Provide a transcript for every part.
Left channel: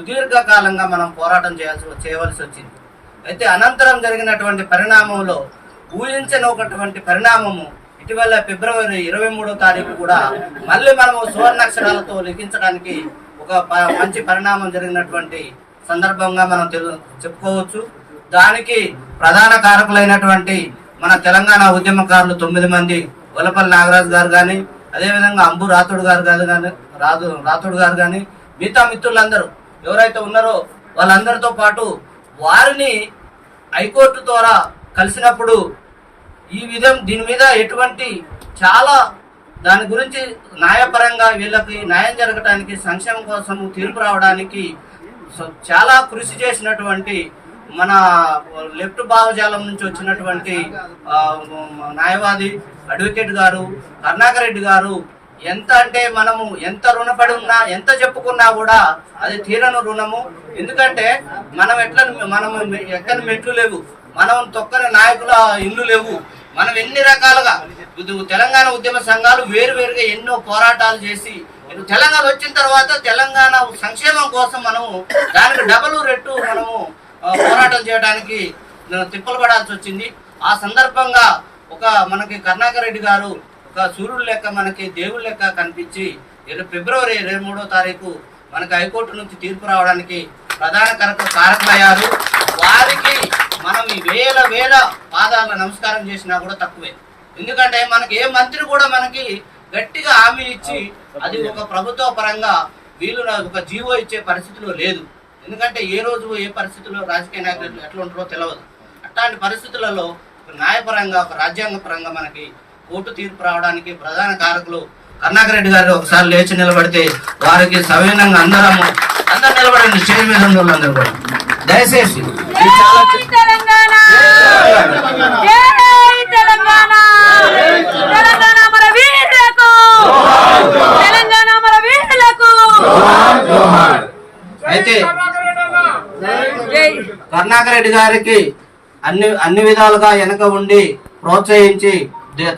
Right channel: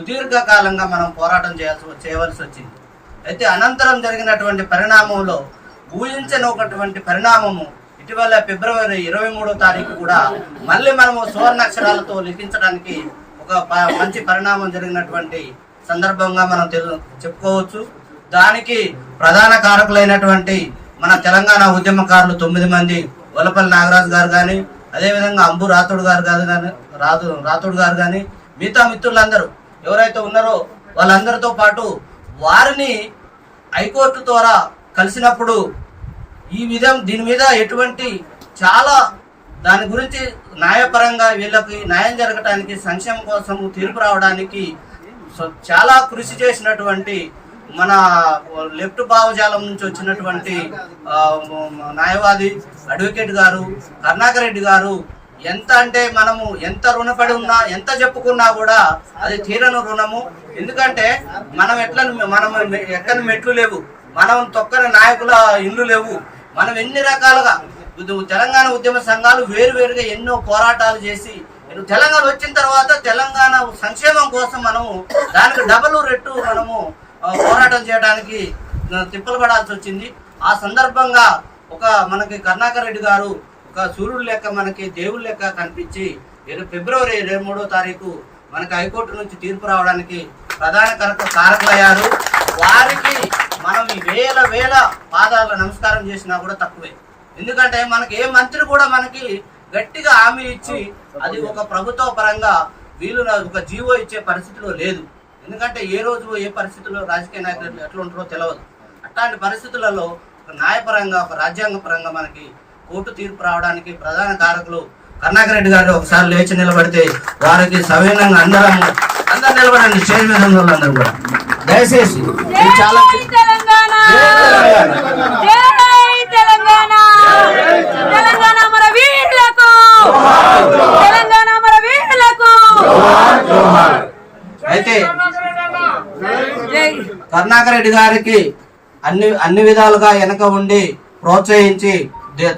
సుదీర్ఘకాలంగా మనం పోరాటం చేయవలసి వచ్చింది. అయితే అనంతరం జరిగినటువంటి పరిణామంలో ఊహించనటువంటి పరిణామము ఇటీవల ఫిబ్రవరి 23వ తారీఖు కూడా మళ్ళీ మనము సువర్ణాక్షరాలతో లిఖించడానికి ఒక మంచి పరిణామం జరిగినటువంటి సందర్భంగా మనం చెప్పుకోవచ్చు. దానికి ప్రధాన కారకులైనటువంటి మన తెలంగాణ ఉద్యమకారులు 9 మంది, వలపల్లి నాగరాజు గారు కానీ, అదేవిధంగా అంబు రాథోడ్ గారు కానీ మిగతా మిత్రులందరూ ఎవరైతే ఉన్నారో వాళ్ళందరితో పాటు వారిని హైకోర్టు ద్వారా కలిసినప్పుడు దీని మీద ఎటువంటి చాలా దాని గురించి న్యాయపరంగా వీళ్ళకి న్యాయం జరగడానికి, సంక్షేమం కోసం తీర్పు రావడానికి చాలా కృషి చేసినటువంటి మన లెఫ్ట్ భావజాలం నుంచి వచ్చినటువంటి న్యాయవాది అడ్వకేట్ గారు కరుణాకర్ రెడ్డి గారు ఎంత అంటే మనము ఎంత రుణపడి ఉన్నా, ఎంత చెప్పుకున్నా కూడా అది తీరని రుణము. ఎందుకంటే మనం ఎక్కని మెట్లు లేవు, మనం తొక్కని నాయకుల ఇల్లు లేవు. మనం ఎన్ని రకాలుగా తెలంగాణ ఉద్యమ సంఘాలు వేరువేరుగా ఎన్నో పోరాటాలు చేసి తెలంగాణ వచ్చిన తర్వాత తెలంగాణ సంక్షేమం కోసం మనము దానికి డబల్ రెట్టు మనము పోరాటం చేయడానికి తిప్పలు పడాల్సి వచ్చింది. ఆ సందర్భంగా మనకి కరుణాకర్ రెడ్డి గారు ఒక సూర్యుడు లెక్క, మనకి దేవుడి లెక్క కనిపించి ఫిబ్రవరి 23వ తారీఖు మనకి హైకోర్టు నుంచి తీర్పు రావడానికి ప్రధాన కారకులయ్యారు. వారికి మనం వేల పాదాల నమస్కారం చేసినా కూడా తక్కువే. ఎందుకంటే మనకి ఏ మంత్రి కూడా మనకి గట్టిగా హామీ ఇచ్చి అది ఒక ప్రభుత్వ పరంగా వీళ్ళు ఒక జీవో ఇచ్చే పరిస్థితిలో లేదు. ఎందుకంటే ఏ రోజు ఏ పరిస్థితుల్లో రాజకీయ నాయకులు ఎట్లా ఉంటారో తెలియదు. అట్లాంటి పరిస్థితులలో ఒక న్యాయపరంగా, ఒక రాజ్యాంగ పరంగా మనకి కోర్టు తీర్పు రావడానికి ప్రధాన కారకులు కరుణాకర్ రెడ్డి గారు ఒకసారి లేచి నిలబడితే వారికి సవినంగా అందరూ నిలబడండి. స్టేజ్ మీద ఉన్న వాళ్ళందరూ కూడా దయచేసి చాలా అయితే కరుణాకర్ రెడ్డి గారికి అన్ని విధాలుగా వెనక ఉండి ప్రోత్సహించి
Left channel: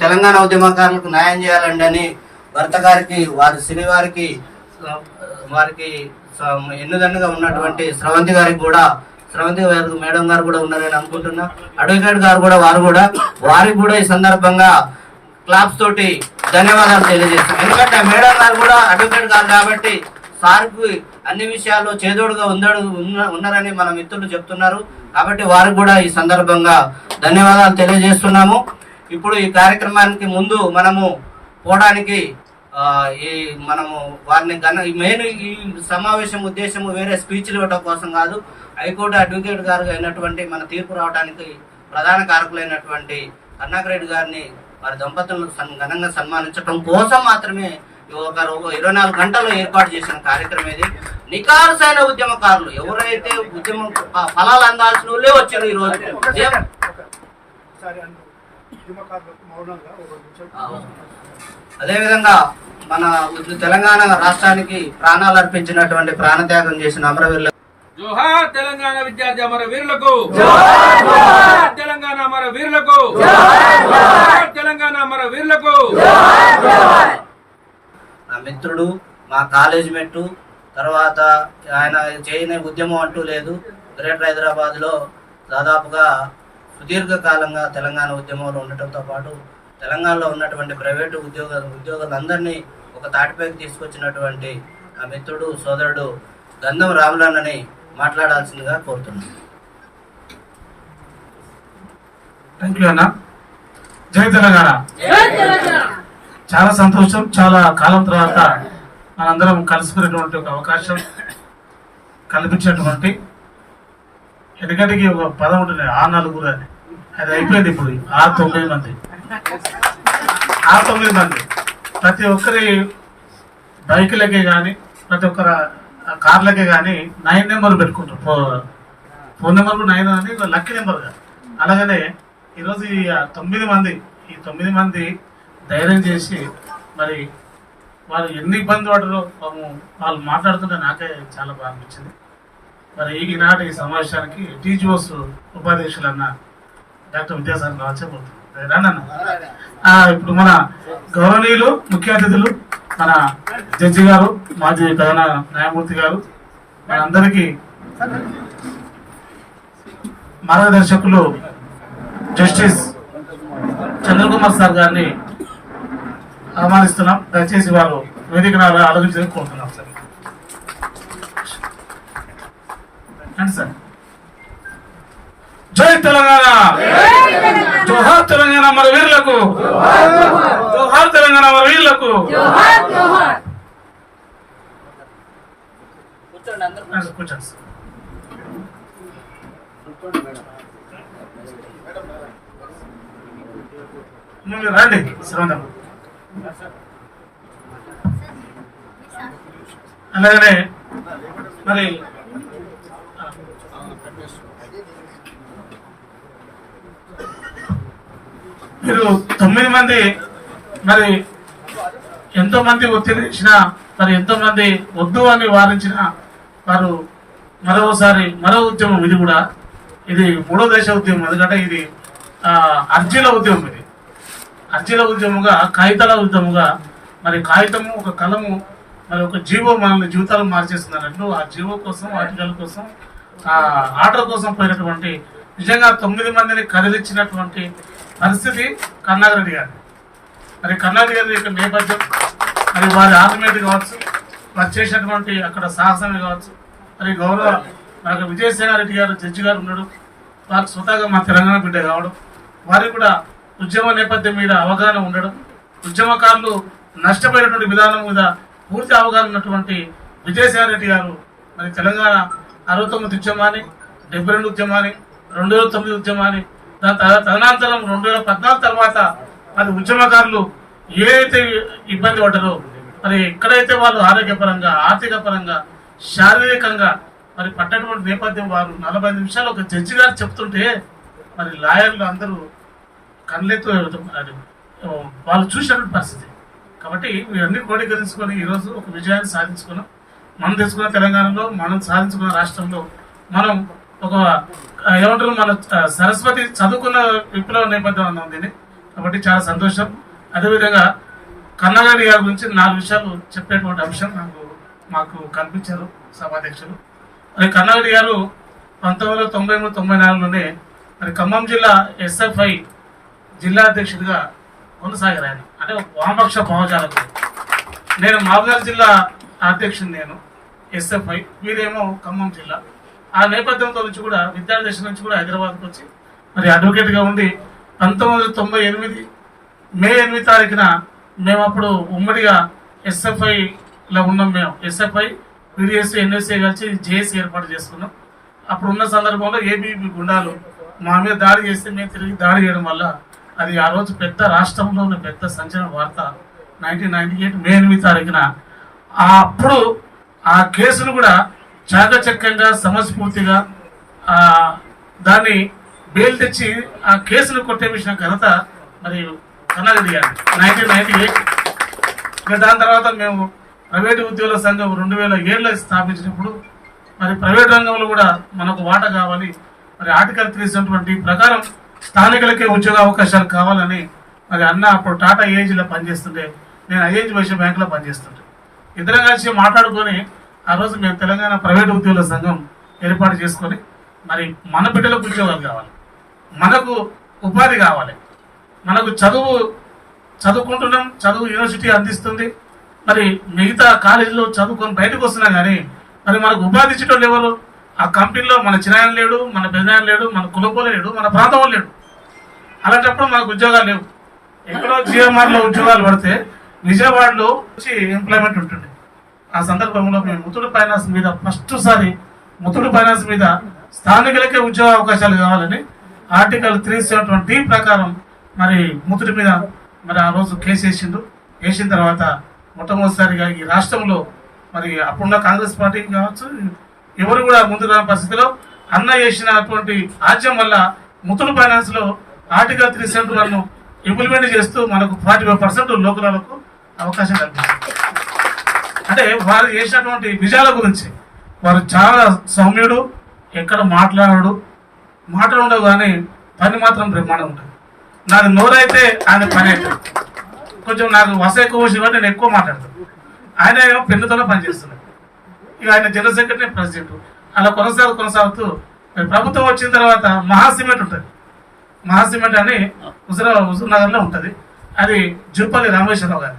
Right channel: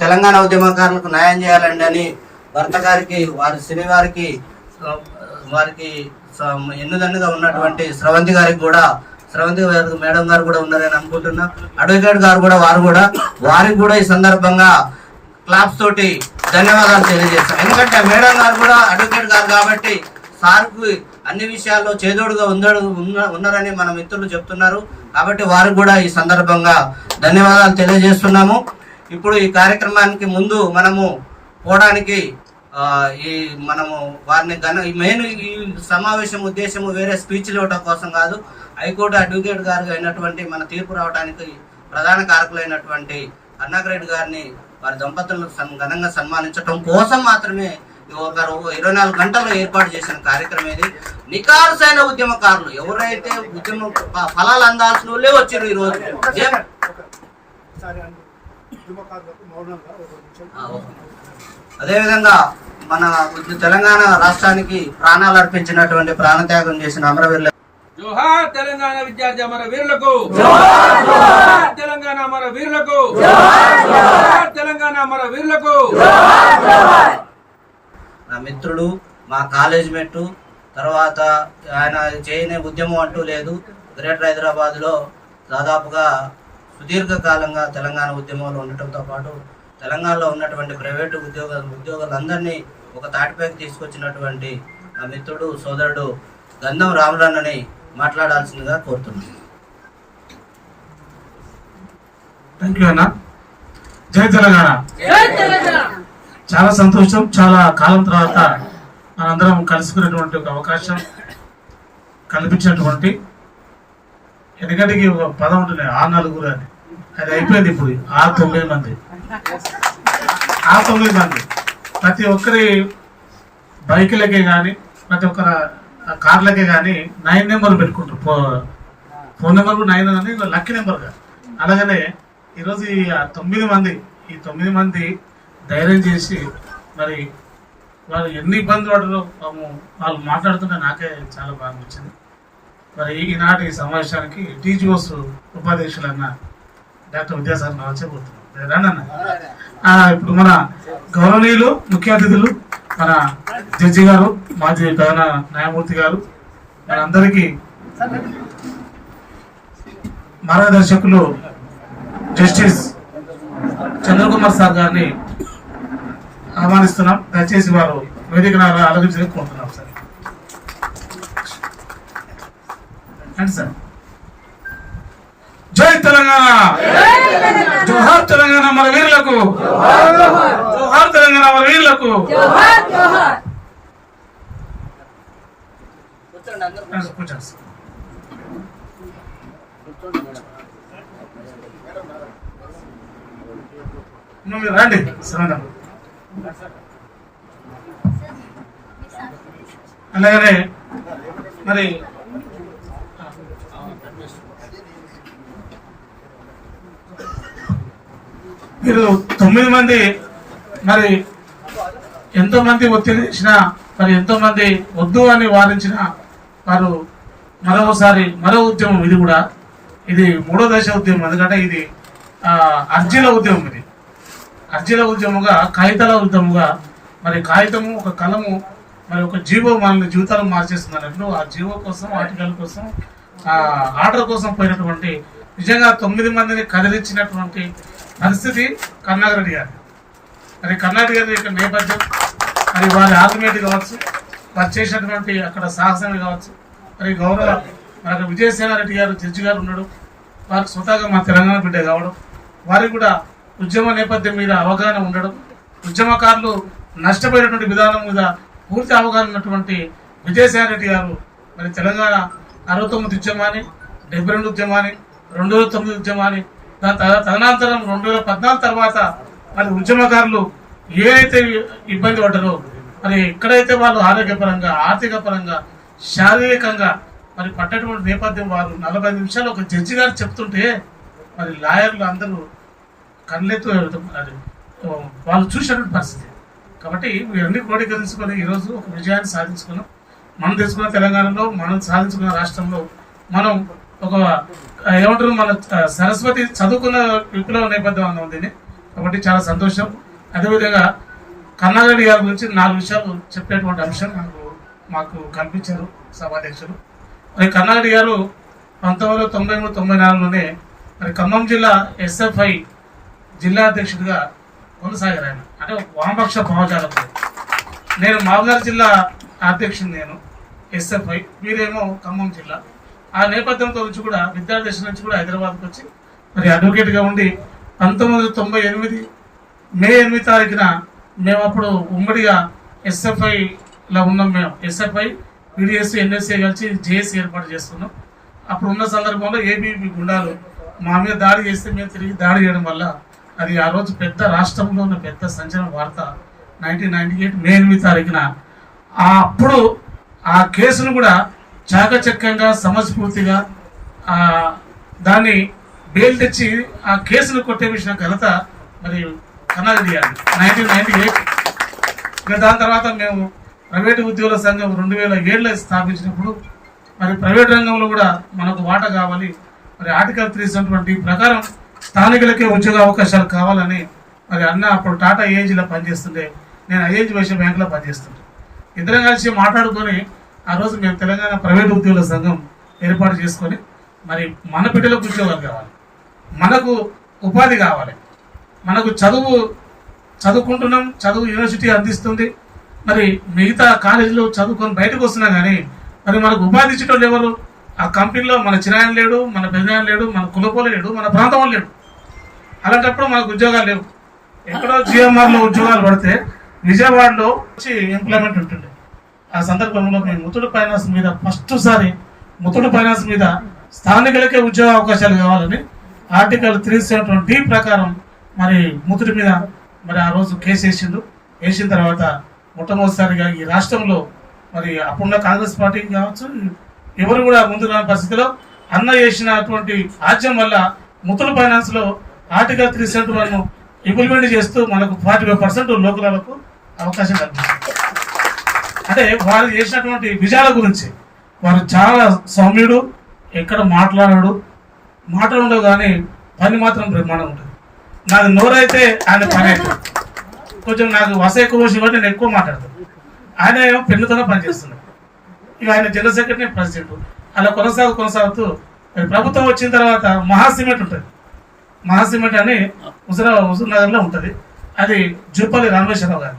తెలంగాణ ఉద్యమకారులకు న్యాయం చేయాలండి అని భర్త గారికి, వారి శ్రీ వారికి ఎన్నుదన్నుగా ఉన్నటువంటి స్రవంతి గారికి కూడా, స్రవంతి మేడం గారు కూడా ఉన్నారని అనుకుంటున్నా. అడ్వకేట్ గారు కూడా వారికి కూడా ఈ సందర్భంగా క్లాప్స్ తోటి ధన్యవాదాలు తెలియజేస్తాను. ఎందుకంటే మేడం గారు కూడా అడ్వకేట్ గారు కాబట్టి సార్కు అన్ని విషయాల్లో చేదోడుగా ఉన్నారని మన మిత్రులు చెప్తున్నారు. కాబట్టి వారికి కూడా ఈ సందర్భంగా ధన్యవాదాలు తెలియజేస్తున్నాము. ఇప్పుడు ఈ కార్యక్రమానికి ముందు మనము పోవడానికి మనము వారిని మెయిన్ ఈ సమావేశం ఉద్దేశము వేరే స్పీచ్లు ఇవ్వడం కోసం కాదు. హైకోర్టు అడ్వకేట్ గారు అయినటువంటి మన తీర్పు రావడానికి ప్రధాన కారకులైనటువంటి కరుణాకర్ రెడ్డి గారిని, వారి దంపతులను ఘనంగా సన్మానించడం కోసం మాత్రమే ఒక 24 గంటలు ఏర్పాటు చేసిన కార్యక్రమం ఇది. నికారుసైన ఉద్యమకారులు ఎవరైతే ఉద్యమం ఫలాలు అందాల్సిన వాళ్ళే వచ్చారు ఈ రోజు. అదేవిధంగా మన తెలంగాణ రాష్ట్రానికి ప్రాణాలు అర్పించినటువంటి, ప్రాణత్యాగం చేసిన అమరవీరులు జోహార్ తెలంగాణ విద్యార్థి అమరవీరులకు, జోహార్ తెలంగాణ అమరవీరులకు, జోహార్ తెలంగాణ అమరవీరులకు. నా మిత్రుడు, మా కాలేజ్ మెట్టు, తర్వాత ఆయన చేయని ఉద్యమం అంటూ లేదు. గ్రేటర్ హైదరాబాద్లో దాదాపుగా సుదీర్ఘకాలంగా తెలంగాణ ఉద్యమంలో ఉండటంతో పాటు తెలంగాణలో ఉన్నటువంటి ప్రైవేటు ఉద్యోగులందరినీ ఒక తాటిపైకి తీసుకొచ్చినటువంటి నా మిత్రుడు, సోదరుడు గంధం రాములన్నని మాట్లాడాల్సిందిగా కోరుతున్నాను. థ్యాంక్ యూ అన్న. జై తెలంగాణ. చాలా సంతోషం. చాలా కాలం తర్వాత మనందరం కలుసుకునేటువంటి ఒక అవకాశం కల్పించినటువంటి, ఎందుకంటే ఒక పదం ఉంటుంది ఆ నలుగురు అని, అది అయిపోయింది. ఇప్పుడు ఆ 9 మంది ప్రతి ఒక్కరి బైకులకే కానీ, ప్రతి ఒక్కరి కార్లకే కానీ 9 నెంబర్ పెట్టుకుంటారు. ఫోన్ నెంబర్ 9 అని లక్కీ నెంబర్గా. అలాగనే ఈరోజు ఈ 9 మంది ధైర్యం చేసి, మరి వాళ్ళు ఎన్ని ఇబ్బంది పడరో వాళ్ళు మాట్లాడుతుంటే నాకే చాలా బాగా అనిపించింది. మరి ఈనాటి సమావేశానికి టీజీఓస్ ఉపాధ్యక్షులు అన్న డాక్టర్ విద్యాసాగర్ రావచ్చేపోతుంది. ఇప్పుడు మన గౌరవనీయులు ముఖ్య అతిథులు మన జడ్జి గారు, మాజీ ప్రధాన న్యాయమూర్తి గారు, మనందరికీ మార్గదర్శకులు జస్టిస్ చంద్రకుమార్ సార్ గారిని ఆహ్వానిస్తున్నాం. దయచేసి వారు వేదికను ఆలోచించి కోరుతున్నాం సార్. అండి సార్. జై తెలంగాణ, జోహార్ తెలంగాణ మన వీరులకు, జోహార్ తెలంగాణ మన వీరులకు. కూర్చోండి అందరూ. కూర్చోండి సార్. మీరు రండి శ్రవణం. అలాగనే మరి మీరు 9 మంది మరి ఎంతో మంది ఒత్తిడి చేసినా మరి ఎంతో మంది వద్దు అని వారించిన వారు మరోసారి మరో ఉద్యమం ఇది కూడా. ఇది 3వ దశ ఉద్యమం. ఎందుకంటే ఇది అర్జీల ఉద్యమం. ఇది అర్జీల ఉద్యమంగా, కాగితాల ఉద్యమంగా. మరి కాగితము ఒక కలము మరి ఒక జీవో మనల్ని జీవితాలు మార్చేస్తున్నట్లు ఆ జీవో కోసం, ఆర్టికల్ కోసం, ఆర్డర్ కోసం పోయినటువంటి నిజంగా 9 మందిని కదిలించినటువంటి పరిస్థితి కన్నారెడ్డి గారి. మరి కన్నారెడ్డి గారి యొక్క నేపథ్యం, మరి వారి ఆర్గ్యుమెంట్ కావచ్చు, వారు చేసినటువంటి అక్కడ సాహసమే కావచ్చు. మరి గౌరవ మనకు విజయసేనారెడ్డి గారు జడ్జి గారు ఉన్నాడు. వారికి స్వతహాగా మా తెలంగాణ బిడ్డ కావడం, వారికి కూడా ఉద్యమ నేపథ్యం మీద అవగాహన ఉండడం, ఉద్యమకారులు నష్టపోయినటువంటి విధానం మీద పూర్తి అవగాహన ఉన్నటువంటి విజయసేనారెడ్డి గారు మరి తెలంగాణ 69 ఉద్యమాన్ని, 72 ఉద్యమాన్ని, 2009 ఉద్యమాన్ని, దాని తదనంతరం 2014 తర్వాత మరి ఉద్యమకారులు ఏదైతే ఇబ్బంది పడ్డారో మరి ఎక్కడైతే వాళ్ళు ఆరోగ్యపరంగా, ఆర్థిక పరంగా, శారీరకంగా మరి పట్టటువంటి నేపథ్యం వారు 45 నిమిషాలు ఒక జడ్జి గారు చెప్తుంటే మరి లాయర్లు అందరూ కళ్ళెత్తు వాళ్ళు చూసినటువంటి పరిస్థితి. కాబట్టి ఇవన్నీ క్రోడీకరించుకొని ఈరోజు ఒక విజయాన్ని సాధించుకున్నాం. మనం తెలుసుకున్న తెలంగాణలో, మనం సాధించుకున్న రాష్ట్రంలో మనం ఒక ఏమంటారు, మన సరస్వతి చదువుకున్న విప్లవ నేపథ్యం అన్నాం దీన్ని. కాబట్టి చాలా సంతోషం. అదేవిధంగా కన్నారెడ్డి గారి గురించి 4 విషయాలు చెప్పేటువంటి అంశం మాకు కల్పించారు సభాధ్యక్షులు. మరి కన్నారెడ్డి గారు 1993-94లోనే మరి ఖమ్మం జిల్లా ఎస్ఎఫ్ఐ జిల్లా అధ్యక్షుడిగా కొనసాగారు. ఆయన అంటే వామపక్ష భావజాలకుడు. నేను మహబూబ్నగర్ జిల్లా అధ్యక్షుడు, నేను ఎస్ఎఫ్ఐ, వీరేమో ఖమ్మం జిల్లా. ఆ నేపథ్యంతో నుంచి కూడా విద్యార్థి దశ నుంచి కూడా హైదరాబాద్కి వచ్చి మరి అడ్వకేట్గా ఉండి 1998 మే 8 తారీఖున మేము అప్పుడు ఉమ్మడిగా ఎస్ఎఫ్ఐలో ఉన్నాం. మేము ఎస్ఎఫ్ఐ, పీడిఎస్, ఎన్ఎస్ఏ కలిసి జేఏసీ ఏర్పాటు చేసుకున్నాం. అప్పుడు ఉన్న సందర్భంలో ఏబీపీ గుండాలు మా మీద దాడి చేస్తే మేము తిరిగి దాడి చేయడం వల్ల అది ఆ రోజు పెద్ద రాష్ట్రంలో ఉన్న పెద్ద సంచలన వార్త. 1998 మే 8 తారీఖున అప్పుడు ఆ కేసును కూడా చాకచక్యంగా, సమస్ఫూర్తిగా దాన్ని బెయిల్ తెచ్చి ఆ కేసును కొట్టేసిన ఘనత మరి కన్నారెడ్డి గారు 1998. దాని తర్వాత మేము ప్రైవేటు ఉద్యోగుల సంఘం 2007లో స్థాపించినప్పుడు మరి ప్రైవేట్ రంగంలో కూడా మనకు వాటా కావాలి, మరి ఆర్టికల్ 370 ప్రకారం స్థానికులకే ఉద్యోగ అవకాశాలు కావాలని మరి అన్న అప్పుడు టాటా ఏజీలో పనిచేస్తుండే, నేను ఐఏజీ వైశ్య బ్యాంకులో పనిచేస్తుంటే, ఇద్దరం కలిసి మాట్లాడుకొని ఆ రోజు మేము తెలంగాణ ప్రైవేటు ఉద్యోగుల సంఘం ఏర్పాటు చేసుకొని మరి మన బిడ్డలకు ఉద్యోగాలు కావాలి, మనకు ఉపాధి కావాలి, మనకు చదువుకుంటున్నాం, చదువు యూనివర్సిటీ అందిస్తుంది, మరి మిగతా కాలేజీలో చదువుకొని బయటకు వస్తున్నాం. కానీ మరి మనకు ఉపాధి ఇచ్చేటోళ్ళు ఎవరు? ఆ కంపెనీలో మన చిన్నాయన లేడు, మన పెద్దనాయన లేడు, మన కులపోలే లేడు, మన ప్రాంతం లేడు. అలాంటప్పుడు మనకు ఉద్యోగాలు లేవు. ఎక్కడో జిఎంఆర్లో ఉద్యోగాలు పడితే విజయవాడలో వచ్చి ఎంప్లాయ్మెంట్ ఉంటుంది. ఆ సందర్భంలో మేము ముత్తూట్ ఫైనాన్స్ మీద ముత్తూట్ ఫైనాన్స్ మీద స్థానికులకే ఉద్యోగ అవకాశాలు కావాలని ఆర్టికల్ 370D ప్రకారం మరి ముత్తూట్ మీద మరి ఆ రోజు కేసు వేసిన తర్వాత మొట్టమొదటిసారిగా ఈ రాష్ట్రంలో మరి అప్పుడున్న కాంగ్రెస్ పార్టీ కావచ్చు ఎవరు కూడా ముందు రాని పరిస్థితిలో అన్న చేసినటువంటి ఆజ్యం వల్ల ముత్తూట్ ఫైనాన్స్ లో ఆర్టికల్ 371 ఇంప్లిమెంట్ చేస్తూ మనకు 45% లోకలకు అవకాశం కల్పించారు. అంటే వారు చేసినటువంటి విజయాల గురించి వారు చాలా సౌమ్యుడు, ఎక్కడ మాటలు ఉండవు కానీ పని మాత్రం బ్రహ్మాండం ఉంటుంది. నాది నోరైతే ఆయన పని అవుతుంది. కొంచెం నాకు వస ఎక్కువ వచ్చి నేను ఎక్కువ మాట్లాడతాను, ఆయన ఏమో పెన్నుతోనే పని చేస్తున్నాడు. ఇక ఆయన జనరల్ సెక్రటరీ, ప్రెసిడెంట్, అలా కొనసాగుతూ మరి ప్రభుత్వం వచ్చిన తర్వాత మహాసిమెంట్ ఉంటుంది. మహాసిమెంట్ అని హుజూర్నగర్లో ఉంటుంది. అది జుప్పల్లి రామేశ్వరరావు గారు.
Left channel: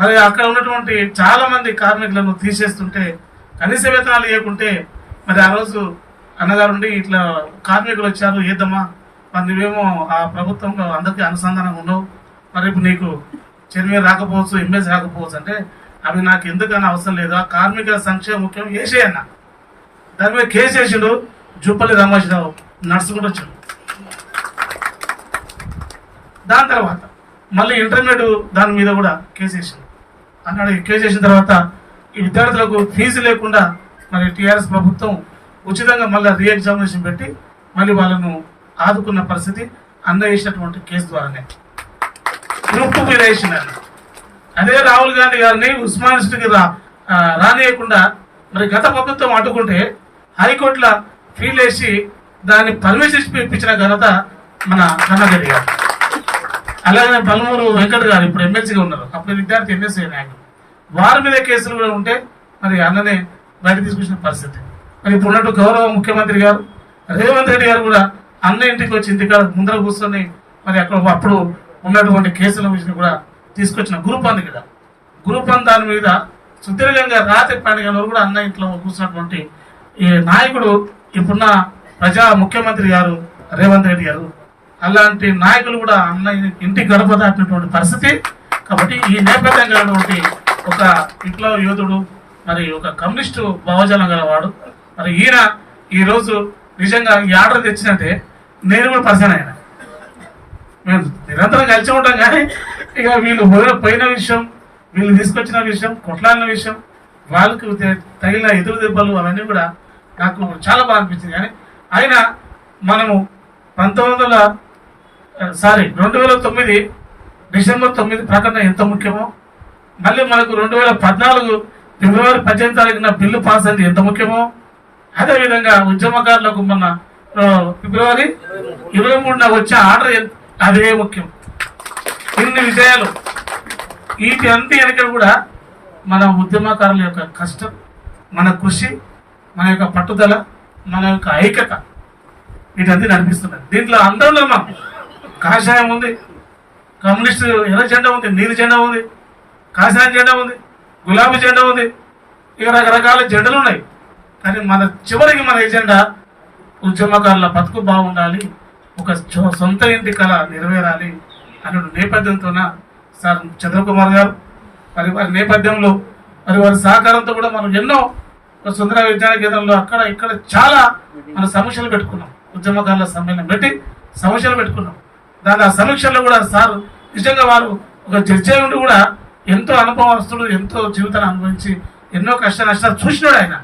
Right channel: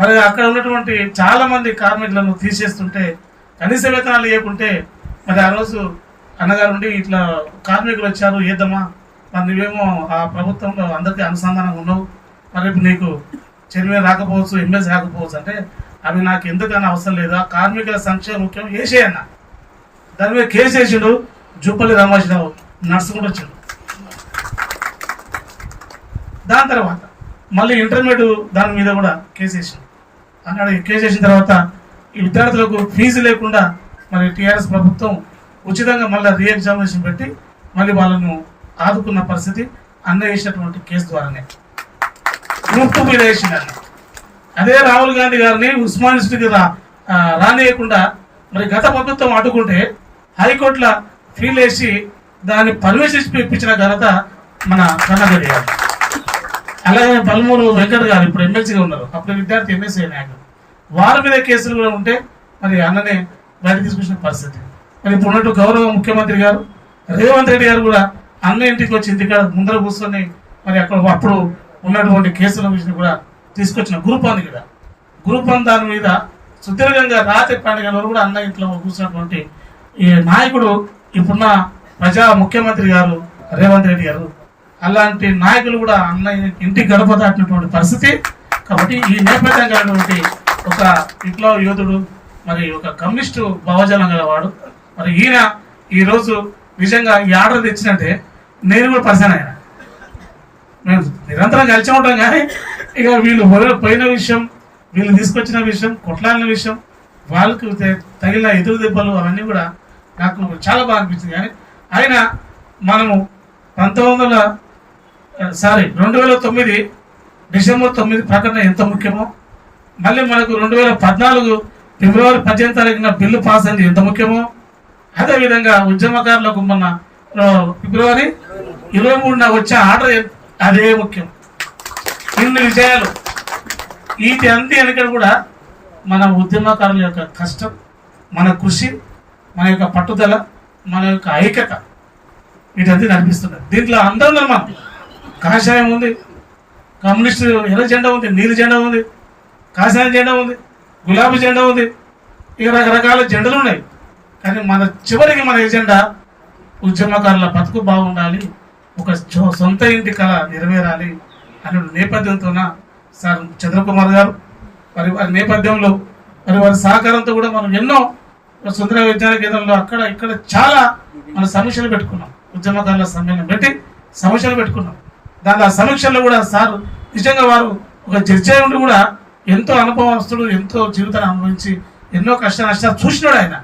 మరి అక్కడ ఉన్నటువంటి చాలా మంది కార్మికులను తీసేస్తుంటే కనీస వేతనాలు ఇవ్వకుంటే మరి ఆ రోజు అన్నగారు ఉండి ఇట్లా కార్మికులు వచ్చారు ఏద్దమ్మా, మరి నువ్వేమో ఆ ప్రభుత్వంలో అందరికీ అనుసంధానంగా ఉన్నావు, మరి ఇప్పుడు నీకు చైర్మన్ రాకపోవచ్చు, ఎంఎస్ రాకపోవచ్చు అంటే అవి నాకు ఎందుకన్నా అవసరం లేదు, ఆ కార్మికుల సంక్షేమం ముఖ్యం, వేసేయన్న. దాని మీద కేసు వేసిండు. జుప్పల్లి రామేశ్వరరావు నడుచుకుంటూ వచ్చాడు. దాని తర్వాత మళ్ళీ ఇంటర్మీడియట్ దాని మీద కూడా కేసు వేసిండు. అన్నాడు. కేసు వేసిన తర్వాత ఈ విద్యార్థులకు ఫీజు లేకుండా మరి టీఆర్ఎస్ ప్రభుత్వం ఉచితంగా మళ్ళీ రీ ఎగ్జామినేషన్ పెట్టి మళ్ళీ వాళ్ళను ఆదుకున్న పరిస్థితి అన్న వేసినటువంటి కేసు ద్వారానే. గ్రూప్ 2 మీద వేసిండు అన్న. అదే రాహుల్ గాంధీ గారిని ఉస్మాన్ యూనివర్సిటీకి రానియకుండా మరి గత ప్రభుత్వం అడ్డుకుంటే హైకోర్టులో ఫీల్ వేసి దాన్ని పర్మిషన్ ఇప్పించిన ఘనత మన కన్నగడి గారు. అలాగే పలుమూరు వెంకట్ గారు ఇప్పుడు ఎమ్మెల్సీగా ఉన్నారు, అప్పుడు విద్యార్థి ఎమ్మెల్సీ నాయకులు. వారి మీద కేసులు కూడా ఉంటే మరి అన్ననే బయట తీసుకొచ్చిన పరిస్థితి. మరి ఇప్పుడు ఉన్నట్టు గౌరవ ముఖ్యమంత్రి గారు రేవంత్ రెడ్డి గారు కూడా అన్న ఇంటికి వచ్చి ఇంటికాడ ముందర కూర్చొని మరి అక్కడ అప్పుడు ఉన్నటువంటి కేసుల విషయం కూడా తీసుకొచ్చిన గ్రూప్ అంది కదా. గ్రూప్ వన్ దాని మీద సుదీర్ఘంగా రాత్రి పండుగ కూడా అన్న ఇంట్లో కూర్చున్నటువంటి ఈ నాయకుడు ఇప్పుడున్న ప్రజా ముఖ్యమంత్రి గారు రేవంత్ రెడ్డి గారు. అలాంటి నాయకులు కూడా అన్న ఇంటి గడప దాటినటువంటి పరిస్థితి. కాబట్టి ఈ నేపథ్యం కలిగినటువంటి ఒక విప్లవ యోధుడు, మరి ఒక కమ్యూనిస్టు భావజాలం గలవాడు. మరి ఈయన ఈరోజు నిజంగా ఈ ఆర్డర్ తెచ్చినట్టే నేను కూడా పరిచయం అయినా. మేము నిరంతరం కలిసి ఉంటాం కానీ ఇక వీళ్ళు పోయిన విషయం, వీళ్ళు తీసుకొచ్చిన విషయం, కొట్లాడిన విషయం, వాళ్ళకి తగిలిన ఎదురు దెబ్బలు అవన్నీ కూడా నాకు చాలా బాగా అనిపించింది. కానీ అయినా మనము 2009 డిసెంబర్ 9 ప్రకటన ఎంత ముఖ్యమో, మళ్ళీ మనకు 2014 ఫిబ్రవరి 18 తారీఖున బిల్లు పాస్ అయింది ఎంత ముఖ్యమో, అదేవిధంగా ఉద్యమకారులకు మొన్న ఫిబ్రవరి 23న వచ్చే ఆర్డర్ అదే ముఖ్యం. ఇన్ని విషయాలు వీటి అంతే వెనక కూడా మన ఉద్యమకారుల యొక్క కష్టం, మన కృషి, మన యొక్క పట్టుదల, మన యొక్క ఐక్యత వీటంతా నడిపిస్తున్నారు. దీంట్లో అందరూ మనం కాషాయం ఉంది, కమ్యూనిస్ట్ ఎర్ర జెండా ఉంది, నీలి జెండా ఉంది, కాషాయం జెండా ఉంది, గులాబీ జెండా ఉంది, ఇక రకరకాల జెండలు ఉన్నాయి. కానీ చివరికి మన ఎజెండా ఉద్యమకారుల బతుకు బాగుండాలి, ఒక సొంత ఇంటి కళ నెరవేరాలి అనే నేపథ్యంతోన సార్ చంద్రకుమార్ గారు మరి వారి నేపథ్యంలో మరి వారి సహకారంతో కూడా మనం ఎన్నో సుందర విజ్ఞాన కేంద్రంలో అక్కడ ఇక్కడ చాలా మన సమీక్షలు పెట్టుకున్నాం. ఉద్యమకారుల సమ్మేళనం పెట్టి సమీక్షలు పెట్టుకున్నాం. దాని ఆ సమీక్షల్లో కూడా సార్ నిజంగా వారు ఒక జడ్జి ఉండి కూడా ఎంతో అనుభవస్తుడు, ఎంతో జీవితాన్ని అనుభవించి ఎన్నో కష్ట నష్టాలు చూసినాడు ఆయన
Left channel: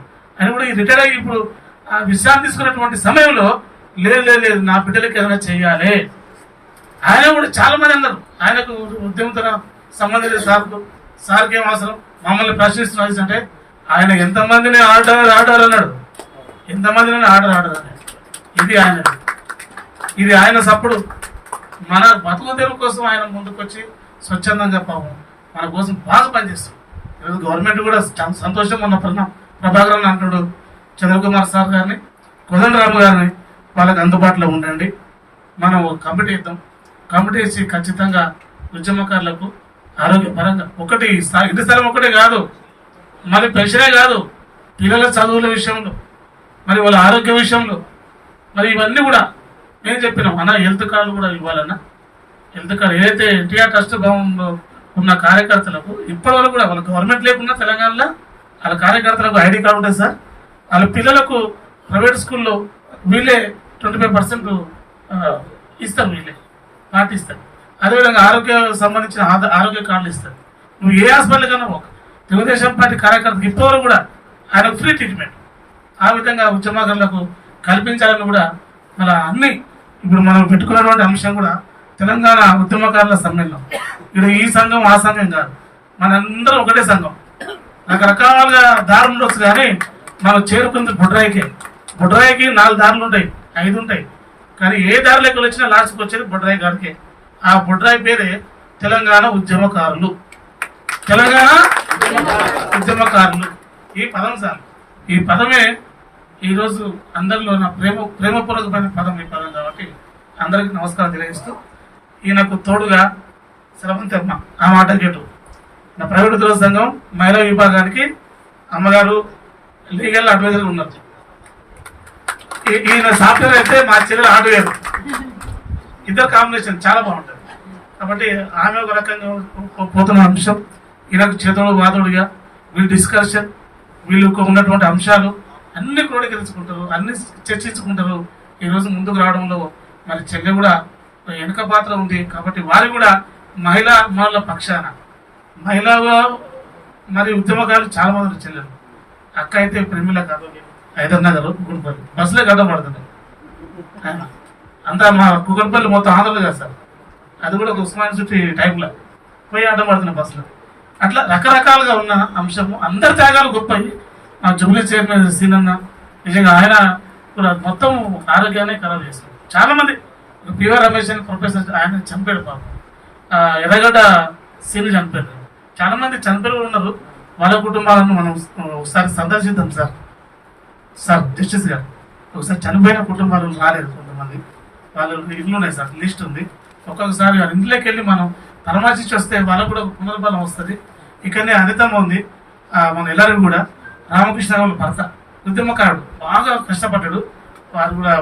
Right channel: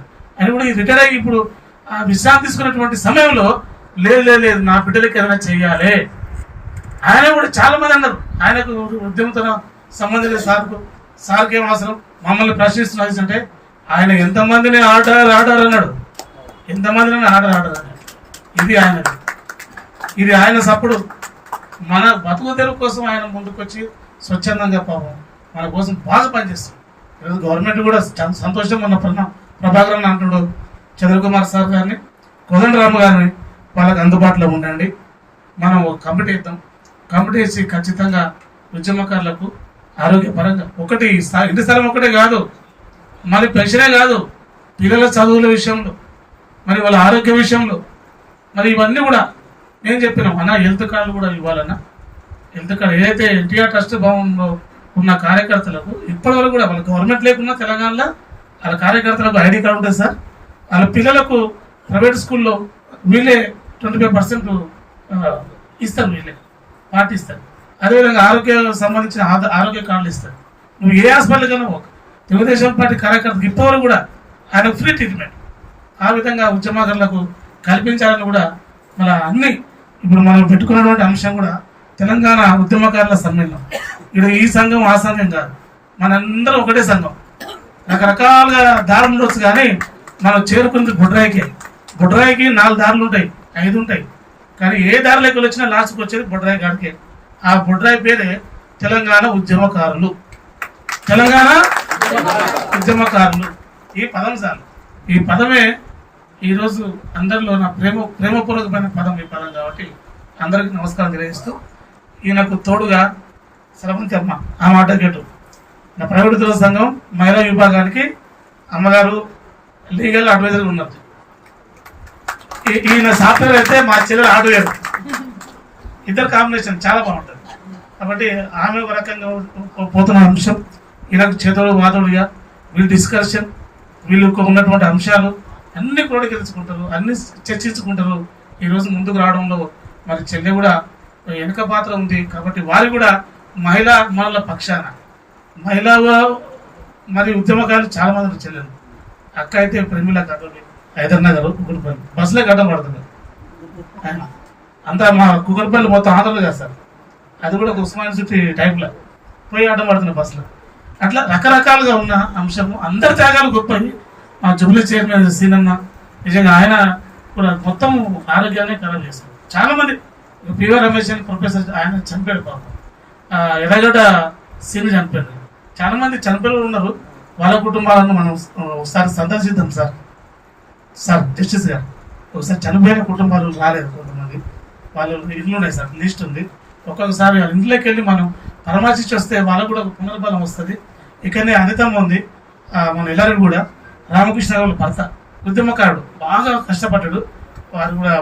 కూడా రిటైర్ అయ్యి ఇప్పుడు ఆ విశ్రాంతి తీసుకున్నటువంటి సమయంలో లేదు నా బిడ్డలకి ఏదైనా చెయ్యాలి. ఆయన కూడా చాలా మంది అన్నారు ఆయనకు ఉద్యమంతో సంబంధించిన సార్కి ఏం అవసరం, మమ్మల్ని ప్రశ్నిస్తున్నారు అంటే ఆయన ఎంతమందిని ఆర్డర్ అన్నాడు, ఎంతమందిని ఆర్డర్ అన్నాడు. ఇది ఆయన సప్పుడు. మన బతుకు తెరువు కోసం ఆయన ముందుకొచ్చి స్వచ్ఛందంగా పాపం మన కోసం బాగా పనిచేస్తుంది. ఈరోజు గవర్నమెంట్ కూడా చాలా సంతోషం. మన ప్రభాకరన్ అంటున్నాడు చంద్రకుమార్ సార్ గారిని, కోదండరామ గారిని, వాళ్ళకి అందుబాటులో ఉండండి, మనం కమిటీ ఇద్దాం. కమిటీ ఇచ్చి ఖచ్చితంగా ఉద్యమకారులకు ఆరోగ్యపరంగా ఒకటి ఇంటి స్థలం ఒకటే కాదు, మరి పెన్షనే కాదు, పిల్లల చదువుల విషయంలో, మరి వాళ్ళ ఆరోగ్య విషయంలో, మరి ఇవన్నీ కూడా నేను చెప్పినాం అన్న. హెల్త్ కార్డులు కూడా ఇవ్వాలన్నా. హెల్త్ కార్డు ఏదైతే ఎన్టీఆర్ ట్రస్ట్ భవన్లో ఉన్న కార్యకర్తలకు ఇప్పటివరకు కూడా వాళ్ళ గవర్నమెంట్ లేకున్నా తెలంగాణలో వాళ్ళ కార్యకర్తలకు ఐడి కార్డు ఉంటుంది సార్. వాళ్ళ పిల్లలకు ప్రైవేట్ స్కూల్లో వీళ్ళే 25% ఇస్తారు, వీళ్ళే పాటిస్తారు. అదేవిధంగా ఆరోగ్య సంబంధించిన ఆరోగ్య కార్డులు ఇస్తారు. నువ్వు ఏ హాస్పిటల్ కన్నా ఒక తెలుగుదేశం పార్టీ కార్యకర్తకు ఇప్పటివరకు కూడా ఆయనకు ఫ్రీ ట్రీట్మెంట్ ఆ విధంగా ఉద్యమకారులకు కల్పించాలని కూడా మన అన్ని ఇప్పుడు మనం పెట్టుకున్నటువంటి అంశం కూడా తెలంగాణ ఉద్యమకారుల సమ్మేళనం. ఇక్కడ ఈ సంఘం ఆ సంఘం కాదు, మనందరం ఒకటే సంఘం. రకరకాలుగా దారులు ఉండొచ్చు కానీ మనం చేరుకుంది బొడ్రాయికి 4 దారులు ఉంటాయి, 5 ఉంటాయి. కానీ ఏ దారిలోకి వచ్చినా లాస్ట్కి వచ్చేది బొడ్రాయి కాడికే. ఆ బొడ్రాయి పేరే తెలంగాణ ఉద్యమకారులు. తెలంగాణ ఉద్యమకారులు ఈ పదం సార్ ఈ పదమే ఈరోజు అందరిలో నా ప్రేమపూర్వకమైన పదం ఈ పదం కాబట్టి అందరికీ నమస్కారం తెలియజేస్తూ ఈయనకు తోడుగా స్రవంతమ్మ ఆమె అడ్వకేటు నా ప్రైవేట్ ఉద్యోగ సంఘం మహిళా విభాగానికి అమ్మగారు లీగల్ అడ్వైజర్ ఉన్నారు. ఈయన సాఫ్ట్వేర్ అయితే మా చెల్లెలు హార్డ్వేర్, ఇద్దరు కాంబినేషన్ చాలా బాగుంటుంది. కాబట్టి ఆమె ఒక రకంగా పోతున్న అంశం, ఈయనకు చేతోడు వాదోడుగా వీళ్ళు డిస్కషన్, వీళ్ళు ఉన్నటువంటి అంశాలు అన్ని క్రోడీకరించుకుంటారు, అన్ని చర్చించుకుంటారు. ఈరోజు ముందుకు రావడంలో మరి చెల్లె కూడా వెనుక పాత్ర ఉంది. కాబట్టి వారు కూడా మహిళల పక్షాన మహిళా మరి ఉద్యమకారులు చాలా మంది చెల్లెలు. అక్క అయితే ప్రేమిల కాదు, హైదర్నగర్ కుకట్పల్లి బస్సులే గడ్డపడుతుంది. అంతా మా కుకట్పల్లి మొత్తం ఆంధ్రలో కదా సార్, అది కూడా ఒక ఉస్మాన్ చుట్టి టైంలో పోయి ఆటం పడుతున్నాయి బస్సులు. అట్లా రకరకాలుగా ఉన్న అంశము, అందరి త్యాగాలు గొప్పవి. మా జూబ్లీ చైర్మన్ సీనన్న నిజంగా ఆయన కూడా మొత్తం ఆరోగ్యాన్ని ఖరాబ్ చేస్తారు. చాలా మంది పివర్ రమేష్ అని ప్రొఫెసర్ ఆయన చనిపోయాడు పాపం, ఎర్రగడ్డ సీని చనిపోయాడు. చాలా మంది చనిపోయి ఉన్నారు. వాళ్ళ కుటుంబాలను మనం ఒకసారి సందర్శిద్దాం సార్ జస్టిస్ గారు. ఒకసారి చనిపోయిన కుటుంబాలు రాలేదు కొంతమంది, వాళ్ళ ఇల్లు ఉన్నాయి సార్, లిస్ట్ ఉంది. ఒక్కొక్కసారి వాళ్ళ ఇంట్లోకి వెళ్ళి మనం పరామర్శించి వస్తే వాళ్ళకు కూడా ఒక పునర్బలం వస్తుంది. ఇక్కడనే అనితమ్మ ఉంది, మన ఎల్లారెడ్డి కూడా రామకృష్ణ వాళ్ళ భర్త ఉద్యమకారుడు, బాగా కష్టపడ్డాడు. వారు కూడా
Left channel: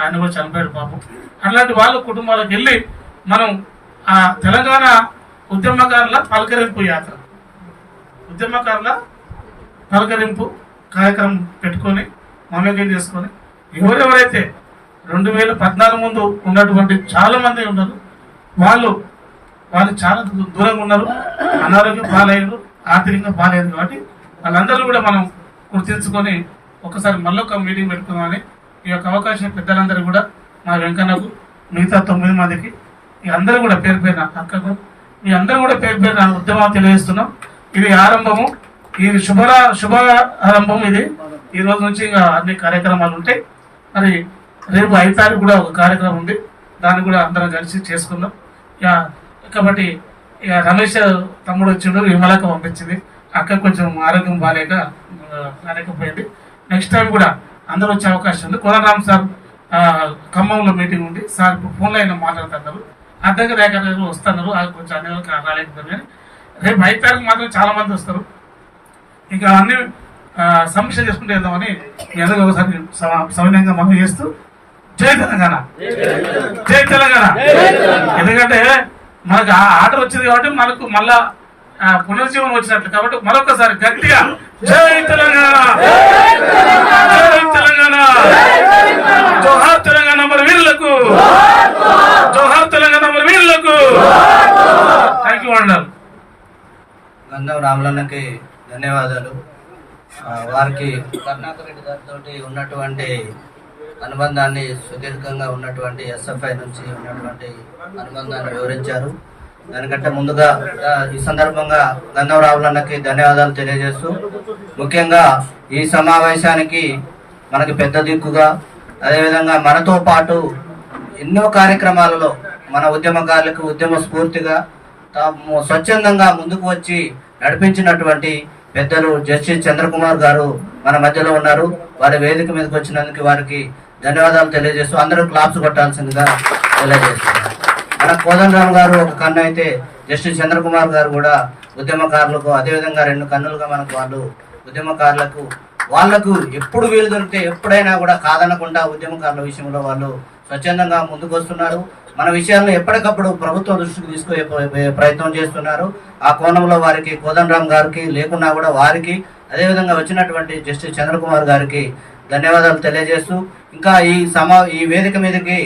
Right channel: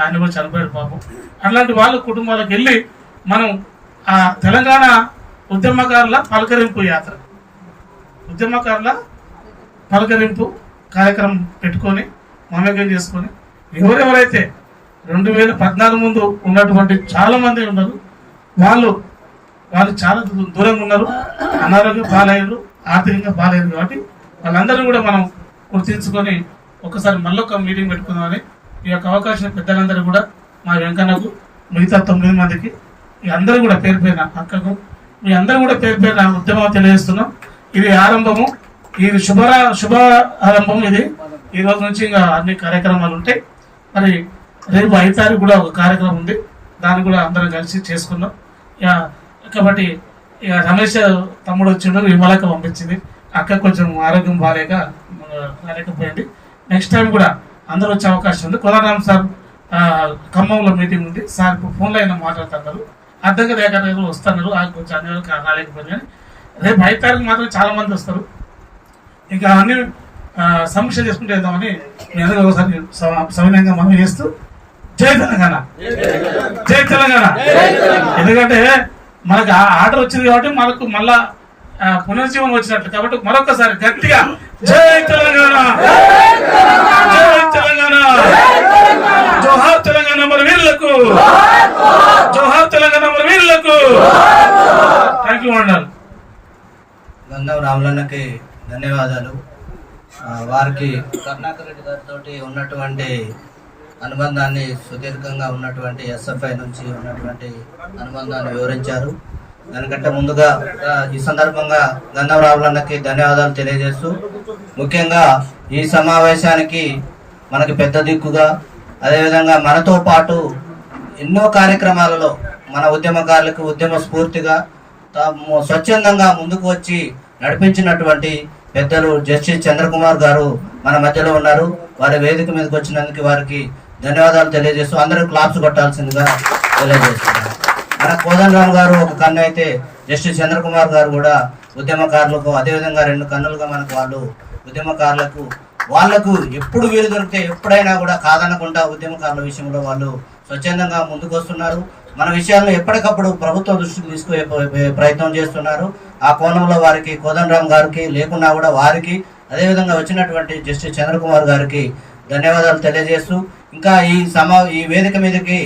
ఆయన కూడా చనిపోయాడు పాపం. అట్లాంటి వాళ్ళ కుటుంబాలకు వెళ్ళి మనం ఆ తెలంగాణ ఉద్యమకారుల పలకరింపు యాత్ర, ఉద్యమకారుల పలకరింపు కార్యక్రమం పెట్టుకొని మమేకం చేసుకొని ఎవరెవరైతే 2014 ముందు ఉన్నటువంటి చాలా మంది ఉన్నారు, వాళ్ళు చాలా దూరంగా ఉన్నారు, అనారోగ్యం బాగాలేదు, ఆర్థికంగా బాగాలేదు. కాబట్టి వాళ్ళందరూ కూడా మనం గుర్తించుకొని ఒకసారి మళ్ళొక మీటింగ్ పెట్టుకుందామని ఈ యొక్క అవకాశం పెద్దలందరూ కూడా మా వెంకన్నకు, మిగతా 9 మందికి అందరూ కూడా పేరు పేరున అక్కకు, మీ అందరూ కూడా పేరు పేరున ఉద్యమం తెలియజేస్తున్నాం. ఇది ఆరంభము, ఇది శుభ ఆరంభం. ఇది ఈ రోజు నుంచి ఇంకా అన్ని కార్యక్రమాలు ఉంటాయి. మరి రేపు 5 తారీఖు కూడా ఒక కార్యక్రమం ఉంది, దాన్ని కూడా అందరం కలిసి చేసుకున్నాం. కాబట్టి ఇక రమేష్ తమ్ముడు వచ్చిండు, విమలక పంపించింది. అక్క కొంచెం ఆరోగ్యం రాలేకపోయింది. నెక్స్ట్ టైం కూడా అందరూ వచ్చే అవకాశం ఉంది. కోదండరామ్ సార్ ఖమ్మంలో మీటింగ్ ఉంది సార్, ఇప్పుడు ఫోన్లో అయినా మాట్లాడుతున్నారు. అద్దెకి దగ్గర వస్తున్నారు, కొంచెం అన్ని రాలేకపోయింది. కానీ రేపు 5 తారీఖు మాత్రం చాలా మంది వస్తారు. ఇంకా అన్ని సమీక్ష చేసుకుంటూ వెళ్దామని మీ అందరూ ఒకసారి సవినయంగా మనం చేస్తూ జై తెలంగాణ, జై తెలంగాణ. ఎందుకంటే మనకు ఆర్డర్ వచ్చింది కాబట్టి మనకు మళ్ళా పునర్జీవనం వచ్చినట్లు. కాబట్టి మరొకసారి గట్టిగా జై తెలంగాణ, జై తెలంగాణ, జోహార్ తెలంగాణ మన వీరులకు, జోహార్ తెలంగాణ మన వీరులకు. థ్యాంక్ యూ అన్నారు. గంధం రామలన్నకి ధన్యవాదాలు. వారికి కరుణాకర్ రెడ్డి గారితో ఉన్నటువంటి అనుబంధాన్ని, సుదీర్ఘంగా ఉన్నటువంటి ఎస్ఎఫ్ఐ నుంచి ఉన్నటువంటి అనుబంధాన్ని వివరించారు. దానికంటే ముందుగా ఈ సందర్భంగా గంధం రామలన్నకి ధన్యవాదాలు తెలియజేస్తూ, ముఖ్యంగా ఈ సమావేశానికి మనకి పెద్ద దిక్కుగా, అదేవిధంగా మనతో పాటు ఎన్నో కార్యక్రమాలలో మన ఉద్యమకారులకు ఉద్యమ స్ఫూర్తిగా స్వచ్ఛందంగా ముందుకు వచ్చి నడిపించినటువంటి పెద్దలు జస్టిస్ చంద్రకుమార్ గారు మన మధ్యలో ఉన్నారు. వారి వేదిక మీదకి వచ్చినందుకు వారికి ధన్యవాదాలు తెలియజేస్తూ అందరూ క్లాప్స్ కొట్టాల్సిందిగా తెలియజేస్తున్నారు. మన కోదండరామ్ గారు ఒక కన్ను అయితే, జస్టిస్ చంద్రకుమార్ గారు కూడా ఉద్యమకారులకు అదేవిధంగా 2 కన్నులుగా మనకు వాళ్ళు ఉద్యమకారులకు వాళ్లకు ఎప్పుడు వీలు దొరికితే ఎప్పుడైనా కూడా కాదనకుండా ఉద్యమకారుల విషయంలో వాళ్ళు స్వచ్ఛందంగా ముందుకు వస్తున్నారు. మన విషయాలను ఎప్పటికప్పుడు ప్రభుత్వం దృష్టికి తీసుకునే ప్రయత్నం చేస్తున్నారు. ఆ కోణంలో వారికి కోదండరామ్ గారికి లేకున్నా కూడా వారికి, అదేవిధంగా వచ్చినటువంటి జస్టిస్ చంద్రకుమార్ గారికి ధన్యవాదాలు తెలియజేస్తూ, ఇంకా ఈ వేదిక మీదకి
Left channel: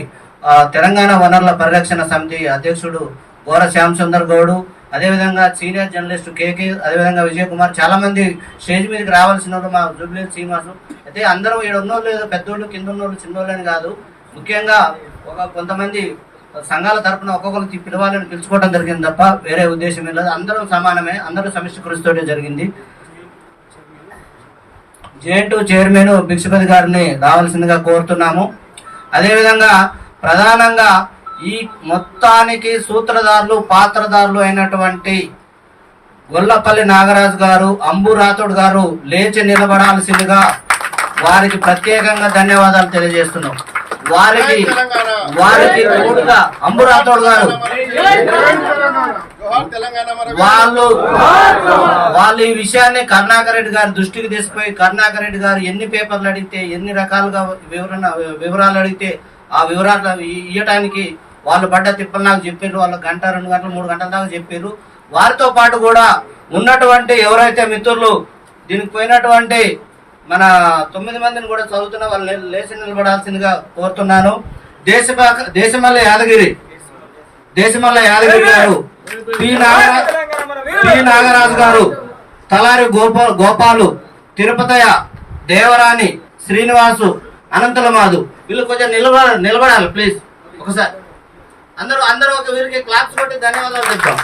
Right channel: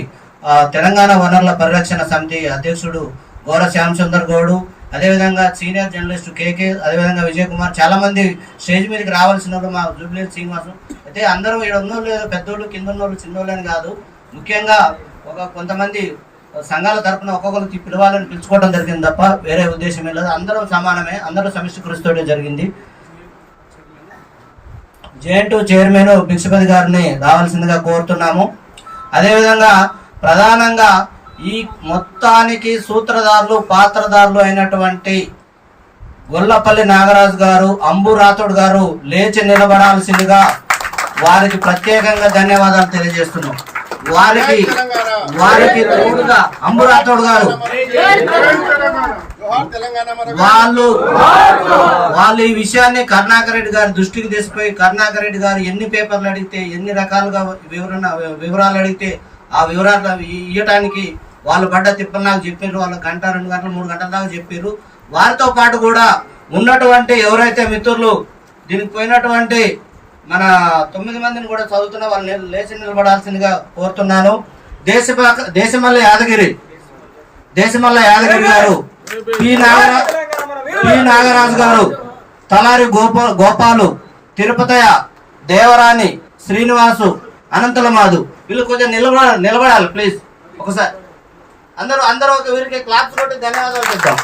తెలంగాణ వనరుల పరిరక్షణ సమితి అధ్యక్షుడు గోర శ్యామ్ సుందర్ గౌడు, అదేవిధంగా సీనియర్ జర్నలిస్ట్ కేకే, అదేవిధంగా విజయ్ కుమార్, చాలా మంది స్టేజ్ మీదకి రావాల్సిన మా జూబ్లీ శ్రీనివాసు. అయితే అందరూ ఇక్కడ ఉన్నోళ్ళు ఏదో పెద్దోళ్ళు కింద ఉన్నోళ్ళు చిన్నోళ్ళు అని కాదు, ముఖ్యంగా కొంతమంది సంఘాల తరఫున ఒక్కొక్కరికి పిలవాలని పిలుచుకోవడం జరిగింది తప్ప వేరే ఉద్దేశం లేదు. అందరూ సమానమే, అందరూ సమిష్టి కృషితోనే జరిగింది. జేఎన్2 చైర్మన్ భిక్షపతి గారిని రావాల్సిందిగా కోరుతున్నాము. అదేవిధంగా ప్రధానంగా ఈ మొత్తానికి సూత్రధారులు, పాత్రధారులు అయినటువంటి గొల్లపల్లి నాగరాజు గారు, అంబు రాథోడ్ గారు లేచి నిలబడాల్సిందిగా వారికి ప్రత్యేకంగా ధన్యవాదాలు తెలియజేస్తున్నాం. వారికి తోడుగా అంబురాథోడ్ గారు వాళ్ళు ఈ విషయాన్ని కరుణాకర్ రెడ్డి గారి దృష్టికి తీసుకుపోయి కరుణాకర్ రెడ్డి గారు ఎన్ని పేపర్లు అడిగితే ఎన్ని రకాలుగా వివరాలు అడిగితే ఆ వివరాలు ఇవ్వటానికి వాళ్ళు పడ్డ తిప్పలు నాకు చెప్పారు. వాళ్ళు గంట 2 గంటలు 3 గంటల దాకా చెప్పారు. వారితో పాటు కూడా ఉన్నటువంటి ఎవరైతే మిత్రులు దీనికి పోయినటువంటి మన 9 మందిని కూడా చదువుతున్న వాళ్ళు లేచి నిలబడాల్సిందిగా కోరుతున్నాను. దేశమల్ల యాదగిరి గారు, పి నాగరాజు గారు, తలారి గోపాలు, తిరుపతయ్య, దేవరాణి, శ్రీనివాసు, అనంతుల మాధు, వీళ్ళు కొంచెం నిలబడాలి ప్లీజ్. ఒకసారి అందరూ ఒక వీరికి క్లాప్స్ కొట్టి ధన్యవాదాలు చెప్తాం.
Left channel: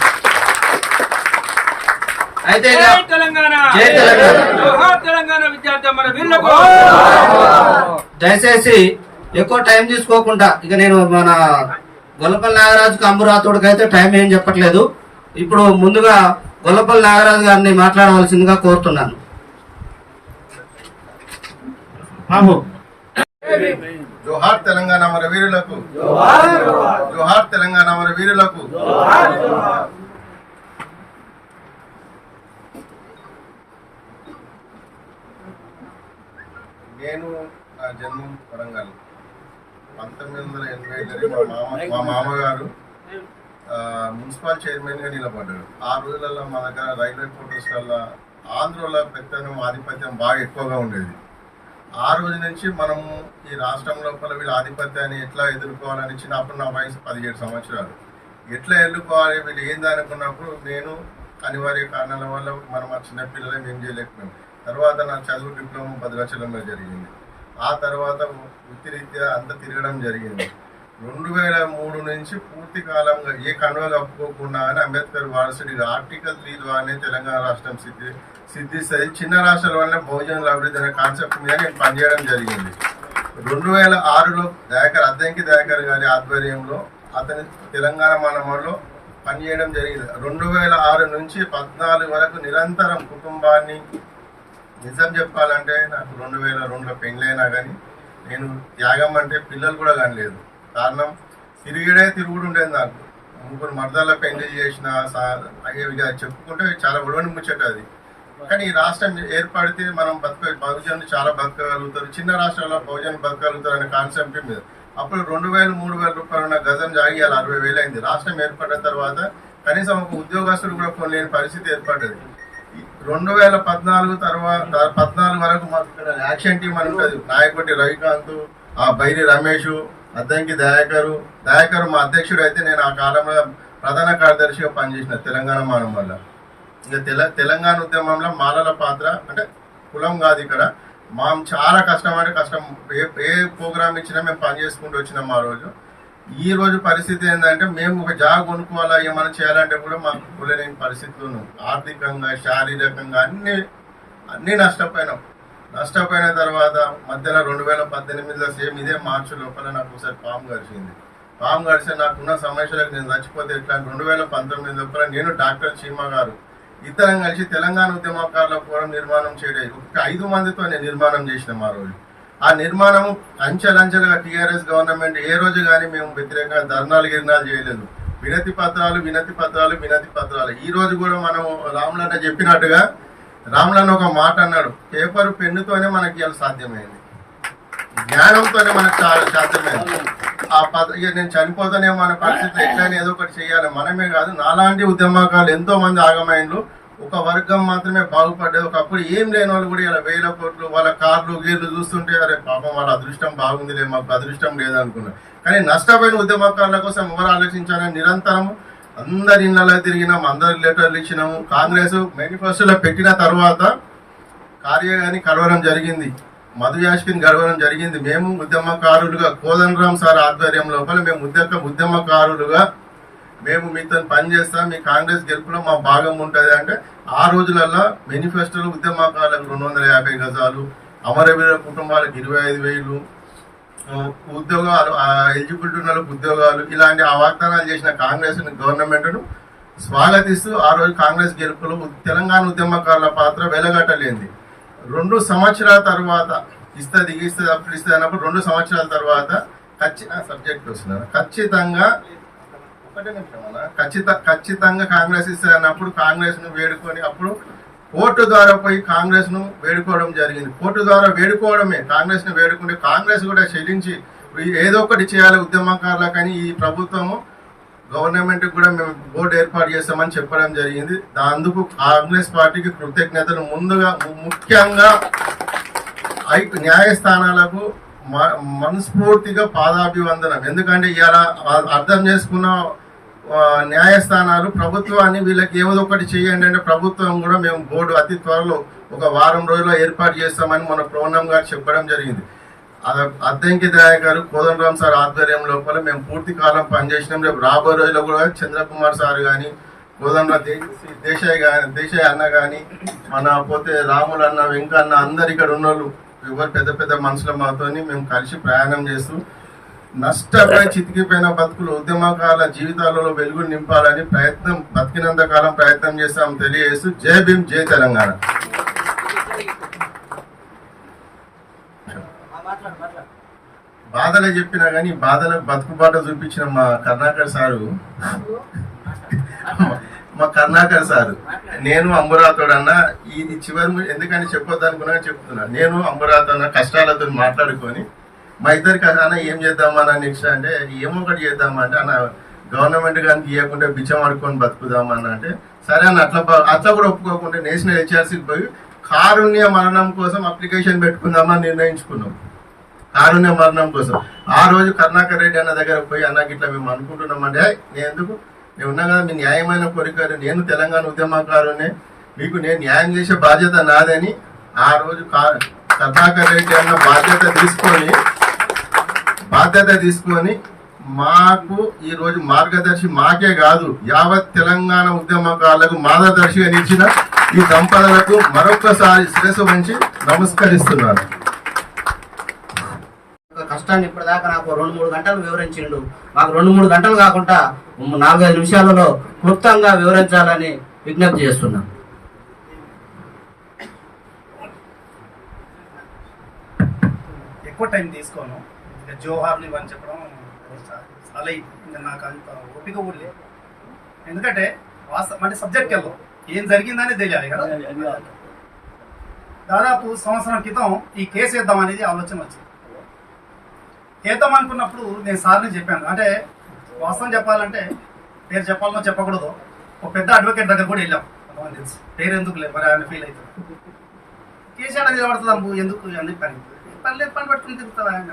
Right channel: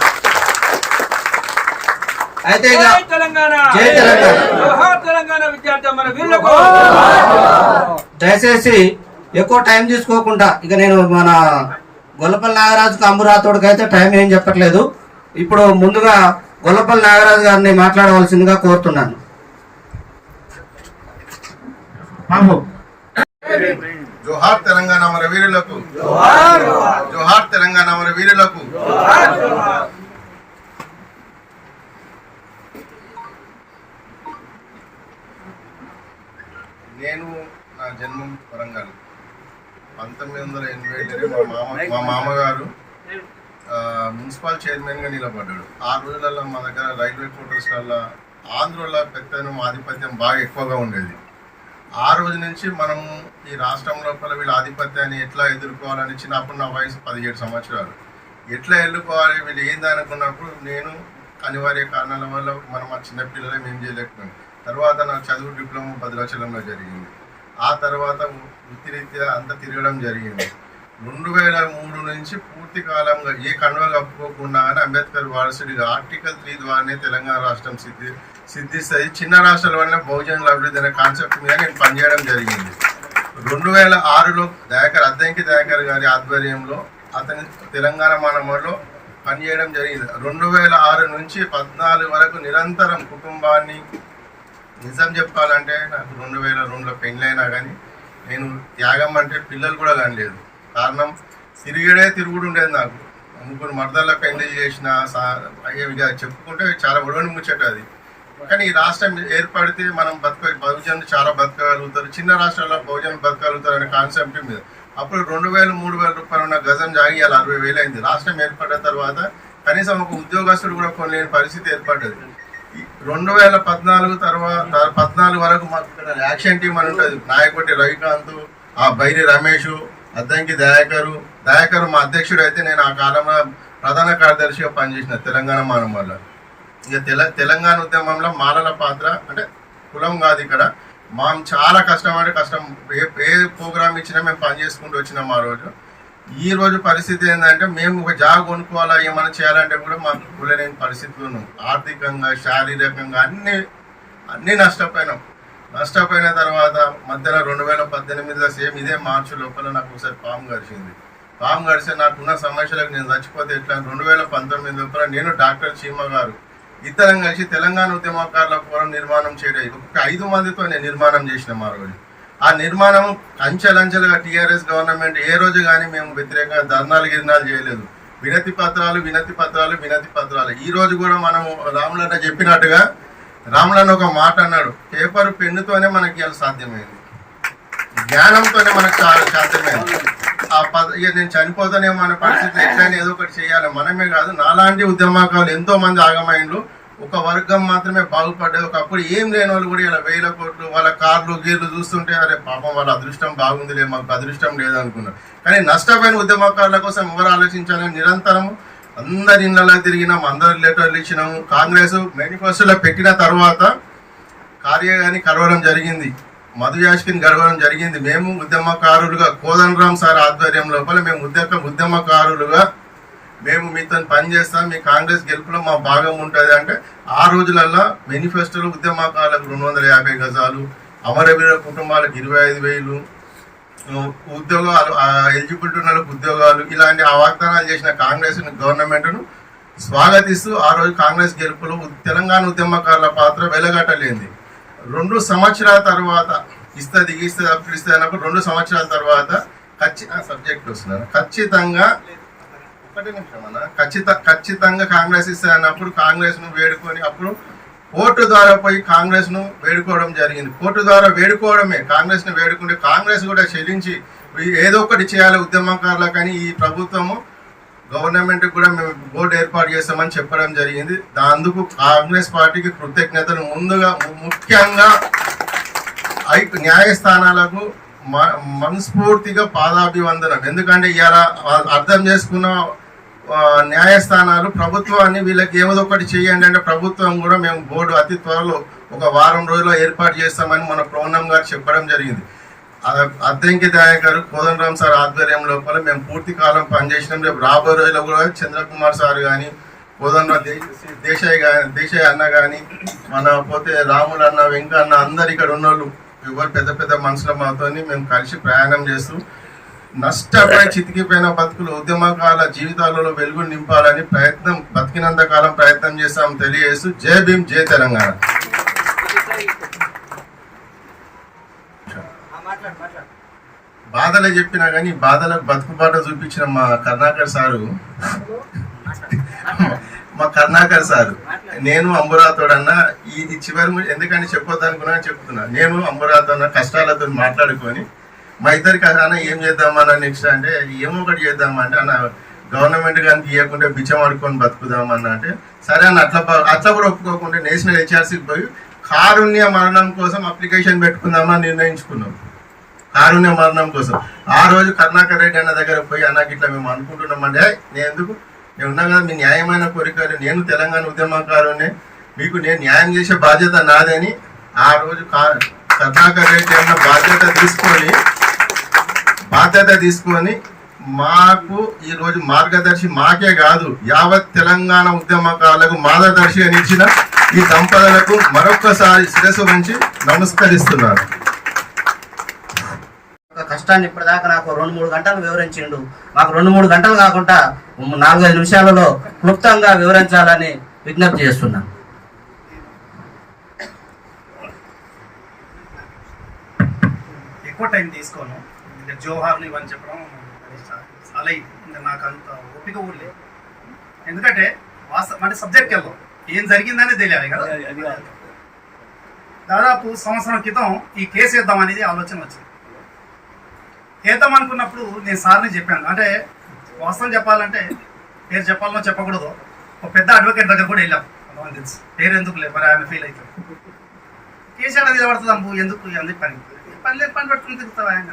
అయితే దయచేసి ఎక్కువ టైం తీసుకోకుండా ఇక నేను మన గొల్లపల్లి నాగరాజుకి అంబురాథోడ్కి అయితే టైం ఏం చెప్పట్లేదు. ఇప్పుడు ముందుగా గొల్లపల్లి నాగరాజు గారిని మాట్లాడవలసిందిగా కోరుతున్నాను. జోహార్ తెలంగాణ మన వీరులకు, జోహార్ తెలంగాణ మన వీరులకు. నేను నా జన్మం వరంగల్. 1987 మా మామగారు మున్సిపల్ చైర్మన్గా నిలబడ్డాడు. ఆ రోజులలో మా దగ్గర రైల్వే క్వార్టర్స్లలో ఆంధ్రలో పెత్తనం ఆధిపత్యం బాగా ఎక్కువగా ఉండేది. ఆ రోజు నుంచి మనము ఈ రాష్ట్రం లోపల వీళ్ళ ఆధిపత్యాన్ని ఎట్లా ఎదుర్కోవాలని చిన్నప్పుడు నా వయసు 17 సంవత్సరాలు. ఎట్లా ఎదుర్కోవాలి వీళ్ళు ఏంది అనుకున్నప్పుడు నేను అనివార్య కారణాల వల్ల మనం ఆ చిన్నపిల్లలే మేము చేయలేకపోయాం. తర్వాత నా చదువు డిప్లొమా భద్రాచలంలో జరిగింది. ఆ తర్వాత వృత్తిరీత్యా అంతా తిరగడం జరిగింది. 2003 నుంచి పూర్తి కాలంగా ఏ కండువ కప్పుకోకుండా అని అంబేద్కర్ వారసుడిగా ఆర్టికల్ 3 ద్వారానే తెలంగాణ రాష్ట్రం సిద్ధిస్తుంది. చిన్న రాష్ట్రాల వల్ల బహుజనుల అభివృద్ధి అనే కాన్సెప్ట్ మీద నేను పనిచేయడం జరిగింది. 2006లో అద్దంకి దయాకర్ గారి ఆధ్వర్యంలో అతని తెలంగాణ మానవుల్లో పనిచేయడం జరిగింది. 2006 నుంచి 14 వరకు నిరంతరం కుటుంబాన్ని, నిజం చెప్పాలంటే నాకు 2002లో పెళ్ళైనా కానీ నేను త్యాగం అంటే పిల్లలు కూడా కానిలేదు. కారణం తిరుగుడు ఉండేది. నాకు 3 మర్దల పెళ్లి చేసిన అయ్యేవిగా చెప్పుకుంటే చాలా ఒడవని ముచ్చట అది. కానీ ఈ రాష్ట్రం ఏర్పడితే మనం బహుజనులు చాలా బతకగలుగుతారు, చిన్న రాష్ట్రాల్లో బహుజనులు బతకగలుగుతారు అనే కాన్సెప్ట్ మీద అప్పుడు 2000-3000 రూపాయలు ఉన్న గజం జాగి అలా 60,000 అయింది. రాష్ట్రం ఏర్పడిన తర్వాత కనీసం ఒక ఉద్యోగస్తుడు కూడా కొనలేని పరిస్థితి ఏర్పడ్డది. 2014 వరకు మాకు ఇక్కడ యాక్షన్ టీం అని ఉంటుంది. నాయకుడి రవికాంత్, ఆ బైరి రమేష్, అద్దంకి దయాకరు మా అధ్యక్షుడు అయితే నేను ఆ కాలంలో ప్రధాన కార్యదర్శిగా పనిచేసిన తెలంగాణ మానం వల్ల. ఇక తెలంగాణ ఉద్యమంలో మాలల పాత్ర అంటే కులం కాదు, ఇక్కడ మనం చాలా కష్టం. ఏ ప్రోగ్రామ్ ఇచ్చినా మేము పని చేసుకుంటూ వచ్చినాం. ఆ రోజు ఈ రోజు పరిస్థితి ఏంటంటే మేము ఒక జాబ్ కొనుక్కోవాలా ఏమైనా చేయాలంటే కూడా మాకు కూలలేని పరిస్థితులు ఉన్నాం. ఆర్థికంగా, శారీరకంగా అన్నీ నష్టపోయిన తర్వాత మధ్యలో 2018లో సేమ్ ఇదే మార్చి లోపల నాకు ఒకసారి పాము గడిస్తే నాకున్న సమస్యలకు నేను చచ్చిపోతే ఎట్లా 2019 లోపల నేను డాక్టర్ చీమ గారు ఇద్దరం కలిసి తెలంగాణ ఉద్యమకారుల ఫోరం నిర్మాణం చేయలేదు. 5 మందితో నేను నిర్మాణం చేసినాం. ఆ రోజు ఆ నిర్మాణం అంచెలంచెలుగా టీఆర్ఎస్ గవర్నమెంట్ ఏ రోజు కానీ మేము వ్యతిరేకంగా ధర్నాలు చేయలేదు. వినతి పత్రాలు. ఈ రోజు కూడా మనం రాములన్న చెప్పినట్టుగా రాములన్న ఒక మాట అన్నాడు, పేపర్ పెన్నుతోనే మనకి ఇలా సాధ్యమైంది, జ్ఞానంతోనే మనకు సాధ్యమైంది. ఇక నేను చనిపోతానేమో అనే పరిస్థితి ఎట్లయినా ఏదో ఒకటి చేయాలి. మనమే కాదు, నాలాంటి ఉద్యమకాలు ఎంతో మంది ఆగమైండ్లు. ఒక వర్గం మాత్రమే బాగుపడ్డది. ఒకప్పుడు ఏం లేని వాళ్ళు కూడా ఇలా 1000 కోట్లు వాళ్ళ కార్లు గీర్లు చూస్తుంటే అరే పాపం వాళ్ళ అదృష్టం బాగుందిలే, మాకు అదృష్టం లేదనుకున్నారు. కానీ నష్టపోయిన ఉద్యమకారుల కోసం ఎవరు ఆలోచించాలని నిరంతరం అందరి ఇళ్లలో తిరిగినాం, అందరి లెటర్లు ఇచ్చినాము. కాంగ్రెస్ మేనిఫెస్టోలో పెట్టిన తర్వాత కార్యగాని కలవడం జరిగింది, మధు యాష్కిని కలవడం జరిగింది. మేము ఉద్యమకారులుగా కోదండరామ్ సార్ ఆధ్వర్యం లోపల మేము ఉద్యమకారులుగా మేము మీతో పని చేస్తాం, మీ కాంగ్రెస్ గెలుపులో మా భాగం ఉంటుంది అంటే ఆ రోజులలో మేనిఫెస్టోలో ఉద్యమకారులకు 250 గజాలు, అమరవీర కుటుంబాలకు 25,000 ఉద్యోగాలు, ఎలిజిబిలిటీ ఉన్న ఉద్యోగాలు, ఇలాంటి వాగ్దానాలు చేసిన కాంగ్రెస్ గవర్నమెంట్ను స్వాగతిస్తూ ఆ రోజు కాంగ్రెస్ గెలుపులో తెలంగాణ ఉద్యమకారుల పాత్ర వెలగట్టలేంది. 2 సంవత్సరాల తర్వాత ఇస్తుంది అప్పుడు ఇస్తుంది అన్నప్పుడు 2 సంవత్సరాల తర్వాత సబ్జెక్ట్ వస్తున్నారు ఖచ్చితంగా ఒకటే నిమిషం అన్న ఖచ్చితంగా కాంగ్రెస్ ఇస్తుంది అన్నప్పుడు కాంగ్రెస్ ను వేడుకొని అప్పుడు కోర్టు ద్వారా పోయి కాంగ్రెస్ ను వేడుకోవడం జరిగింది. కోర్టు ద్వారా వేడుకోవడమే, కాంగ్రెస్ ను వేడుకుంటే కాంగ్రెస్ కూడా చెల్లించి ఏదో ఒకటి చేయాలి ఉద్యమకారులకు అని ఈ ప్రభుత్వము గవర్నమెంట్ కూడా మేము బోర్డు ఏర్పాటు చేస్తామని చెప్పడం జరిగింది. అందుకు కాంగ్రెస్ పార్టీకి కృతజ్ఞతలు. ముందుగా ముఖ్యంగా న్యాయస్థానాలకు మనస్ఫూర్తిగా పాదాభివందనం. ఎందుకంటే ఇవాళ అర్థం చేసుకున్న న్యాయస్థానాలు ప్రభుత్వాన్ని వీళ్ళకి ఏదో ఒకటి చేయండి అంటే ప్రభుత్వం కూడా మేము బోర్డు అతి త్వరలో ఒక వారం రోజుల్లో ఏర్పాటు చేస్తామని మన ప్రోన్నం గారు చెప్పడం జరిగింది. అద్దంకి దయాకర్ గారు కోదండరామ్ సార్ ఆధ్వర్యం లోపల మేము పూర్తి కాలం పనిచేసినాం. రేపు రాబోయే రోజుల్లో కూడా చంద్రకుమార్ సార్ కానీ కోదండరామ్ దేశాయ్ అన్న కానీ మన పోతే రాములు అన్న వెంకన్న అందరు ఇక్కడ ఉన్నోళ్ళు ఎవరు పెద్ద పెద్ద మనుషుల మాతోని మేము కలిసి ప్రయాణం చేస్తూ నష్టపోయి చితికిపోయిన బతుకులు ఉద్యమకాల జీవితాలలో వెలుగులు నింపాలని బతికినంత కాలం ప్రయత్నం చేస్తాం తెలియజేస్తూ జై భీమ్, జై తెలంగాణ. బాధలే చెప్పినా కానీ బాధలకు బతుకుబాట చూపించిన మా కరుణాకర్ సారు నేను అంబురాతోడన్న ఇది చివరి ఎందుకని చెప్పొద్దు అనుకున్నా చెప్తున్నా. నేను అంబురాతో కష్టాలతో మాట్లాడుకొని మా ఇద్దరికి అన్న ఏం చేద్దామన్నా నెక్స్ట్ అంటే ఏమో ఒకటి చేద్దామంటే అన్న గవర్నమెంట్ కానీ తీయకుంటే బిచ్చం ఆడుకొని బతుకుదామన్న అంటే సరే అన్న అట్లా కూడా ఒప్పుకోకుంటే నేషనల్ హెచ్ఆర్సీకి పోయి కారుణ్య మరణం కోసం అప్లికేషన్ పెట్టుకుందామని నిర్ణయించుకున్నాం. కారుణ్య మరణం కోసం ఆ రోజు కరుణాకర్ రెడ్డి అన్న దగ్గర పోయి అన్నకి ఇట్లా మేము అనుకుంటున్నామంటే నేను ఉన్నా కదా మీ న్యాయమైన కోరికలు నేను తెలంగాణ ఉద్యమకారునే మీకు నేను న్యాయం చేసే బాధ్యత నాదని ఆ రోజు కరుణాకర్ రెడ్డి అన్న బాధ్యత తీసుకొని మాకు ఈ రోజు మార్గదర్శి మాకే కాదు యావత్ తెలంగాణ ఉద్యమకారులకు మార్గదర్శి అని ఇచ్చిన ఈ దంపతులకు మరొక్కసారి శిరస్సు వంచి నమస్కరిస్తున్నాను. కష్టాన్ని ఇప్పటిదాకా నాకు 2-3 గంటలు వివరించిండు. మాకు 2-3 గంటలు కాకుండా 4-5 నిమిషాలలో క్లుప్తంగా వివరించాలని విజ్ఞప్తి చేస్తున్నాను. ఎక్కువ టైం తీసుకోను. ఇంకా జోహార్లు ఇవన్నీ చెప్పడం చాలా ఇంకా నాకు అంత ఓపిక కూడా లేదు. ఎందుకంటే అంటే సబ్జెక్ట్కి వెళ్దాం, ఏం జరిగిందనే తెలియాలి కదా. దాదాపు సంవత్సరం క్రితం ఈ కేసు వేద్దాం అనేది ఆలోచన వచ్చింది. వేద్దాం అనుకున్నప్పుడు నేను సార్ని చెప్పాను. అంటే వాస్తవం చెప్పాలంటే పేరు చెప్పాలనో చెప్పకూడదు, ఒక పెద్ద అడ్వకేట్ దగ్గర కూడా వెళ్ళాం. కొంతమంది తెలుసు, పేరు ఎందుకు లేదు మరి ఆయన ఫీల్ అవుతారు. కేసు అంటే నిలబడుతుంది అమ్ము ఎందుకు ఎందుకు పని లేదు, పని పెట్టుకుని తిరుగుతావు ఆయన.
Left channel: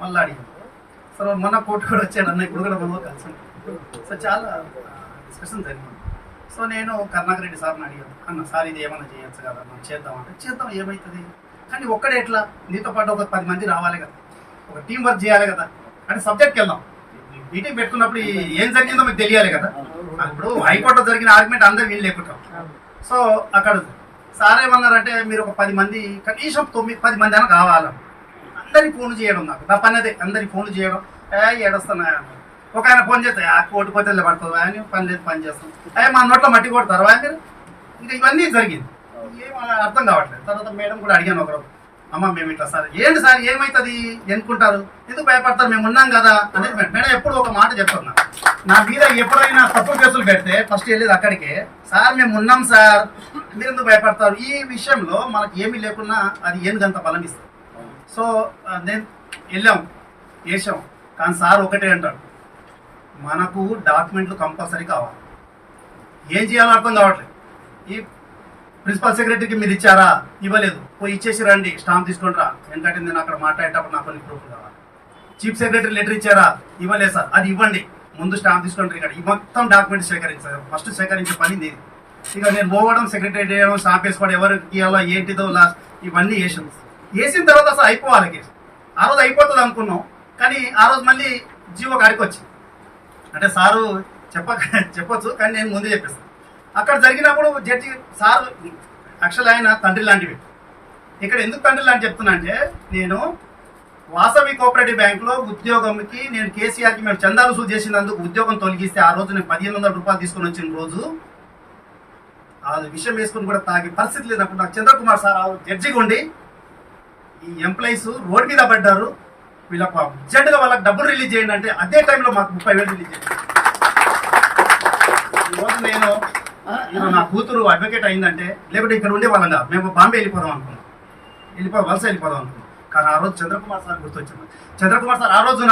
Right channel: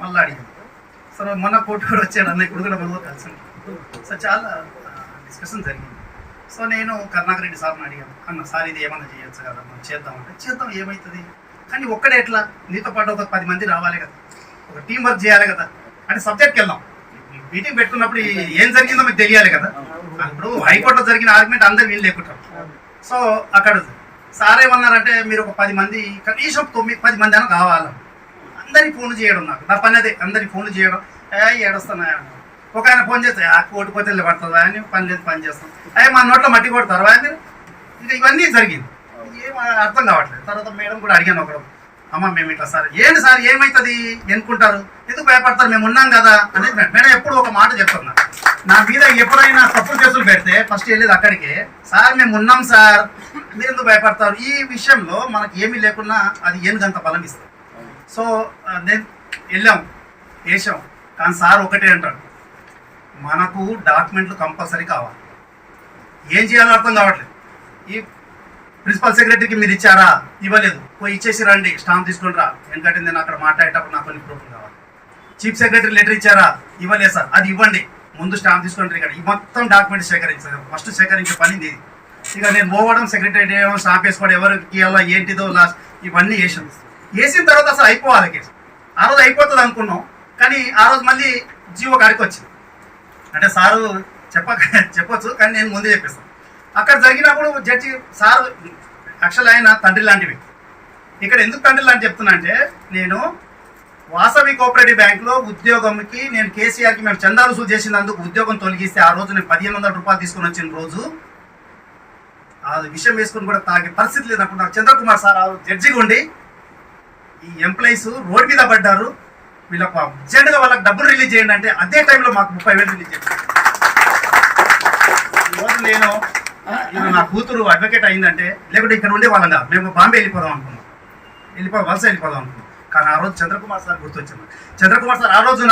మళ్ళీ అడిగాను. సరే మొన్న కోర్టు కూడా వచ్చాడు అన్న, ఇప్పుడు కూడా మనం కలిసి. సో చాలా డిస్కషన్ జరిగింది. సో నేను కరుణాకర్ రెడ్డి సార్ని అడిగాను, అన్న సార్ ఇది ఏమన్నా చేయొచ్చు కదా, మనం చేద్దామంటే చేద్దాం ఏమవుతుంది, కానీ ఒక్కడే ఎట్లా, నీతో పాటు ఒక 10 మంది రావాలి కదా, ఒక టీం వర్క్ చేయాలి కదా అంటే సబ్జెక్ట్కి వెళ్దాం. మీటింగ్ పెట్టుకున్నప్పుడు ఏం జరిగిందో మీకు తెలియాలి కదా. ఇప్పుడు హైకోర్టులో జరిగిన ఆర్గ్యుమెంట్ అందరు వీళ్ళు లేకుంటారు. సో అక్కడ సార్ ఏమన్నారంటే మీరు ఒక 10 మంది కనీసం 9-10 మంది అయినా కావాలి. అందరికి ఫోన్లు చేయడం, నాకు నా పని అదే, అందరికి ఫోన్లు చేయడం. ఏడొస్తున్నా ఒక ఆయన ఫోన్ చేస్తే కోటి పోతే పడుతుంది ఆయన పని లేదు, పని చేస్తాం. మా నోట్లో మట్టి కొడతారు మీరు. ఇంకా ఇవన్నీ జరిగింది, ఏం అర్థం కావట్లేదు. తర్వాత మేడం కూడా అడిగాను ఒకరు, అమ్మ మేము ఇట్లా సార్ ఏంటి సార్ ఏమవుతుంది ఎన్నుకుంటారు, ఎందుకు భయపడతారు, మేము ఉన్నాం కదా అనేది. మేడం ఎప్పుడు ఒక మాట చెప్తున్నా, నా మీద ఎప్పుడైనా తప్పుడు కేసులు పెడితే ఫస్ట్ వెళ్ళేది అక్కడికే, సార్ మేము ఉన్నాం సార్ మీరు ఎందుకు భయపడతారు. ఈ విషయంలో మనకి ఏమీ లేకున్నా అది ఏనుగంత బలం ఇస్తుంది. సో నేను వెళ్ళాం చేసాం, కానీ సార్ ఒకటే అంటాడు, మనకు డాక్యుమెంట్లు కంపల్సరీ కావాలి. ఏం చేయాలో అర్థం కావట్లేదు. ఈ ప్రిన్సిపల్ సెక్రటరీకి మీరు ఇచ్చారా, ఇవ్వలేదు, పోయి ఇచ్చేసి రండి, స్టాంప్ తీసుకొని రా, ఎందుకంటే నేను అక్కడ మాట్లాడేటప్పుడు నాకు కొన్ని ప్రూఫ్లు కావాలి. చీఫ్ సెక్రటరీ లెటర్ ఇచ్చారా, ఇవ్వలేదు సార్, అది ఇవ్వండి, ముందు స్టాంప్ తీసుకొని ఇక్కడ ఈ మొత్తం డాక్యుమెంట్స్ సేకరించారు. ఫస్ట్ సేకరించే పని ఇది. ఇక నేను పోవడం, సెక్రటరీ చేయడం, స్టాంప్ వేసుకోవడం, ఎవరికి ఇవ్వాలో ఏంటిదో లాస్ట్ ఇవన్నీ వేసిన తర్వాత అసలు అయిపోవాలి కేసు. ఆ రోజు అయిపోతుంది అనుకున్నాం, కానీ ఆ రోజు మళ్ళీ జీవో కాడికి వచ్చింది. అంటే సారు చెప్పొచ్చు, కానీ నేను ముందే చెప్పేస్తాను. అక్కడ జరిగినప్పుడు జడ్జి సార్ యాక్చువల్ ఆయన తండ్రి లాంటివి. ఇక్కడ ఎందుకు తండ్రి లాంటి చెప్తున్నా అంటే, నేను వాసవి కోఆపరేటివ్ బ్యాంకులో ఉద్యోగంకి నేను కేసీఆర్కి మేము చందా వసూలు చేసినందుకు ఉద్యోగం తొలగిస్తే ఆ రోజు నేను 1500 రూపాయలు తీసుకొని వచ్చిన రోజు ఆ విషయం వేసుకుని కూడా తాగే పరిస్థితి లేనప్పుడు నాకు చంద్రకుమార్ సార్ జడ్జిగా ఉండి ఈ ఎంప్లాయీస్ రోడ్ మీద పడ్డారు, వీళ్ళకు అర్జెంటుగా వాళ్ళకి డబ్బులు రిలీజ్ చేయండి అంటే అదే టైంలో మాకు 30,000 రిలీజ్ చేయండి. ఈరోజు నేను నా కూతురు అడ్వకేట్ అయిందంటే లేకుంటే ఇక్కడ ఉండే వాళ్ళం కాదు, మేము బాంబే వెళ్ళిపోదాం అనుకున్నాం, వలస వెళ్ళిపోదాం అనుకున్నాం. కానీ ఆ రోజు చంద్రకుమార్ సార్ గుర్తొచ్చింది. చంద్రకుమార్ సార్ ఆ రోజు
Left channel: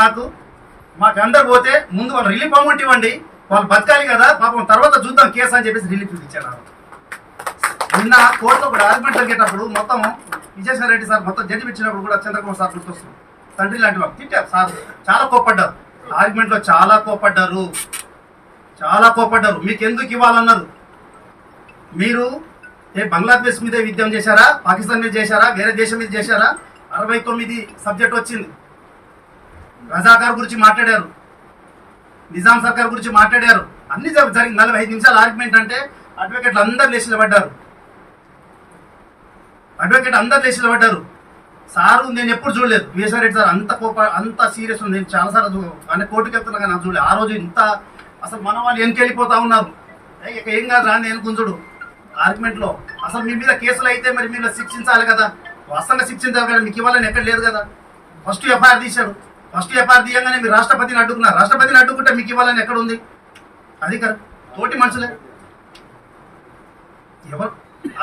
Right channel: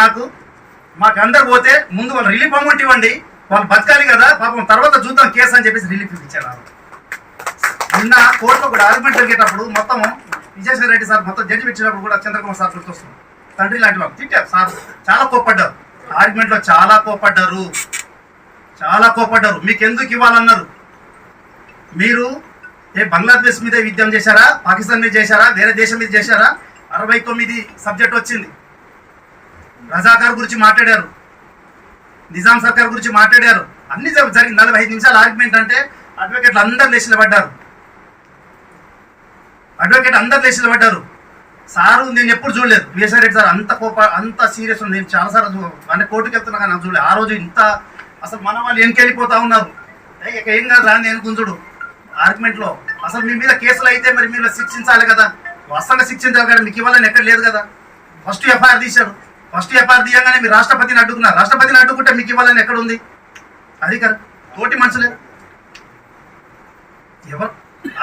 మాకు అందరు పోతే ముందు వాళ్ళు రిలీఫ్ అమౌంట్ ఇవ్వండి, వాళ్ళు బతకాలి కదా పాపం, తర్వాత చూద్దాం కేసు అని చెప్పేసి రిలీఫ్ ఇచ్చారు. నిన్న కోర్టులో కూడా ఆర్గ్యుమెంట్ జరిగేటప్పుడు మొత్తం విజయసాయి రెడ్డి సార్ మొత్తం జడ్జి ఇచ్చినప్పుడు కూడా చంద్రకుమార్ సార్ గుర్తొస్తుంది. తండ్రి లాంటి వాళ్ళు తిట్టారు సార్, చాలా కోప్పడ్డారు ఆర్గ్యుమెంట్లో, చాలా కోప్పడ్డారు. మీకు ఎందుకు ఇవ్వాలన్నారు? మీరు బంగ్లాదేశ్ మీద యుద్ధం చేశారా, పాకిస్తాన్ మీద చేశారా, వేరే దేశం మీద చేశారా? 69 సబ్జెక్ట్ వచ్చింది. రజాకార్ గురించి మాట్లాడారు, నిజాం సర్కార్ గురించి మాట్లాడారు, అన్ని జరిగింది. 45 నిమిషాల ఆర్గ్యుమెంట్ అంటే అడ్వకేట్లు అందరు లేచిలో పడ్డారు. సారు నేను ఎప్పుడు చూడలేదు విజయసాయి రెడ్డి సార్ అంత సీరియస్ ఉంది. నేను చాలాసార్లు అంటే కోర్టుకి వెళ్తున్నా కానీ నాకు చూడలేదు. ఆ రోజు ఇంత అసలు మన వాళ్ళు వెనకెళ్ళిపోతా ఉన్నారు. ఇక ఏం కాదు రాని నేను గుంజుడు ఆర్గ్యుమెంట్లో. అసలు మీ మీద కేసులు అయితే మరి మీరు శిక్షించాలి కదా, వాస్తవంగా శిక్షించాలి కదా, మీకు ఇవ్వాలని ఎక్కడ లేదు కదా. ఫస్ట్ ఎఫ్ఐఆర్ తీశారు, ఫస్ట్ ఎఫ్ఐఆర్ తీయగానే మీరు రాష్ట్రపతిని అడ్డుకున్నారు. రాష్ట్రపతిని అడ్డుకుంటే మీకు ఇవ్వాలని ఎక్కడ ఉంది? అది కదా తోటి మనుషులే ఎవరు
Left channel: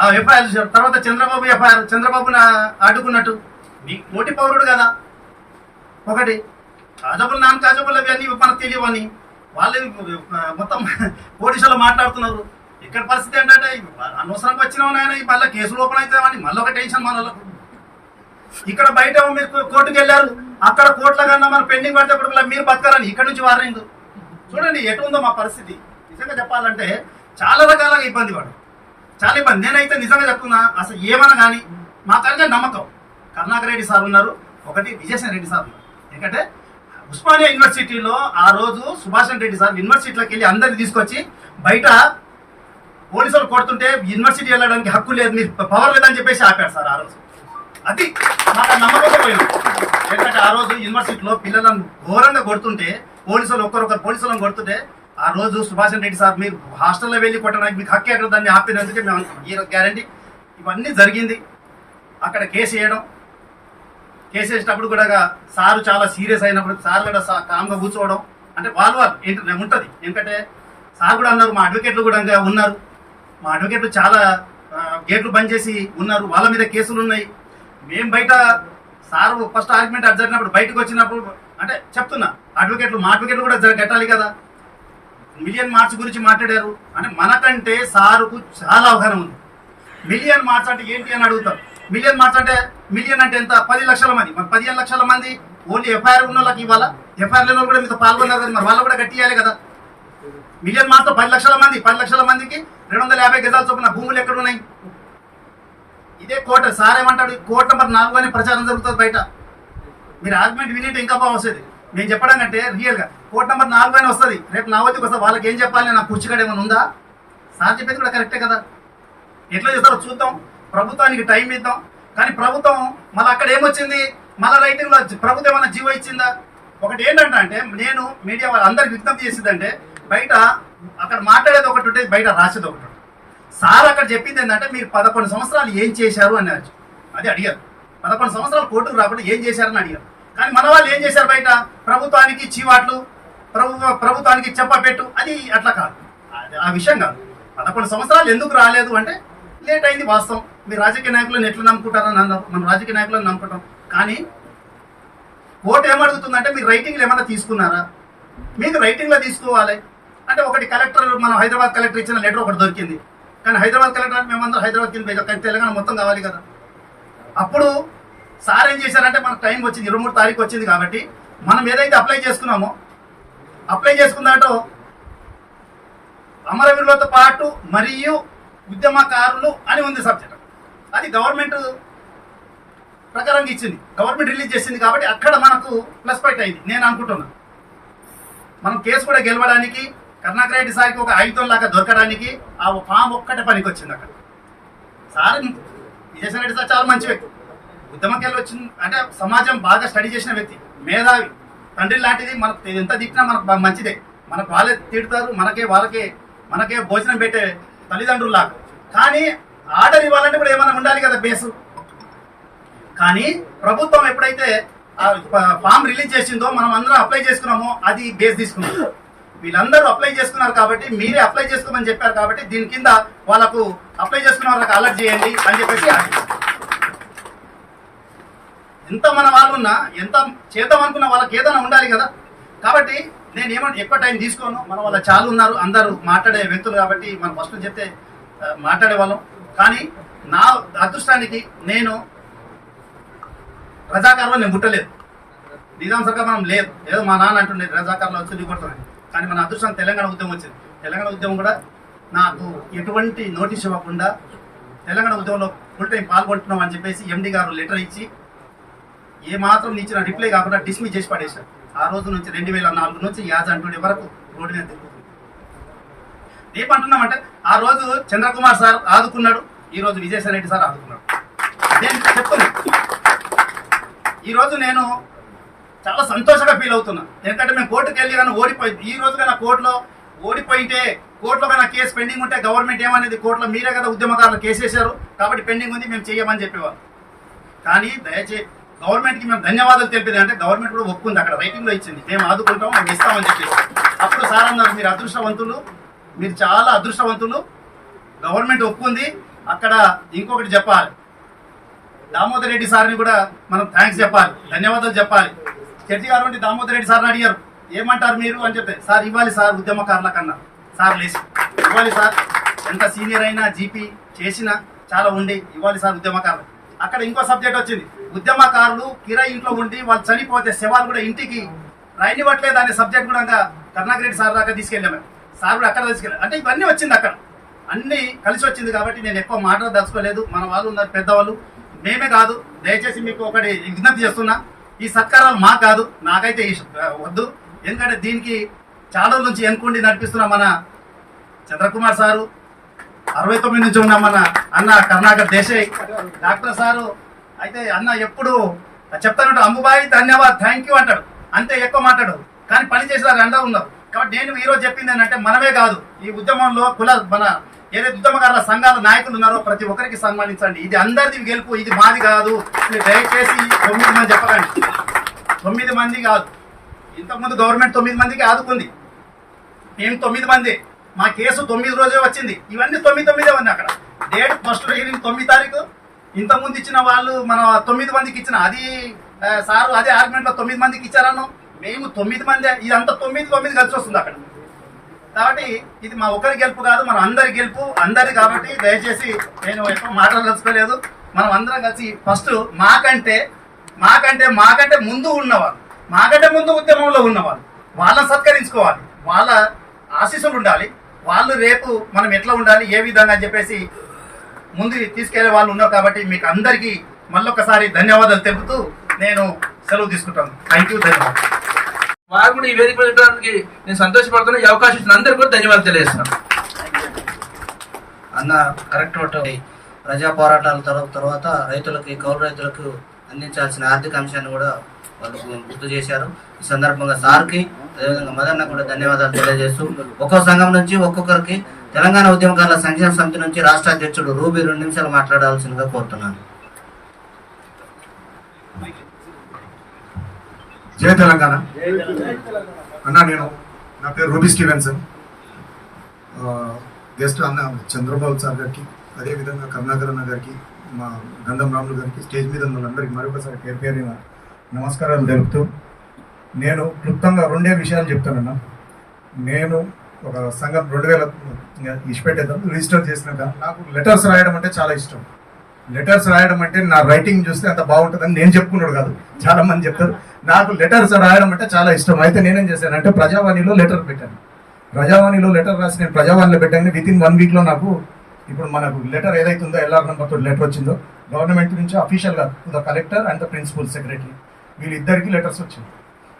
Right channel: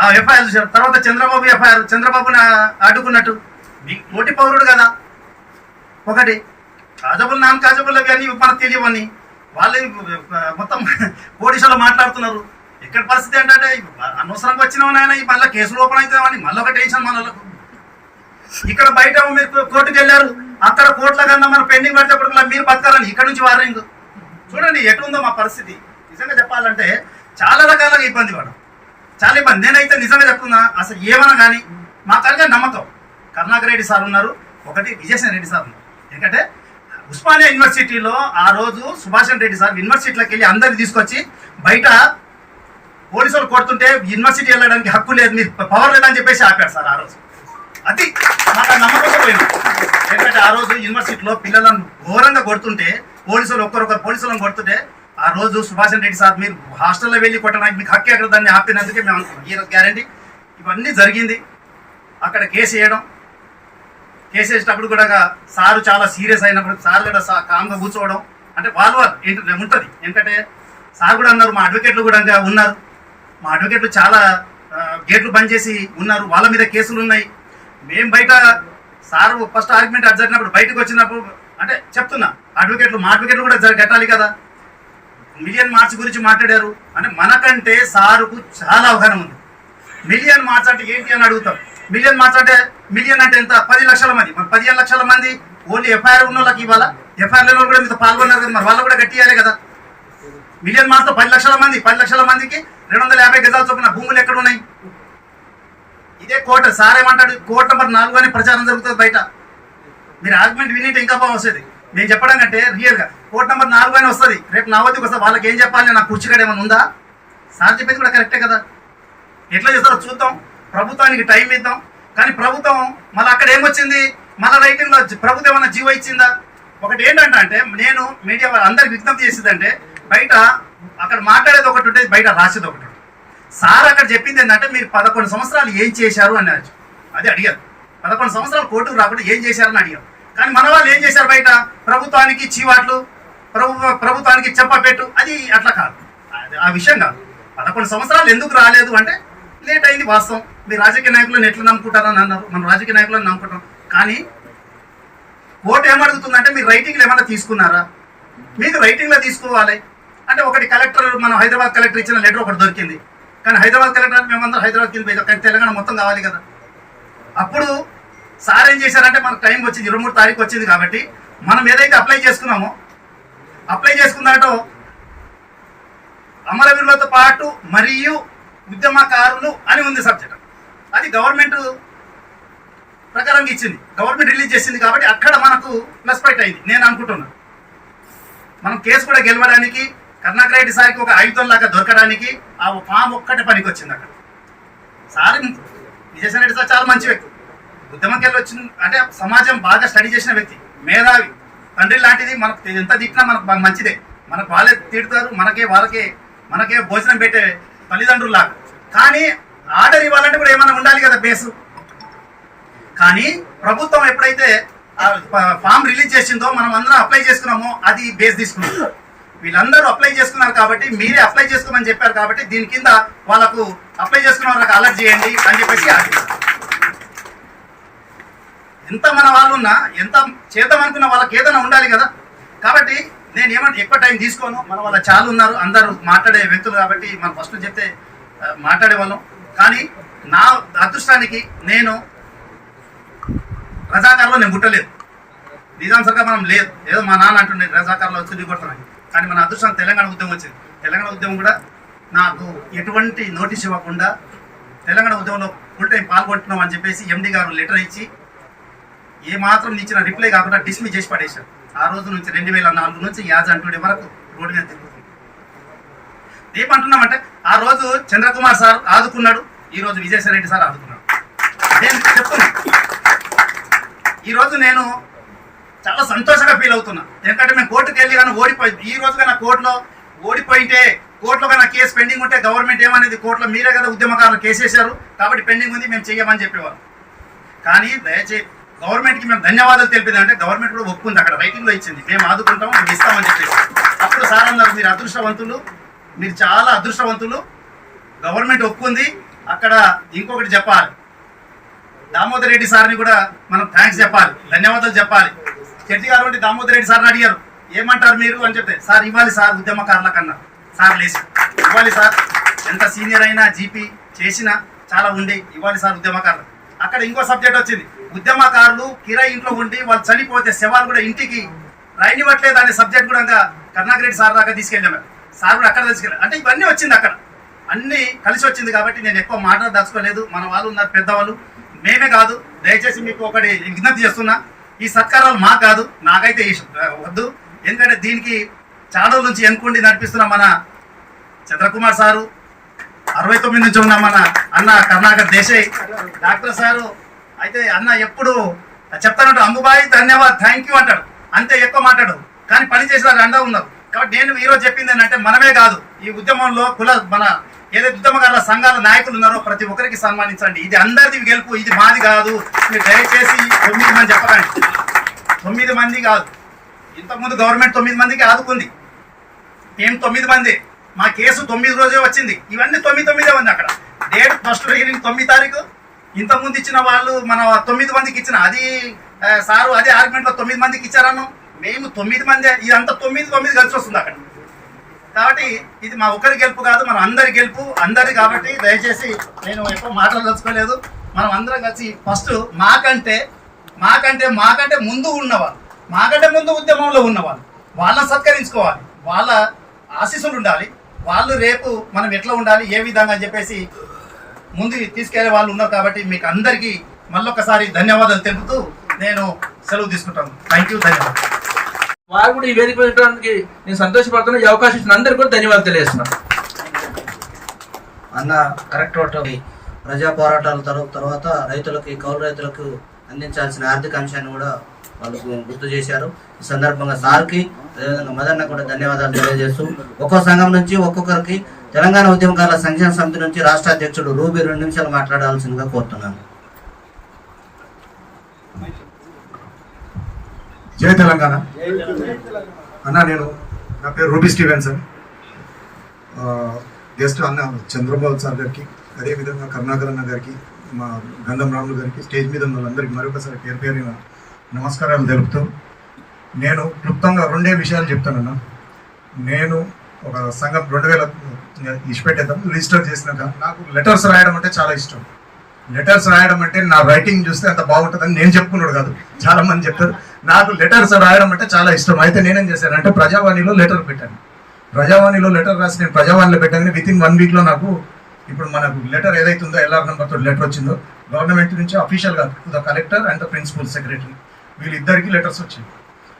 ఆ ఎఫ్ఐఆర్ చూశారు. తర్వాత చంద్రబాబు ఎఫ్ఐఆర్, చంద్రబాబుని అడ్డుకున్నట్టు మీకు తోటి పౌరుడు కదా. ఒకటి కాజబుల్ అవి అన్నీ మనకు తెలియవని వాళ్ళు మొత్తం పోలీసులు మాట్లాడుతున్నారు. ఇక్కడ పరిస్థితి ఏంటంటే అనవసరంగా వచ్చినామని ఆయన మళ్ళీ కేసులు ఓపెన్ అవుతామని మళ్ళీ ఒక టెన్షన్ మన వాళ్ళకు. ఇక్కడ బయట మీరు కోర్టుకు వెళ్ళారు, అక్కడ కోర్టుల కన్నా మన పెండింగ్ పడినప్పుడు మీరు బతకాలని ఇక్కడ నుంచి వార్నింగ్. చూడండి ఎటుందో మా పరిస్థితి. నిజంగా చెప్పాలంటే చాలా రకాలుగా ఇబ్బంది పడడం, చాలా ఇబ్బంది. నేనైతే నిజంగా చెప్తున్నా, అసలు ఏమన్నా కానీ మా కనుక నమ్మకం కరుణాకర్ రెడ్డి సార్ ఉన్నారు, ఒకటి విజయసాయి రెడ్డి సార్ ఉన్నారు. ఎందుకంటే ఉస్మానియా యూనివర్సిటీలో ఆ రోజు సుభాష్ రెడ్డి సార్ యూనివర్సిటీలోకి వెళ్ళి అందరిని తీసుకొచ్చి బయట పోలీసులు కొడుతుంటే యూనివర్సిటీ వెళ్ళడానికి హక్కు లేదు, మీరు పవర్ లేదని చెప్పేసి ఆపారు సార్ ఆ రోజు. అది మాకు నమ్మకం పోయింది. ఎందుకంటే ఆ రోజు యూనివర్సిటీలో పిల్లలను ఘోరంగా కొడుతుంటే పోలీసులు ఒక్కరొకరు పోలీసులను కొడుతుంటే ఆ రోజు సుభాష్ రెడ్డి సార్ మీరు హాస్టల్లో వెళ్ళి కొట్టడానికి మీకు హక్కు ఎక్కడ దాన్ని ఆపినందుకే మేము అనుకున్నాం. ఈ గ్యారంటీ ఇవన్నీ జరిగింది. అక్కడ కేసు వేసేటప్పుడు కూడా సారు చాలా సీరియస్ అయినప్పుడు సార్ కూడా కామ్గా కూర్చోవడం అంటే వాళ్ళు ఉంటుంది. ఎందుకంటే సార్ కూడా అన్నారు, మా అడ్వకేట్లు కూడా ఉన్నారు, మా అడ్వకేట్లు చాలా గేట్లు బంద్ చేసి ఉన్నారు, వాళ్ళ మీద కేసులు ఉన్నాయి. మేము బయట సార్ ఫస్ట్ ఆర్గ్యుమెంట్ అది జరిగినప్పుడు బయటకు వచ్చినప్పుడు అంటే చెప్తున్నా అడ్వకేట్లు మా అడ్వకేట్లు కూడా కట్టాలి కదా. మిలియన్ మార్చ్ గురించి మాట్లాడారు అంటే మనకంటే సారుకు చాలా అవగాహన ఉంది. మిలియన్ మార్చ్ అంటే ఏంటి అని అడుగుతాం. మిలియన్ మార్చ్ అంటే మిలియన్ అంటే ఎంత? 10 లక్షల మంది. మరి 15 లక్షల మంది ఓన్లీ ఎఫ్ఐఆర్ ఉన్న వాళ్ళకి ఇవ్వాలా? ఎఫ్ఐఆర్ లేని కూడా మీతో పాల్గొన్నారు కదా, మరి వాళ్ళు కూడా కట్టియాలి కదా. మిలియన్ మార్చ్ 10 లక్షల మంది, 10 లక్షల మందికి 250 గజాల చొప్పున భూములు ఎక్కడ ఉన్నాయి? ఇదే కోట. సార్ ఏమంటాడు, కోట నెంబర్ 4 అని ప్రచారం జరుగుతుంది బయట. మీరు ఆర్గ్యుమెంట్ వినింటే ఇంకా బాగా వస్తుంది. నేను చెప్పడం కంటే రియల్గా కోట నెంబర్ 4 అని వస్తుంది. రేపు నా వద్దకు వస్తుంది. వాళ్ళకి ఏం చెప్పాలి? నా కుర్చీకాడ ఏమైనా ఉందా? సార్ చెప్పేది కూడా కరెక్టే కదా. ఎట్లా చేస్తారో చూద్దాం, ప్రభుత్వానికి టైం ఇద్దాం. కానీ ప్రభుత్వం మళ్ళీ అక్కడ ఏమొచ్చింది, మళ్ళీ రైటింగ్లో ప్రభుత్వం ఏమైనా జీవో ఇచ్చిందా? ఒకటి ఏంటంటే అంటే నేను మీడియా అందరికి విజ్ఞప్తి చేసేదంటే బయట అక్కడ మాట్లాడేది ఒకటి ఉంటుంది, బయట రాసేది ఒకటి. సార్ అక్కడ చెప్పింది ఏంటంటే మీరు 11 సంవత్సరాలు ఏం చేశారు అని అది అడిగారు. 11 సంవత్సరాలు కోర్టుకు రాకుండా ఏం చేశారని అడిగారు. కానీ మన వాళ్ళు ఏం చేశారు? బయట ప్రభుత్వానికి చీవాట్లు, ప్రభుత్వానికి చెప్పపెట్టు. అది అట్లా కాదు, ఆ విషయం కాదు. 11 సంవత్సరాలు ఎందుకు రాలేదు అంటే లేట్ అయింది వాస్తవం. మీరు రాజకీయ నాయకులను ఎట్లా నమ్ముకుంటారని అన్నారు, మనం రాజకీయ నాయకులను నమ్ముకుంటాం. కానీ కోర్టు ఏమడుగుతుందంటే మీరు రైటింగ్లో ఏమైనా తీసుకున్నారా? మీరు రైటింగ్లో తీసుకోవాలి. అంటే ఒకటి కలెక్టర్, మనం హైదరాబాద్ కలెక్టర్ ఇచ్చిన లెటర్ ఒకటి దొరికింది. కానీ హైదరాబాద్ కలెక్టర్ మేమందరం హైదరాబాద్ కింద కానీ తెలంగాణ మొత్తం కావాలి కదా. అప్పుడు సార్ ఏం చేశారంటే మనకు టైం వచ్చింది, 23 తారీఖు వచ్చింది కాబట్టి మనం ఏదైతే అప్లై చేసుకున్నామో అప్లై చేసుకున్నాటో అమరవీరులతో పాటు మరియు ఉద్యమకారులు అని ఉంది సబ్జెక్ట్. అది గవర్నమెంట్ ప్రకారంగా ఇచ్చింది, గవర్నమెంట్ రిలీజ్ చేసింది కాబట్టి అక్కడ మనకు ప్లస్ పాయింట్ అయింది నేను అనుకుంటున్నాను. మనం కేసు కూడా గెలవడానికి కరుణాకర్ రెడ్డి సార్కి ఒక ఆయుధం లాగా దొరకడానికి ఆ ఫామ్ ఒక్కటే పనికి వచ్చింది అక్కడ. సార్ విజయసాయి రెడ్డి సార్ చాలా మంచి వ్యక్తి, ఉద్యమంకి వెళ్ళి వచ్చింది అంటే సమాజం బాగా స్టడీ చేసిన వ్యక్తి, మేధావి, తండ్రి లాంటిది. మనకు ఎంత దిక్కినా మనకు మంచిదే. మనకు వాళ్ళే తిడతారు, మనకే భోజనం పెట్టే తల్లిదండ్రులు లాగా. కానీ ఆర్డర్ ఇవ్వాలంటే కూడా ఏమైనా ఉండాలి కదా బేసు. కానీ ప్రభుత్వం ఎప్పుడైతే ఫామ్ రిలీజ్ చేసిందో మనం అందరం అప్లై చేసుకున్నామో అది బేస్ తీసుకున్నాం. వీళ్ళందరూ అప్లై చేసుకున్నారు కాబట్టి మీరే అప్లై చేసుకోమని చెప్పారు కాబట్టి దీని కింద వాళ్ళకు అప్లై చేసుకున్న వాళ్ళకి అలర్ట్ చేయండి అని చెప్పేసి ఎంత మన వాళ్ళు ఉన్నా ఎంత చేద్దాం అనుకున్న వాళ్ళకి ఏదైనా ఉండాలి కదా. కాబట్టి నేను ఏమంటే ఎక్కువ టైం తీసుకోను, మన వాళ్ళ చాలా ఉన్నారు, అందరూ మాట్లాడే వ్యక్తులు కాబట్టి మనం ఫస్ట్ చెప్తే మాట్లాడే వాళ్ళం. కానీ నా అదృష్టానికి నేను రజాకారులో నేను ముట్టలేదు, నిజాం సర్కార్ మనం లేదు, ఏదో మా నాన్న అంటుండే రజాకారులో వచ్చి దిగొడుతున్నాను. కానీ మన అదృష్టం తెలంగాణ ఉద్యమం వచ్చింది. తెలంగాణ ఉద్యమం కూడా నాకు ఎటువంటి నోటీస్ ఇవ్వకుండా తెలంగాణ ఉద్యమంలో ఫుల్ టైం పాల్గొంటున్నాం అని చెప్పేసి ఎండి గారు లెటర్ ఇచ్చి ఏ మాత్రం ఇచ్చిన రిప్లై కాకుండా డిస్మిస్ చేసి పడేశారు. ఆ రోజు నుంచి 2004 నుంచి యాజ్ అంటుడే వరకు రోడ్డు మీద తిరుగుతుంది. ఏమంటున్నామంటే ఆ రోజు చంద్రకుమార్ సార్ ఆదుకున్నాడు, ఈ రోజు విజయసాయి రెడ్డి సార్ ఆదుకున్నాడు. నేను చెప్తున్నా, ఈరోజు నేను చాలా సంతోషంగా ఫీల్ అవుతున్నా. ఎందుకంటే మేము కోర్టుకు వెళ్ళి కానీ ఓడిపోయింది. ఈ రోజు కన్నా కోర్టులో ఓడిపోయింటే, కోర్టులో కన్నా కేసు పెండింగ్ ఉంటే గవర్నమెంట్ ఏమనేది, కోర్టులో మీరే కదా ఉద్యమకారులు కేసు వేశారు కాబట్టి పెండింగ్ ఉంది మేము చెయ్యమని చెప్పేవారు. కానీ దయచేసి గవర్నమెంట్కి మేము ధన్యవాదాలు తెలిపేది అంటే గవర్నమెంట్ కూడా ఒప్పుకుంది, అక్కడ రైటింగ్లో ఇచ్చింది, మేము ఆదుకుంటాం, మేము ఇస్తామని చెప్పేసి. అప్పుడు సార్ అన్నారు మీరు అదృష్టవంతులు, మీరు చాలా అదృష్టవంతులు, గవర్నమెంట్ ఒప్పుకుంది. అక్కడ ఇంకొకటి చెప్పాలి, దామోదర్ రెడ్డి సార్ని కూడా మనం థ్యాంక్స్ చెప్పాలి, ధన్యవాదాలు చెప్పాలి. చెట్టి గారు వంటి దామోదర్ రెడ్డి సార్ని అడిగారు ఏమంటారు మీరు అని చెప్తే, సార్ ఇవ్వాలి సార్ ఉద్యమకారుల కన్నా, సార్ లేచి ఇవ్వాలి సార్, ఎంత సీనియర్ అయినా జీపీ చేసినా చాలా ఉండి ఇవ్వాలి సార్ ఉద్యమకారులు. అక్కడ ఇంకో సబ్జెక్ట్ వచ్చింది, ఉద్యమకారులు కిరాయి ఇంట్లో ఉండి వాళ్ళు చనిపోతే శవాలు కూడా ఇంటికి రాయనివ్వట్లేదు అనే సబ్జెక్ట్ కూడా కరుణాకర్ రెడ్డి సార్ దాకా తీసుకెళ్ళాము. సార్ కూడా అక్కడ తీసుకెళ్ళారు. అంటే ఇవన్నీ వచ్చింది, అక్కడ అన్ని కలిసి వచ్చింది. కాబట్టి నేను ఎక్కువ మాట్లాడదలుచుకోలేదు, మన వాళ్ళు ఉన్నారు పెద్దవాళ్ళు, మేమే కాదు. దయచేసి మీకు ఒకటి విజ్ఞప్తి చేస్తున్నా, ఈ సత్కారాలు మా కాదు, నాకైతే వద్దు. ఎందుకంటే దీనికి చాలా రోజుల నుంచి ఎన్నుకుండి నడిపిస్తున్న మన చంద్రకుమార్ సారు, 69 నుంచి ఉన్న మన అన్న కరుణాకర్ దేశాయ్, డాక్టర్ సారు అయితే అన్న ఎప్పుడు చెప్తానంటే అంబుబాయి ధన్యవాద్ థ్యాంక్ యూ అంటాడు, అంతే, ఎక్కువ మాట్లాడు. కానీ పని చేసిన అండా ఉన్నారు. కాబట్టి నేను ఈరోజు చెప్పింది ఏంటంటే మనమే కాదు ఈ ఉద్యమంలో మన ఏదైతే ఉద్యమకారుల సంఘాల నాయకులు ఉన్నారో ప్రతి ఒక్కరికి సన్మానించండి. ఇది అందరిది గెలుపు, ఇది మాది కాదు. మీరు దయచేసి 9 మంది చెప్పకండి, 9 మంది కాదు. ఇంతకుముందు గవర్నమెంట్ 9 మందికి ఆదుకుంది, మేము 9 మంది. మా కేసు 9 రోజే వచ్చింది, ఇవన్నీ 9 ఉంది. అక్కడ డేట్ ఫస్ట్ హీరింగ్ 9 తారీఖు. ఇంతకుముందు ఇచ్చిన వాళ్ళు మన 9 మందికి ఇచ్చిన, అది సారు అదే ఆర్గ్యుమెంట్లో 9 మందికి ఇచ్చారను, మేము 9 మంది. ఇదంతా 9 కలిసి వస్తుంది అక్కడ. కాబట్టి ఇది మా ఒక్కరి గెలుపు కాదు, మనం అందరి గెలుపు, అందరి. కాబట్టి దయచేసి నేను ఎక్కువ మాట్లాడదలుచుకోలేదు. మనం అందరం కలిసి ఫస్ట్ మాకంటే ముందు ఉన్నవాళ్ళు, మాకంటే ముందు ఉద్యమంలో ఉన్నవాళ్ళు, వాళ్ళని సత్కరించుకోవాలి, వాళ్ళ ఆశీస్సులు ఉండాలి. వాళ్ళు రేపు మనం ఎట్లా ఉండాలి, ఏ విధంగా అని చెప్పేసి ముందు తీసుకెళ్లే వాళ్ళు ఉన్నారు. కాబట్టి మీకు అందరికీ మళ్ళొకసారి ధన్యవాదాలు తెలుపుతూ నేను సెలవు తీసుకుంటాను. థ్యాంక్ యూ, ధన్యవాదాలు. వారు కూడా ఈ వేదిక పెట్టడానికి నేను సంతోషపడుతున్నా. ఈ అవకాశం ఇచ్చిన అందరికీ కూడా ధన్యవాదాలు తెలియజేస్తున్నాను. అన్న కరెక్ట్ ఒకటి, ప్రజా పోరాటాల తర్వాత రైతులకి, కౌలు రైతులకు అందించాల్సిన ఆర్థిక అంశాన్ని కూడా వాళ్ళు గుర్తు చేశారు. ఈ సందర్భంగా సార్కి అదేవిధంగా మదన్న కూడా ధన్యవాదాలు తెలియజేస్తూ, ఒక్కో సంఘం నుంచి ఒక్కొక్కరికి తెలంగాణ ఉద్యమకారుల సంక్షేమ సమితి నుంచి రాష్ట్ర అధ్యక్షుడు రూబీ 2 నిమిషాలు మాట్లాడాల్సిందిగా కోరుతున్నాను. జై తెలంగాణ అన్న. నా పేరు రూబీ స్టీవెన్సన్. గెస్ట్ అన్న చంద్రబాబు సార్ గారికి, అదేవిధంగా కరుణాకర్ అన్న గారికి, మా గంధం రాములు గారికి, స్టేజ్ మీద ఉన్న వాళ్ళందరికీ మరొకసారి పేరు నమస్కారాలు తెలుపుతూ, నేను క్లుప్తంగా 2 విషయాలు చెప్తానన్నా. నేను ఒక సంఘం 2000 ఇచ్చిపెట్టేద్దాం రిజిస్టర్ చేసినాక నాకు లెటర్స్ రాయడం అంటే చాలా ఇష్టం. లెటర్స్ రాయడం అంటే నా రైటింగ్ చూస్తే అంత బాగుంటుందని నేను చెప్పుకున్నాడు కాదు, చాలా మంది చెప్తారు. నాకు లెటర్స్ రాయడం అంటే చాలా ఇష్టం. అయితే నేనేం చేశానంటే ప్రజావాణిలో లెటర్ పెట్టాను. ప్రజావాణిలో లెటర్ రాసి నేను ప్రజావాణిలో పెట్టాను. విత్ ఇన్ 1 వీక్లో నాకు ఇప్పుడు మనకు లెటర్ ఏదైతుందో LR నెంబర్తో లెటర్ వచ్చిందో గవర్నమెంట్ నుంచి అఫీషియల్గా the collector and the principal secretary వీళ్ళిద్దరికి లెటర్స్ వచ్చింది.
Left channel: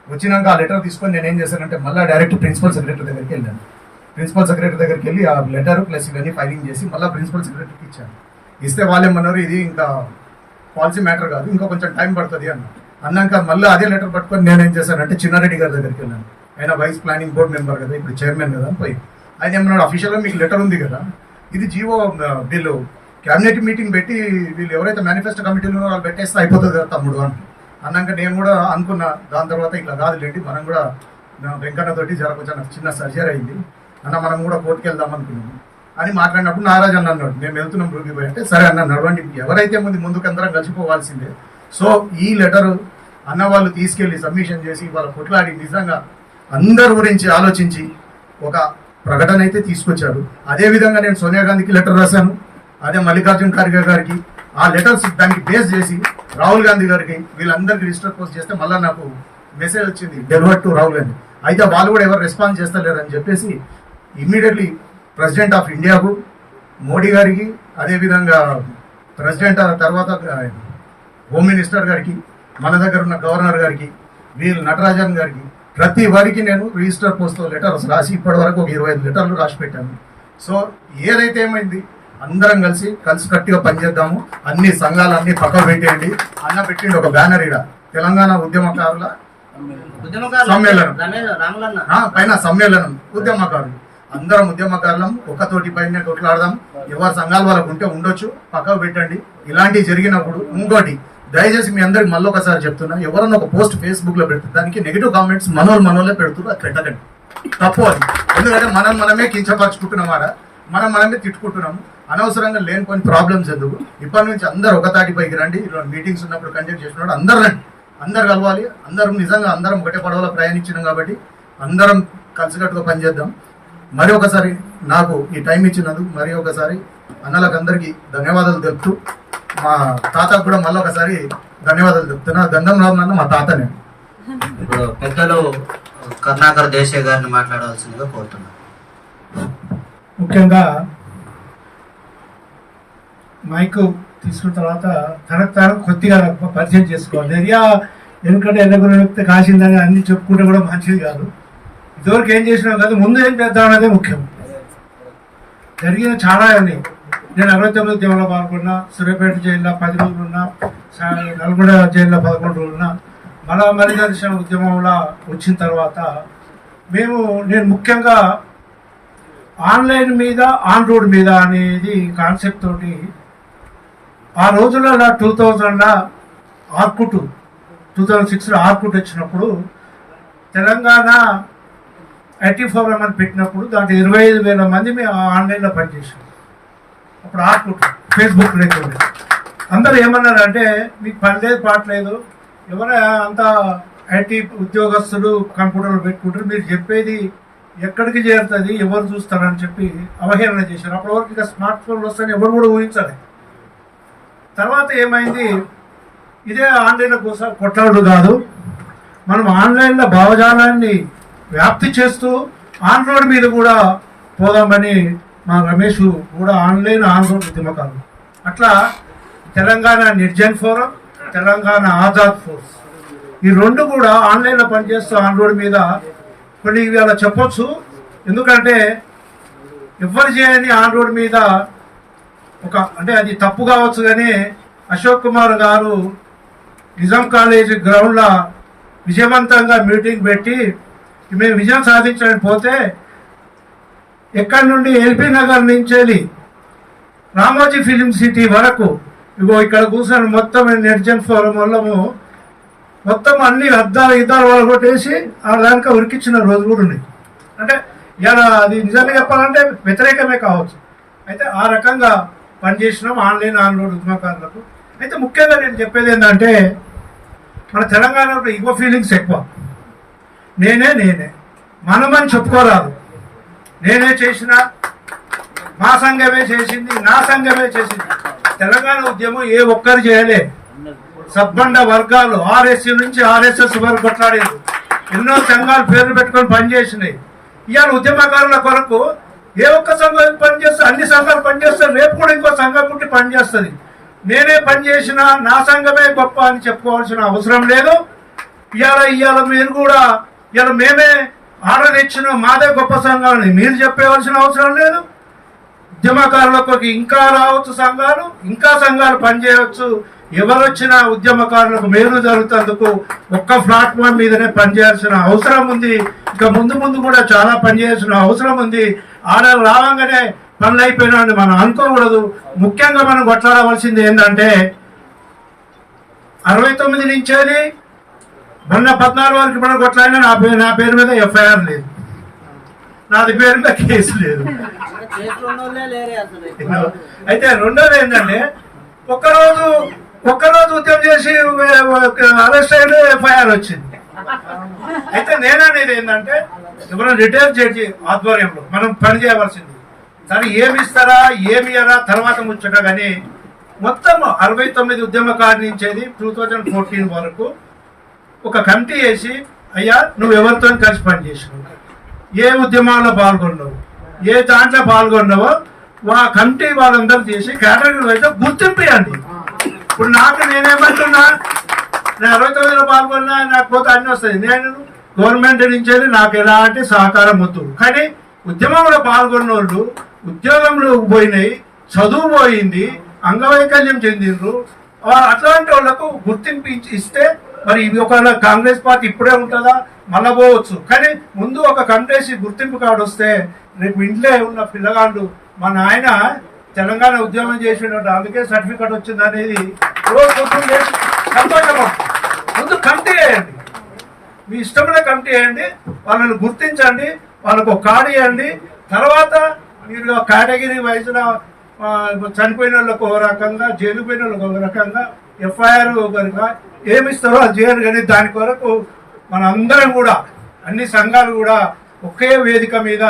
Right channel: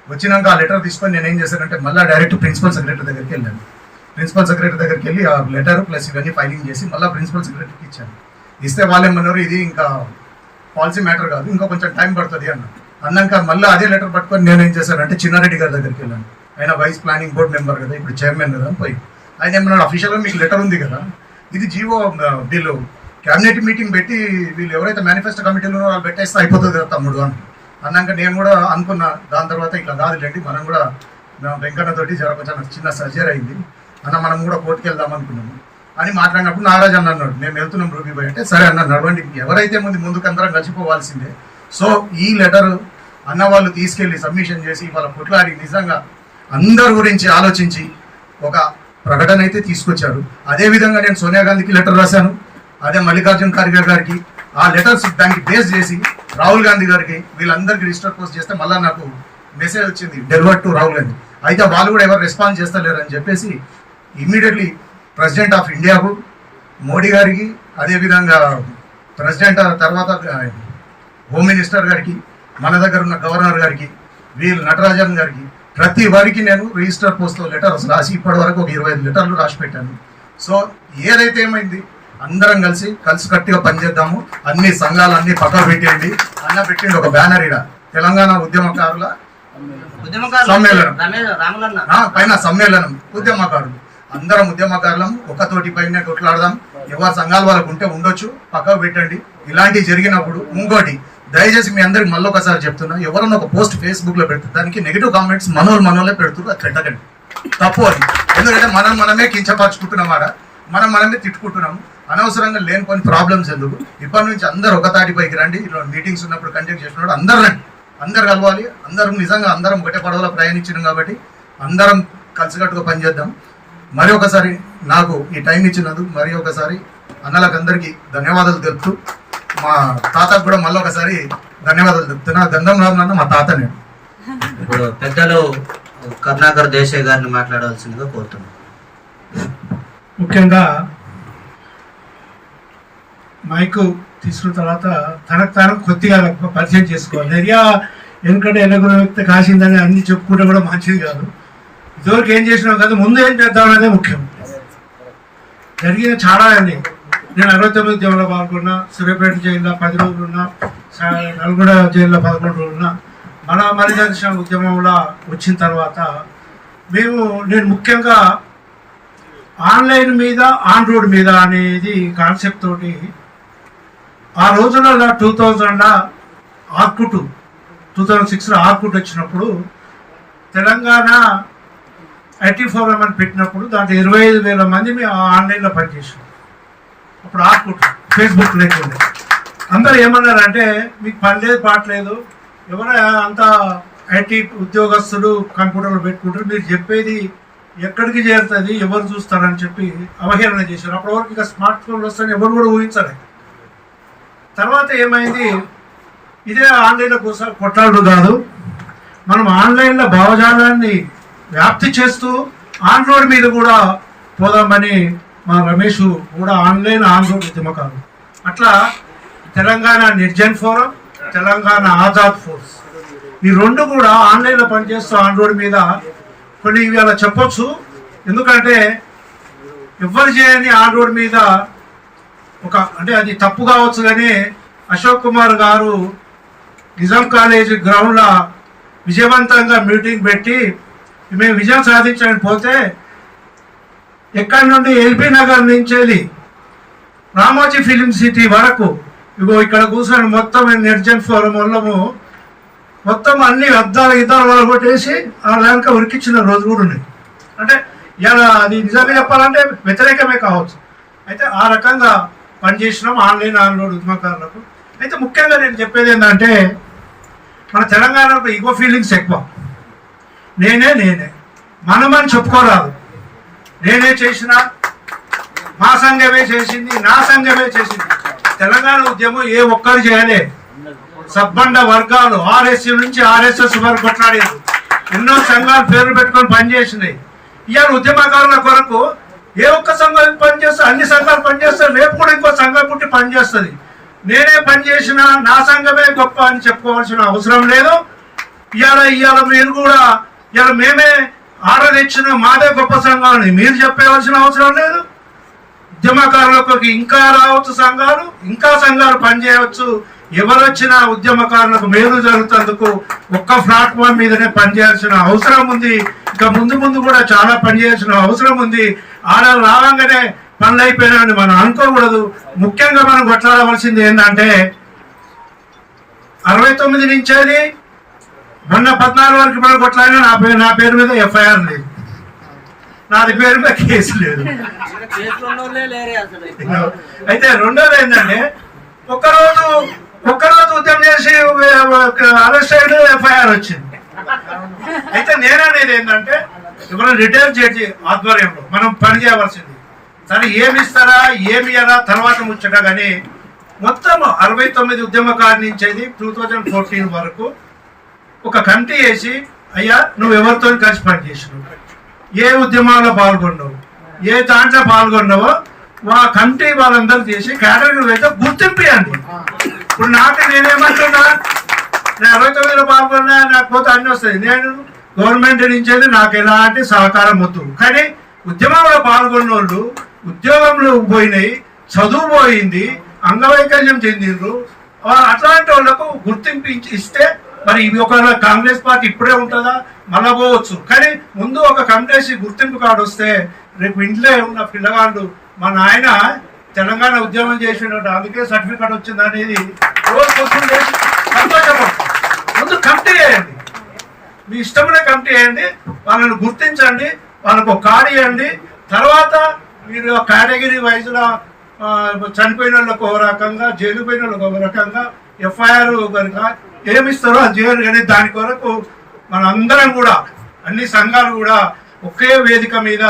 వచ్చినాక ఆ లెటర్ తీసుకొని నేను ఏం చేశానంటే మళ్ళీ డైరెక్ట్ ప్రిన్సిపల్ సెక్రటరీ దగ్గరికి వెళ్ళాను. ప్రిన్సిపల్ సెక్రటరీ దగ్గరికి వెళ్ళి ఆ లెటర్ ప్లస్ ఇవన్నీ ఫైలింగ్ చేసి మళ్ళీ ప్రిన్సిపల్ సెక్రటరీకి ఇచ్చాను. ఇస్తే వాళ్ళు ఏమన్నారు, ఇది ఇంకా పాలసీ మ్యాటర్ కాదు, ఇంకా కొంచెం టైం పడుతుంది అన్నాక మళ్ళీ అదే లెటర్ పట్టుకొని నేను ఏం చేశానంటే చిన్నారెడ్డి గారి దగ్గరికి వెళ్ళాను. ఆయన వైస్ ప్లానింగ్ బోర్డు మెంబర్ కదా, ఇప్పుడు చైర్మన్ కదా, పోయి ఆయన ఏమన్నాడు, అఫీషియల్గా మీకు లెటర్ ఉంది కదా, ఇది జీవో బిల్లు క్యాబినెట్ మీటింగ్ పెట్టి వీళ్ళు ఎవరైతే మేనిఫెస్టో కమిటీలో ఉన్నారో వాళ్ళు పెట్టేస్తే అయిపోతుంది కదా తమ్ముడు అని అన్నాక నేను కూడా అనుకున్నా. దాని తర్వాత ఇట్లా కాదులేండి, మనం కూడా వెంకన్నతోటి కొంచెం చిన్న సర్జరీ అయింది అన్న, మనం కూడా కోర్టుకు వెళ్దాం అనుకున్నాము అని మాట్లాడినప్పుడు నారాజ్ అన్న అన్నాడు, మేము వెళ్తున్నాం రూబీబాయ్ అంటే, సరే అన్న నడవండి, ఎవరైతే ముందుకు అందరం కలిసిపోవాల్సిందే. సో ఈ లెటర్ అన్న వాళ్ళు తీసుకెళ్లి సబ్మిషన్ చేసి వాళ్ళ కొట్లాడి నిజంగా అందరి గురించి ఆలోచించి ఒక ప్రకటన అయితే తీసుకొచ్చారు. అదేవిధంగా నేను సోనియా గాంధీకి లెటర్ రాశాను, అదే మల్లికార్జున్ ఖార్గే గారికి. ఆ లెటర్స్ దానికి బేస్ చేసి రాహుల్ గాంధీ గారికి వీళ్ళందరికీ రిజిస్టర్ పోస్ట్ చేస్తే మళ్ళీ నాకు మెసేజ్ వచ్చింది డెలివర్ టు రాహుల్ గాంధీ. అయితే వాళ్ళు కూడా ఎవరు రెస్పాన్స్ చేస్తలేరని చెప్పేసి ఇమ్మీడియట్లీ ప్రెసిడెంట్ ఆఫ్ ఇండియాకు, మోడీ గారికి, అదేవిధంగా ప్రెసిడెంట్ తర్వాత హోమ్ మినిస్టర్ గారికి, మన దగ్గర ఉన్న గవర్నర్ గారికి, వీళ్ళు నటరాజన్ గారికి, ప్రతి వారికి నేను రిజిస్టర్ పోస్ట్లో లెటర్స్ రాసి ఇప్పటి వరకు ఒక 25 లెటర్లు రాసి పెట్టాను. సో ఏదైతే ఏమైంది అందరం కలిసి కట్టిగా పనిచేద్దాము. అన్ని సంఘాలు అన్ని పక్కన పెట్టేయండి. అన్న పెట్టిండి ఒక బ్యానర్ ఇడ తెలంగాణ ఉద్యమకారుల సమ్మేళనం, పైన సమ్మేళనం ఉద్యమకారులు, అందరం ఉద్యమకారులం ఒకతోటి పైన కొట్లాడదాం. ఎవరి సంఘాలు వాళ్ళకు ఉంటే ఉండొచ్చు, పక్కకు పెట్టండి. ఇలాంటివి జరిగినప్పుడు ఇంకోటి దయచేసి మీ అందరికి మళ్ళీ ఒకసారి చెప్తున్నా, ఎవరన్నా ఒక పోస్ట్ ఫేస్బుక్ లో పెడుతుంది దానికి నెగిటివ్ కామెంట్స్ మనోళ్ళే పెడుతున్నారు, అది పెట్టకండి, తప్పు అది. ఎందుకంటే మనమే కించపరుచుకుంటున్నామాట, మనమే తిట్టుకుంటున్నాము. అనవసరంగా లేని కొన్ని ప్రాబ్లమ్స్ ఎందుకు. ఇప్పటి నుంచి అందరు ఒక తాటిపైకి రండి. ఇలా మీటింగ్స్ ఉన్నప్పుడు కండక్ట్ చేసినప్పుడు అందరు రండి, అందరు కలవాలి. అందరం నిజంగా అందరం ఒకటే పడవలో ప్రయాణించినాం కాబట్టి అందరం కలిసికట్టుగా పనిచేద్దాం. మరి ఒకసారి నాకు ఈ టైం ఇచ్చినందుకు మరి ఒకసారి అన్నలకు అందరికీ ధన్యవాదాలు తెలుపుతూ, మా తాతకు కూడా మళ్ళీ ఒకసారి ధన్యవాదాలు చెప్తున్నా. గంధం రామన్న మా తాత. నేను ఇప్పుడు పెద్దలు కరుణాకర్ దేశాయ్ గారిని మాట్లాడాల్సిందిగా కోరుతున్నాను. ముఖ్యంగా మైకు తీసుకున్న తర్వాత తనకు కొద్దిగా పరిచయం చేసుకోవాలి. ఏరియా ఎందుకంటే ఎన్నగురు వ్యక్తి కాసిందని అన్ని చెప్పుకుంటే కూడా మంచిది కాదు. ఇదివరకు ఏం చేసినావు కాదు, ముందు ఏం చేద్దాం అనేది ముఖ్యం. జరిగిన చాలా అని నేను 69 ఉద్యమంలో పాల్గొన్నా, సూర్యాపేట జైల్లో 10 రోజులు ఉన్నా, నల్గొండ జైల్లో 11 రోజులు ఉన్నా. మన మరిదర్శన ఉద్యమంలో వచ్చిన తర్వాత నేను ముఖ్యంగా ఆన్లైన్ మీద ఆన్ రోడ్ మీద అనేది కాన్సెప్ట్ తోటి ఆ రోజులలో 2000 ఆర్కుట్ 2006లో ఆర్కుట్ వచ్చినప్పుడు తెలంగాణ ఐటీ ఫోరం అని పెట్టినప్పుడు దాంట్లో 25,000 మంది మేము ఆన్లైన్లో పనిచేసాం. అప్పుడు ఆర్కుట్ ఫేస్బుక్ లేకుండా అందరూ ఏమన్నారంటే మీకు పని లేదు పాటలేదు, ఎవరో అంతా ఐటీ ఉద్యోగస్తులు కంప్యూటర్లో పెట్టుకుంటారు, మీరు చెప్పేది ఎక్కడికి చేరుతుంది, ఎవరు చూస్తారని చెప్పి అవహేళన చేశారు. అప్పటి వరకు ఇక స్మార్ట్ ఫోన్లు వస్తాయని ఎవరు కూడా ఊహించలేదు. తర్వాత ఏమైంది, ఇదే ఆన్లైన్లో కోసం కొట్లాడు కాదు, మనం ఆన్లైన్లో భావజాలాన్ని వ్యాప్తి చేస్తూ ఆన్ రోడ్ మీద కూడా పోదామని మా రమేష్ కూడా ఆన్ రోడ్ ఉద్యమకారు. అట్లా తెలంగాణ నిర్జన్ ఫోరం, తెలంగాణ ఆజాద్ ఫోర్స్, ఈ రెండు కూడా ఆన్లైన్లో పనిచేస్తూ ఆన్ రోడ్ మీద కొన్ని ఇవాళ చెప్పొచ్చు. ఎందుకంటే ఎవరు చేయని ఆన్ రోడ్ మీద అంటే అది తప్పు కావచ్చు, కానీ అశోక్ కుమార్ గారు నిజాం కాలేజ్ గ్రౌండ్లో విజయవంతంగా మీటింగ్ పెట్టి మేము విజయం సాధించడానికి పోతే ఎక్కడి నుండి ఎల్బీ నగర్ నుంచి వెళ్ళి రామోజీ ఫిలిం సిటీ వరకు ఇగో ఇక్కడ కూర్చొని మొత్తం నిర్జన్ ఫోరం వల్లము మొత్తం అన్ని ఇద్దాలు వాళ్ళు కొట్టేసి ఆ దానిక ఉరికిచ్చిన రోజు కూడా ఉన్నాయి. అంటే ఇలా అది నిజంగా చెప్పాలంటే వ్యతిరేకమే కావచ్చు. అయితే ఆ రకంగా పనిచేసినాం ఆన్ రోడ్ ఉద్యమకారులకు. అయితే ముఖ్యంగా నేను చెప్పేది ఏంటంటే మన తెలంగాణలో ఈగో ఫీలింగ్స్ ఎక్కువ. నేనే మనమని చెప్పుకోరాదు. నేనే చేసిన, మా సంఘమే చేసింది, నా సంఘమే చేసింది. తెలంగాణ ఉద్యమం ఏ ఒక్కరు చేయలే. సబ్బండ వర్గాలు ఆర్ఎస్యూ నుంచి ఆర్ఎస్ఎస్ వరకు కొట్లాడేది. ఎన్నో సంఘాలు పేర్లు పెట్టుకొని పనిచేసినాయి. ఇవాళ ఉద్యమకారుల కొరకు ఏ ఒక్క సంఘం పనిచేస్తే అన్ని సంఘాలు పనిచేస్తారు, రేపు కూడా ఇంకో సంఘం పుట్టి పనిచేస్తుంది. నేనే పనిచేసిన, నా సంఘమే గొప్ప అని చెప్పుకోవాల్సిన అవసరం లేదు. ఇవాళ మీరు కూడా మేమే ఆర్డర్ ఇచ్చిన మాదే గొప్ప సంఘాలని మీరు చెప్పేవలసిన అవసరం లేదు. ఉద్యమకారులకు ఇంకా రావచ్చు సంఘాలు, ఇంకా సంఘాలు పనిచేయవచ్చు. ఎవరు వచ్చినా ఉద్యమకారులకు మేలు జరుగుతందుకు ఒక్క ప్లాట్ఫామ్ మీదనే పనిచేయాల్సిన అవసరం ఉంది. ఇక ముందు కూడా చాలా పనిచేయాల్సిన అవసరం ఉంది. ఆడ రావంగానే పనులు అయిపోయినాయని మనం అనుకోకూడదు. ముఖ్యంగా మనం కొట్లాడవలసింది ఏంటంటే 69 నుంచి మొన్న 14 వరకు మనం కొట్లాడినా నా పేరు మీద ఎఫ్ఐఆర్ లేదు, నాది పేరు మీద కేసు లేదు. అయితే రెండోది ఏంటంటే ఒక్కరోజు ఉద్యమం చేసి అరెస్ట్ అయిన ఎఫ్ఐఆర్ వచ్చింది. అయితే నేననేది ఏంటంటే ఎవరైనా రిటైర్ జడ్జి ఆధ్వర్యంలో మనం పని చేయవలసింది. సరే ఏమి ఇస్తారా ఏమి ఇయ్యరా తర్వాత ముచ్చట, కానీ మొత్తం 69 ఉద్యమకారు నుంచి 2014 వరకు ఒక కమిటీ వేసి, అయ్యా నువ్వు ఎవరితో కలిసి పనిచేసినావు, ఏ ఉద్యమంలో పాల్గొన్నావు, ఏ దాంట్లో పాల్గొన్నావో ఆ కమిటీ వాళ్ళందరూ చేసి కేటగిరీ అయితే గుర్తింపియండి. ఇప్పుడు నేనేమంటున్నా, నేను 69లో పాల్గొన్నా, నాకు పోతే అన్ని వస్తాయి. నేను గవర్నమెంట్ నుంచి నాకు ఎలాంటి సహకారం వద్దు, కానీ ఉద్యమంలో పాల్గొన్న వాళ్ళు ఉద్యోగంలో పోయినాయి, చదువు పోయింది, అంగవైకల్యం చెందిండ్రు, అట్లాంటి వాళ్ళకు గుర్తింపు ఇస్తే మరి ఇది ఒక కాంగ్రెస్ పార్టీ ఇప్పుడే ఉంటుందా, మళ్ళా పోవచ్చు. కానీ ముందు ఒక కమిటీ గుర్తింపు కార్డు వస్తే రేపు ఇంట్లో ఉన్న పిల్లగాళ్ళు మా నాయన తెలంగాణ ఉద్యమం చేసినట్టు అందుకే సర్టిఫికేట్ వచ్చింది అనేది సంతోషం. ముందు కమిటీ వేయండి, మీ ఇష్టమైన కమిటీ వేయండి, వాళ్ళని గుర్తించండి, వాళ్ళకు ఒక కార్డు ఇవ్వండి. తర్వాత మీరు కేటగిరీ వైజ్గా చనిపోయిన వాళ్ళకు ఒక రకంగా, జైలు పోయిన వాళ్ళకు ఒక రకంగా, ఎఫ్ఐఆర్ కనుక ఏమిస్తారో అది చేయరు. కానీ దాని కొరకు మన అందరం కూడా అన్ని సంఘాలు కూడా ఒకే వేదిక మీద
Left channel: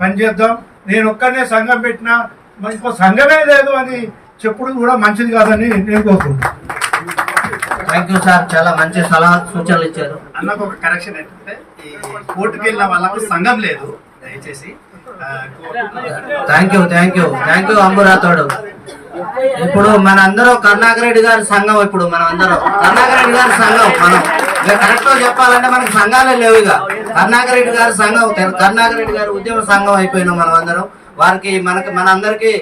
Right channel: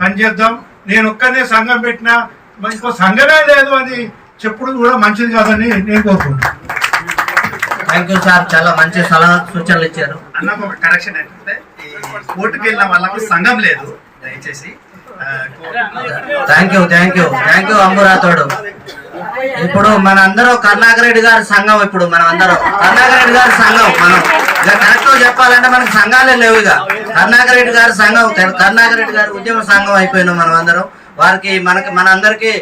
పనిచేద్దాం. నేను ఒక్కనే సంఘం పెట్టినా ఇంకో సంఘమే లేదు అని చెప్పుడు కూడా మంచిది కాదని నేను కోరుకుంటున్నాను. థ్యాంక్ యూ సార్, చాలా మంచి సలహా సూచనలు ఇచ్చారు. అన్నకు ఒక కరెక్షన్ ఏంటంటే ఈ కోర్టుకు వెళ్ళిన వాళ్ళకు సంఘం లేదు, దయచేసి. థ్యాంక్ యూ అంబురాతోడు. ఇప్పుడు మనందరం కరుణాకర్ రెడ్డి గారి సంఘం, ఇప్పుడు మనం అందరం కరుణాకర్ రెడ్డి గారి సంఘం. మనం కరెక్ట్ గా చెప్పాలంటే మనకు సంఘాలే లేవు. ఇక కరుణాకర్ రెడ్డి గారి సంఘం, కరుణాకర్ రెడ్డి గారి ఉద్యమ సంఘం అయిపోయినాం మనం అందరం. వారికి మనందరికీ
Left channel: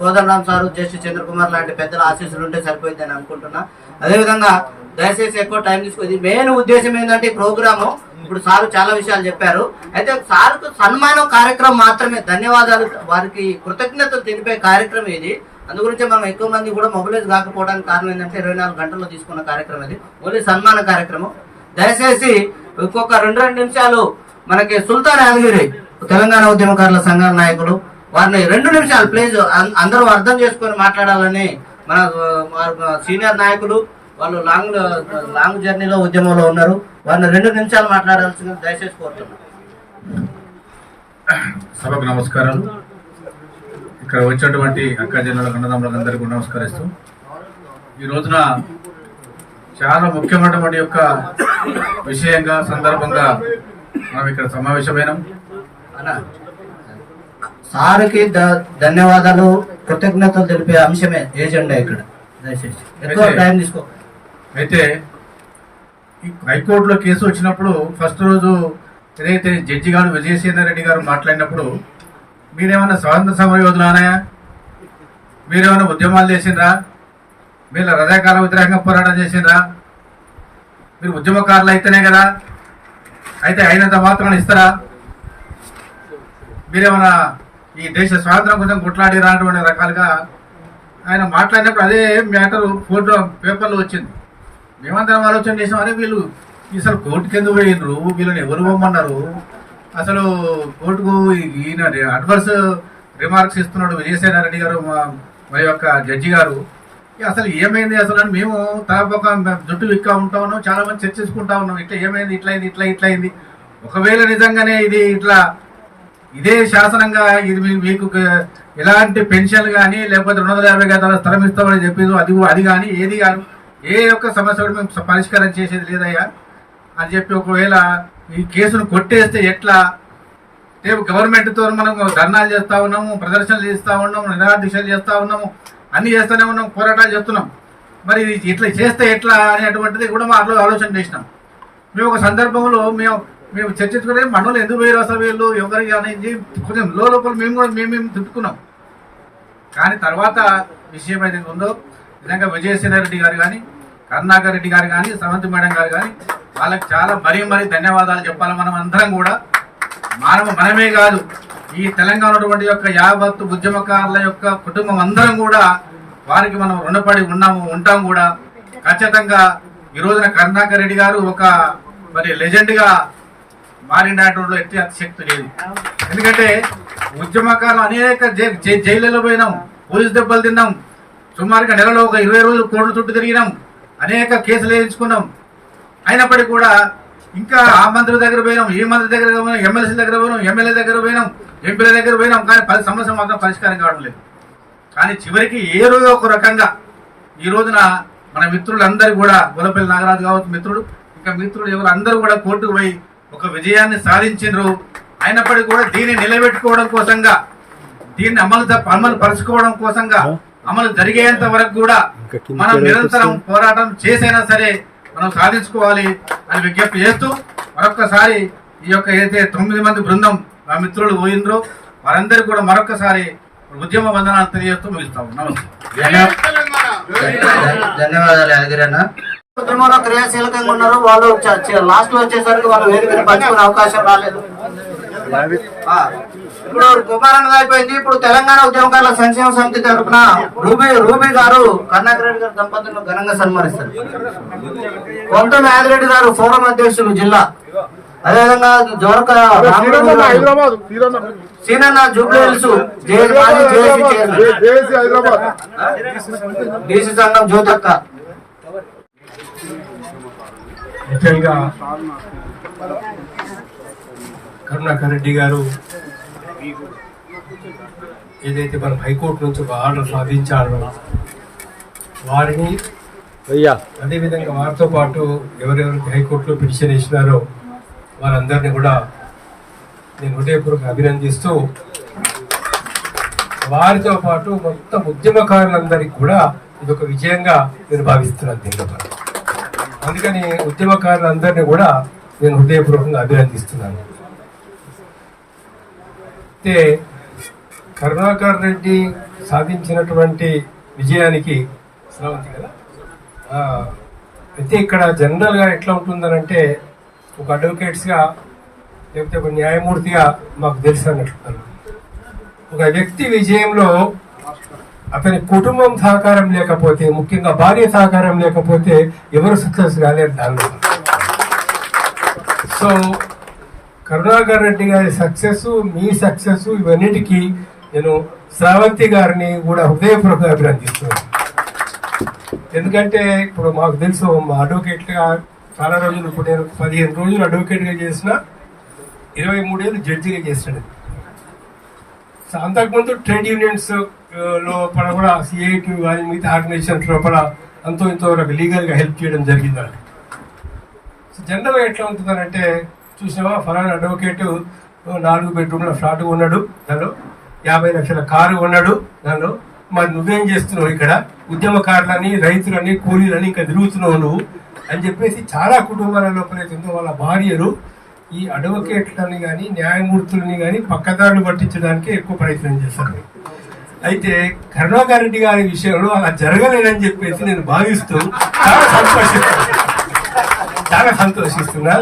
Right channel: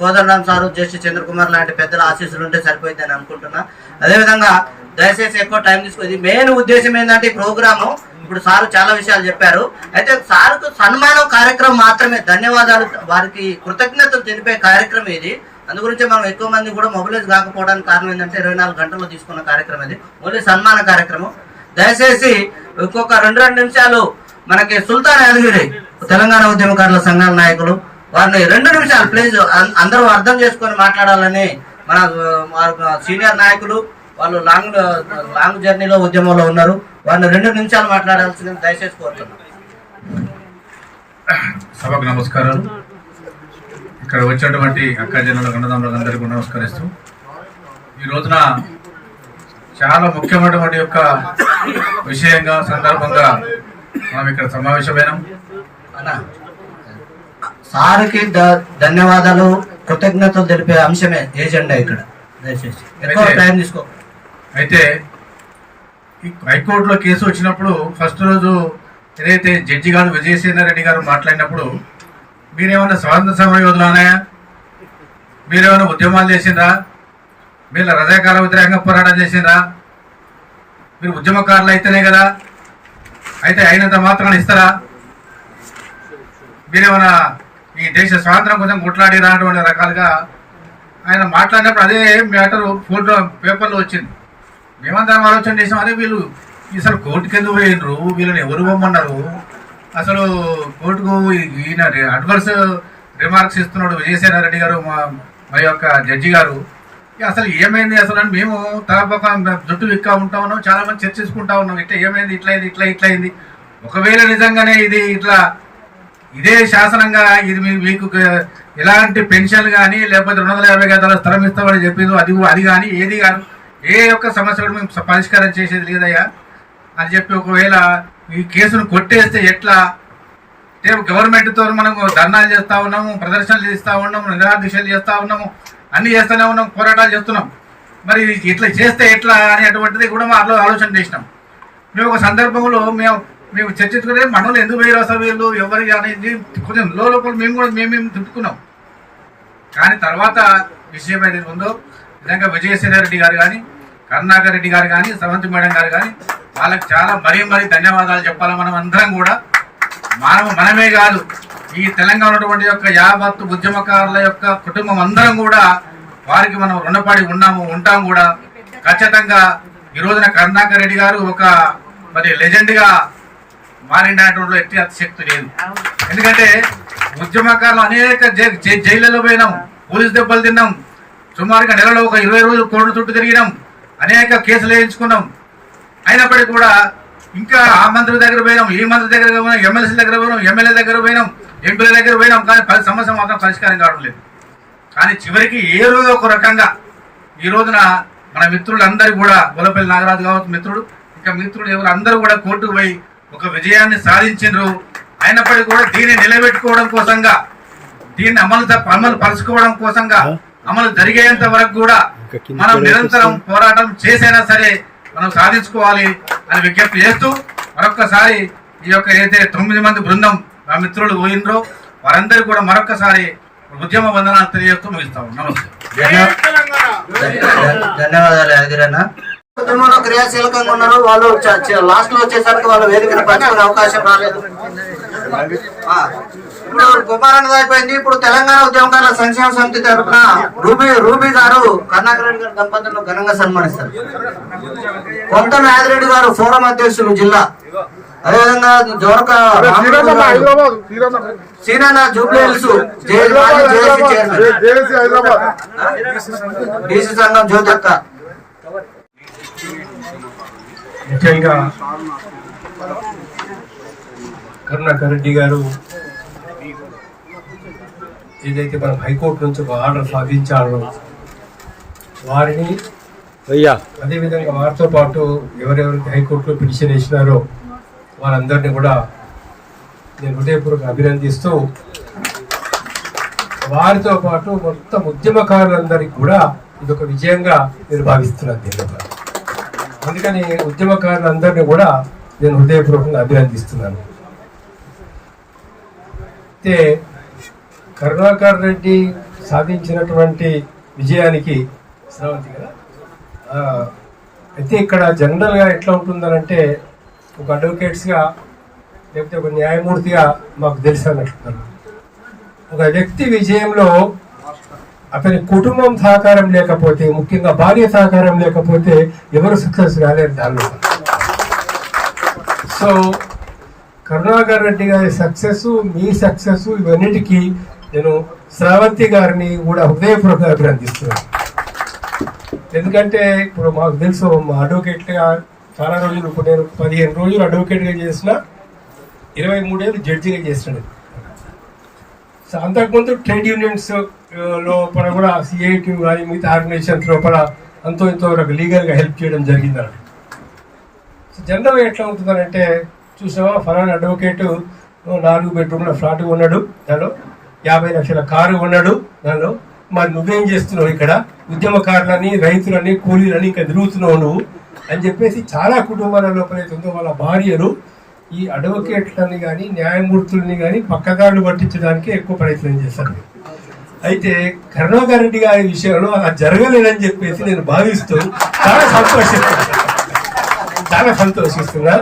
కోదండరాం సారు, జస్టిస్ చంద్రకుమార్ లాంటి పెద్దల ఆశీస్సులు ఉంటే సరిపోయింది అని అనుకుంటున్నా. అదేవిధంగా దయచేసి ఎక్కువ టైం తీసుకుంది. మెయిన్ ఉద్దేశం ఏంటంటే ఈ ప్రోగ్రాము ఇప్పుడు సారు చాలా విషయాలు చెప్పారు. అయితే సార్కు సన్మానం కార్యక్రమం మాత్రమే, ధన్యవాదాలు, వారికి కృతజ్ఞతలు తెలిపే కార్యక్రమం ఇది. అందుగురించి మనం ఎక్కువ మంది కూడా మొబిలైజ్ కాకపోవడానికి కారణం ఏంటంటే 24 గంటల్లో తీసుకున్న కార్యక్రమం ఇది, ఓన్లీ సన్మాన కార్యక్రమం. దయచేసి ఇంకొక 2 నిమిషాలు మనకి సుల్తాన్ యాదగిరి తెలంగాణ ఉద్యమకారుల సంఘాల నాయకులు, వారిని 2 నిమిషాలు ప్లీజ్ అందరూ అర్థం చేసుకొని మాట్లాడాలని మన సీనియర్ నాయకులు, వాళ్ళు లాంగ్ జర్నీలో ఉద్యమంలో ఉన్నారు, వారిని 2 నిమిషాలు మాట్లాడాల్సింది దయచేసి కోరుతున్నాను. సభకు నమస్కారాలు. ఇక్కడ వచ్చినటువంటి అక్క జనుల అన్నదమ్ములందరికీ నమస్కరిస్తూ, ఈ రోజున చాలా ముఖ్యమైనటువంటి యొక్క విషయంగా సందర్భంగా మనం ఇక్కడ సమావేశమైనాం. సార్కి ధన్యవాదాలు, కృతజ్ఞతలు తెలిపే అంశమే ఏజెండా ఇక్కడ. దయచేసి ఎక్కువ టైం తీసుకో. అయితే హైకోర్టులో కేసు వచ్చినప్పుడు ఫస్ట్ రోజు ఏదైతే జడ్జి గారు విజయసేన రెడ్డి గారు మాట్లాడినప్పుడు, మీరేమన్నా స్వాతంత్ర సమర యోధులానాయా, మీరేమన్నా ఉద్యమాలు చేసిండ్రా, మీరు రజాకార వ్యతిరేకంగా పోరాటం చేసిండ్రా, మీరు ఉద్యమకారులు అయితేనే కదా, అయితే అయినంత మాత్రం ఇస్తారా, మీరేమన్నా ఈ దేశ స్వాతంత్రం కోసం కొట్లాడిరా అటువంటి రకాలుగా ఆయన మాట్లాడినప్పుడు అదే మ్యాటర్ ఫోటో పేపర్లో వచ్చింది. మేమందరం ఆలోచన చేసాం, అదే వీళ్ళు అసలు కోర్టుకి ఎందుకు పోయినరు, వీళ్ళని ఎవరు పోమన్నారు, అసలు కోర్టుకు ఈయన అడ్వర్స్ రిమార్క్స్ ఇస్తున్నాడు విజయసేన రెడ్డి గారు, మా యొక్క జడ్జి గారు, అసలు ఏమైంది అసలు అని మేము తలపక్క జుట్టు విక్కా ఉంటా ఉన్నాం, చాలా మంది చర్చించుకుంటా ఉన్నాం, ఇట్లా ఏమైంది, ఇట్లా అయింది. ఒకవేళ నిజంగానే ఇది ఇదే శాసనంగా ఇది మీకు ఎలాంటి పెన్షన్ కానీ లేకపోతే 250 గదాల స్థలం ఇస్తామని చెప్పిందో అది కానీ ఏది కానీ ఏ యొక్క సమస్య కూడా మేము పరిష్కారం చేసేది లేదయ్యా అని చెప్పి, ఒకవేళ ఈ కేసును కొట్టేస్తే ఎట్లా, గవర్నమెంట్తో మనం ధర్నాలు చేస్తూ ఉన్నాము, ప్రదర్శనలు చేస్తూ ఉన్నాము, నిరాదీక్షలు చేస్తూ ఉన్నాము, అన్ని చేస్తూనే ఉన్నాం, పోరాటాలు చేస్తున్నాం, మరి ఇట్లా చేస్తే ఎట్లా అనేటువంటిది కూడా మా ఆలోచన చేసినాం. మేము ఒక సందర్భంలో మేము చర్చించుకునే మనలో ఎందుకు వేరు అసలు వీళ్ళు ఎవరికి అనేది కొంచెం లోపల మేము తిట్టుకున్నాం. కానీ తర్వాత విషయం ఏదైతే ఉందో నిజంగా విజయసేన రెడ్డి గారు కానీ, కరుణాకర్ రెడ్డి గారు కానీ, సవంతి మేడం గారు కానీ, వాళ్ళకి చాలా మరీ ధన్యవాదాలు చెప్పాలి. మనం అందరం కూడా మనమే కాదు, ఈ తెలంగాణ ఉన్నటువంటి యొక్క యావత్ ఉద్యమకారుల యొక్క కుటుంబం అందరం కూడా వారికి మనం రుణపడి ఉంటాం కూడా. ఖచ్చితంగా ఈ రోజున కరుణాకర్ రెడ్డి గారు ఒక లెజెండ్ గా మారినటువంటి ఎట్టి అతిశక్తి లేదు. ఎందుకంటే ఉద్యమకారులు అనేక జైళ్ళలో పోయినాం, పోలీసు దెబ్బలు తిన్నాం, సుమారుగా నెలలో ఒక 20 రోజులు కోర్టు చుట్టూ తిరిగినాం, అనేక కేసులు వేయించుకున్నాం. అయినప్పటికీ కూడా ఇంకా ఆ మంత్రి దగ్గర పోయినాం, ఈ మంత్రి దగ్గర పోయినాం, ఎమ్మెల్సీ దగ్గర పోయినాం, ఎమ్మెల్యే దగ్గర పోయినాం, ఎంపీల దగ్గర పోయినాం, కానీ 10 సమస్య మాత్రం పరిష్కారం కావడం లేదు. కానీ చివరికి ఏ రోజు ఒక రకంగా ఈ రోజున మన మిత్రులందరూ కూడా గొల్లపల్లి నాగరాజు కావచ్చు మిత్రుడు, ఇంకా మిత్రులు ఎవరు అందరూ కూడా కోర్టుకు పోయి ఒక విజయాన్ని సాధించారు. అయినప్పటికీ కూడా దీన్ని నిలబెట్టుకోవడం కోసంగా, దీన్ని అమలు పరుచుకోవడం కోసంగా, అమలు జరిగేంత వరకు కూడా మనం నిరంతరం పోరాటం చేసైనా సరే మనం సాధించుకోవాలి అని విజ్ఞప్తి చేస్తూ మరొక్కసారి ఈ యొక్క ఏదైతే 9 మంది బృందం మా మిత్రులు పోయినరో వారందరికీ కూడా మరొక్కసారి ఉద్యమ వందనాలు తెలియజేస్తూ ముగిస్తాము. నమస్తే. ధన్యవాదాలు యాదగిరన్న. ఉద్యమంలో క్రియాశీలకంగా ఉన్నారు వాళ్ళు. లాస్ట్ లో వచ్చేసరికి వాళ్ళు వేదికను పంచుకునే అవకాశం రాలేదు. ఇప్పుడు కుమారన్న అయిపోయింది. ఇప్పుడు తెలంగాణ ఉద్యమకారుల సంక్షేమ సమితి తరఫున రూబీ గారు కరుణాకర్ రెడ్డి గారు దంపతులను ఘనంగా సన్మానిస్తారు. కొంటూరు యాదిరెడ్డి గారు ఫోరం అధ్యక్షులు జిల్లా, అదేవిధంగా జోరక సీనా జూబ్లీహిల్స్ డీసీ సంఘం జ్యోతక్క. ముఖ్యంగా కరుణాకర్ రెడ్డి గారు ఏదైతే మనం హైకోర్టు నుంచి ఒక ఆర్డర్ సాధించాలో వారిని, అదేవిధంగా వారితో పాటు ఎవరెవరికి హైకోర్టులో పిటిషన్ వేసినారో వారందరినీ కూడా నేను హృదయపూర్వకంగా అభినందిస్తూ, వారితో పాటు మొత్తం ఉద్యమకారులందరికీ కూడా ఇదొక విజయంగా నేను భావిస్తున్నాను దీనిలో. అందుకని ఉద్యమకారులందరినీ కూడా నేను హృదయపూర్వకంగా అభినందిస్తున్నాను. అయితే కరుణాకర్ రెడ్డి సాధించినటువంటి విజయానికి శ్రావంతి కదా. అయితే ఇక్కడ జనరల్గా ఎట్లా ఉంటుందనంటే ఒక అడ్వకేట్స్గా లేకపోతే ఒక న్యాయమూర్తిగా మాకు తెలుసు అన్నట్లున్నారు. ఒక వ్యక్తి విజయంలో అతని కుటుంబం సహకారం లేకపోతే, ముఖ్యంగా భార్య సహకారం లేకపోతే ఎవరు సక్సెస్ కాలేరు దానిలో. సో కరుణాకర్ రెడ్డి గారి సక్సెస్, మీ సక్సెస్, ఇవన్నిటికీ నేను శ్రావంతి గారిని కూడా హృదయపూర్వకంగా అభినందిస్తున్నాను. ఎందుకంటే ఇప్పుడు మాకు తెలుసు మా అడ్వకేట్గా చాలా రోజులు, ఇప్పుడు నేను 15 రోజులు అడ్వకేట్గా చేసిన, 23 ఏళ్ళు జడ్జిగా చేసినాడు. సో అంతకుముందు ట్రేడ్ యూనియన్స్ లోపల కూడా సిఐటి కానీ మిగతా ఆర్గనైజేషన్స్ లోపల అంతో ఇంతో లీగల్గా హెల్ప్ చేయడం జరిగిందండి. సో జనరల్గా ఎట్లా ఉంటుందంటే, చూసావా ఫలానా అడ్వకేటు 4 బెడ్రూమ్ల ఫ్లాట్ కొన్నాడు, దానిలో 50 లక్షల కారు కొన్నాడు, దానిలో మరి నువ్వేం చేస్తున్నావు ఇక్కడ, ఉద్యమకారులని, రైతులని, కూలీలని ఇంకా తిరుగుతున్నావు నువ్వు అని చెప్పేసి చాలా కుటుంబాల లోపలైతుందో వాళ్ళ భార్యలు ఈ అడ్వకేట్లని కానీ న్యాయమూర్తులని కానీ పక్కదారులు పట్టించడానికి ఎక్కువ ప్రయత్నం చేశారు. అయితే కరుణాకర్ రెడ్డి గారి విషయంలో అలా జరగలేదని చెప్పేసి నేను భావిస్తూ చాలా సంతోషిస్తున్నా.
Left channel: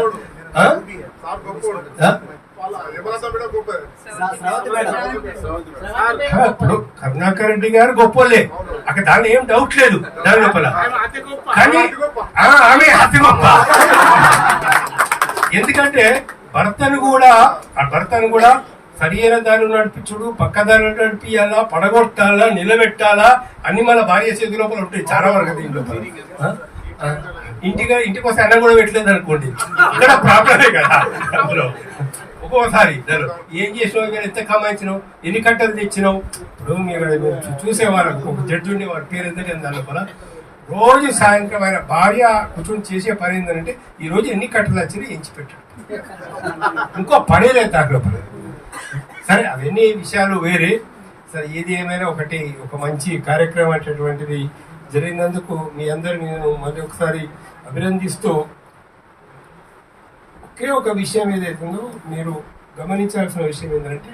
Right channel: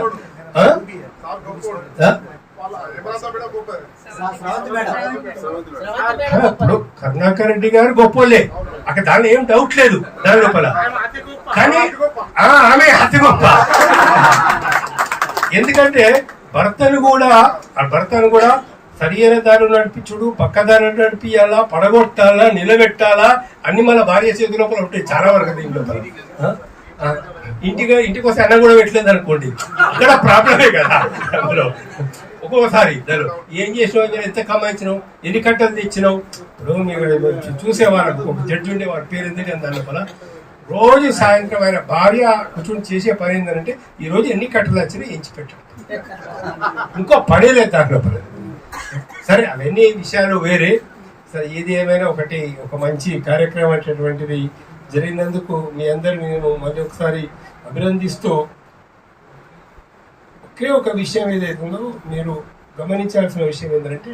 ఇప్పుడు కరుణాకర్ రెడ్డి గారు గొప్పోలే, అక్కడ దాని ఏం డౌట్ లేదు దాని లోపల. కానీ ఆమె అతి గొప్ప. ఎందుకంటే భర్తను కూడా సరియైన దారి నడిపించుడు, పక్కదారి నడిపియాలా, పడగొట్టాలా, నిలబెట్టాలా అన్ని మన భార్య చేతి లోపల ఉంటాయి చాలా వరకు. దీని లోపల ఇంటికి వస్తే అన్నం కూడా పెట్టలేదు అనుకోండి, అక్కడ ప్రాబ్లమే కదా. అందులో ఒక్కోసారి ఏం చేసినావు, ఎంత కమాయించినావు, ఎన్ని కట్టలు తెచ్చినావు. ఇప్పుడు మీరు చూసేవాళ్ళకు ఒక జడ్జి ఉండే వారి పేరు ఏంటంటే దాని లోపల రోజు సాయంత్రం ఆయన భార్య కూర్చొని చేసే పని ఏంటంటే ఈ రోజు ఎన్ని కట్టలు వచ్చినాయి ఎంచి పెట్టాడు, ఇంకో పని లేదు దాని లోపల. సరే అవన్నీ విషయాలు వేరే. సరే ఏది ఏమైనా ఒక మంచి కార్యక్రమం అనేటువంటిది జరిగినందుకు మీ అందరిని నేను మళ్ళీ ఒకసారి అభినందిస్తూ, ఒకే ఒక విషయం ఏదైతుందో మీరు గమనించాల్సిన విషయం ఏంటంటే,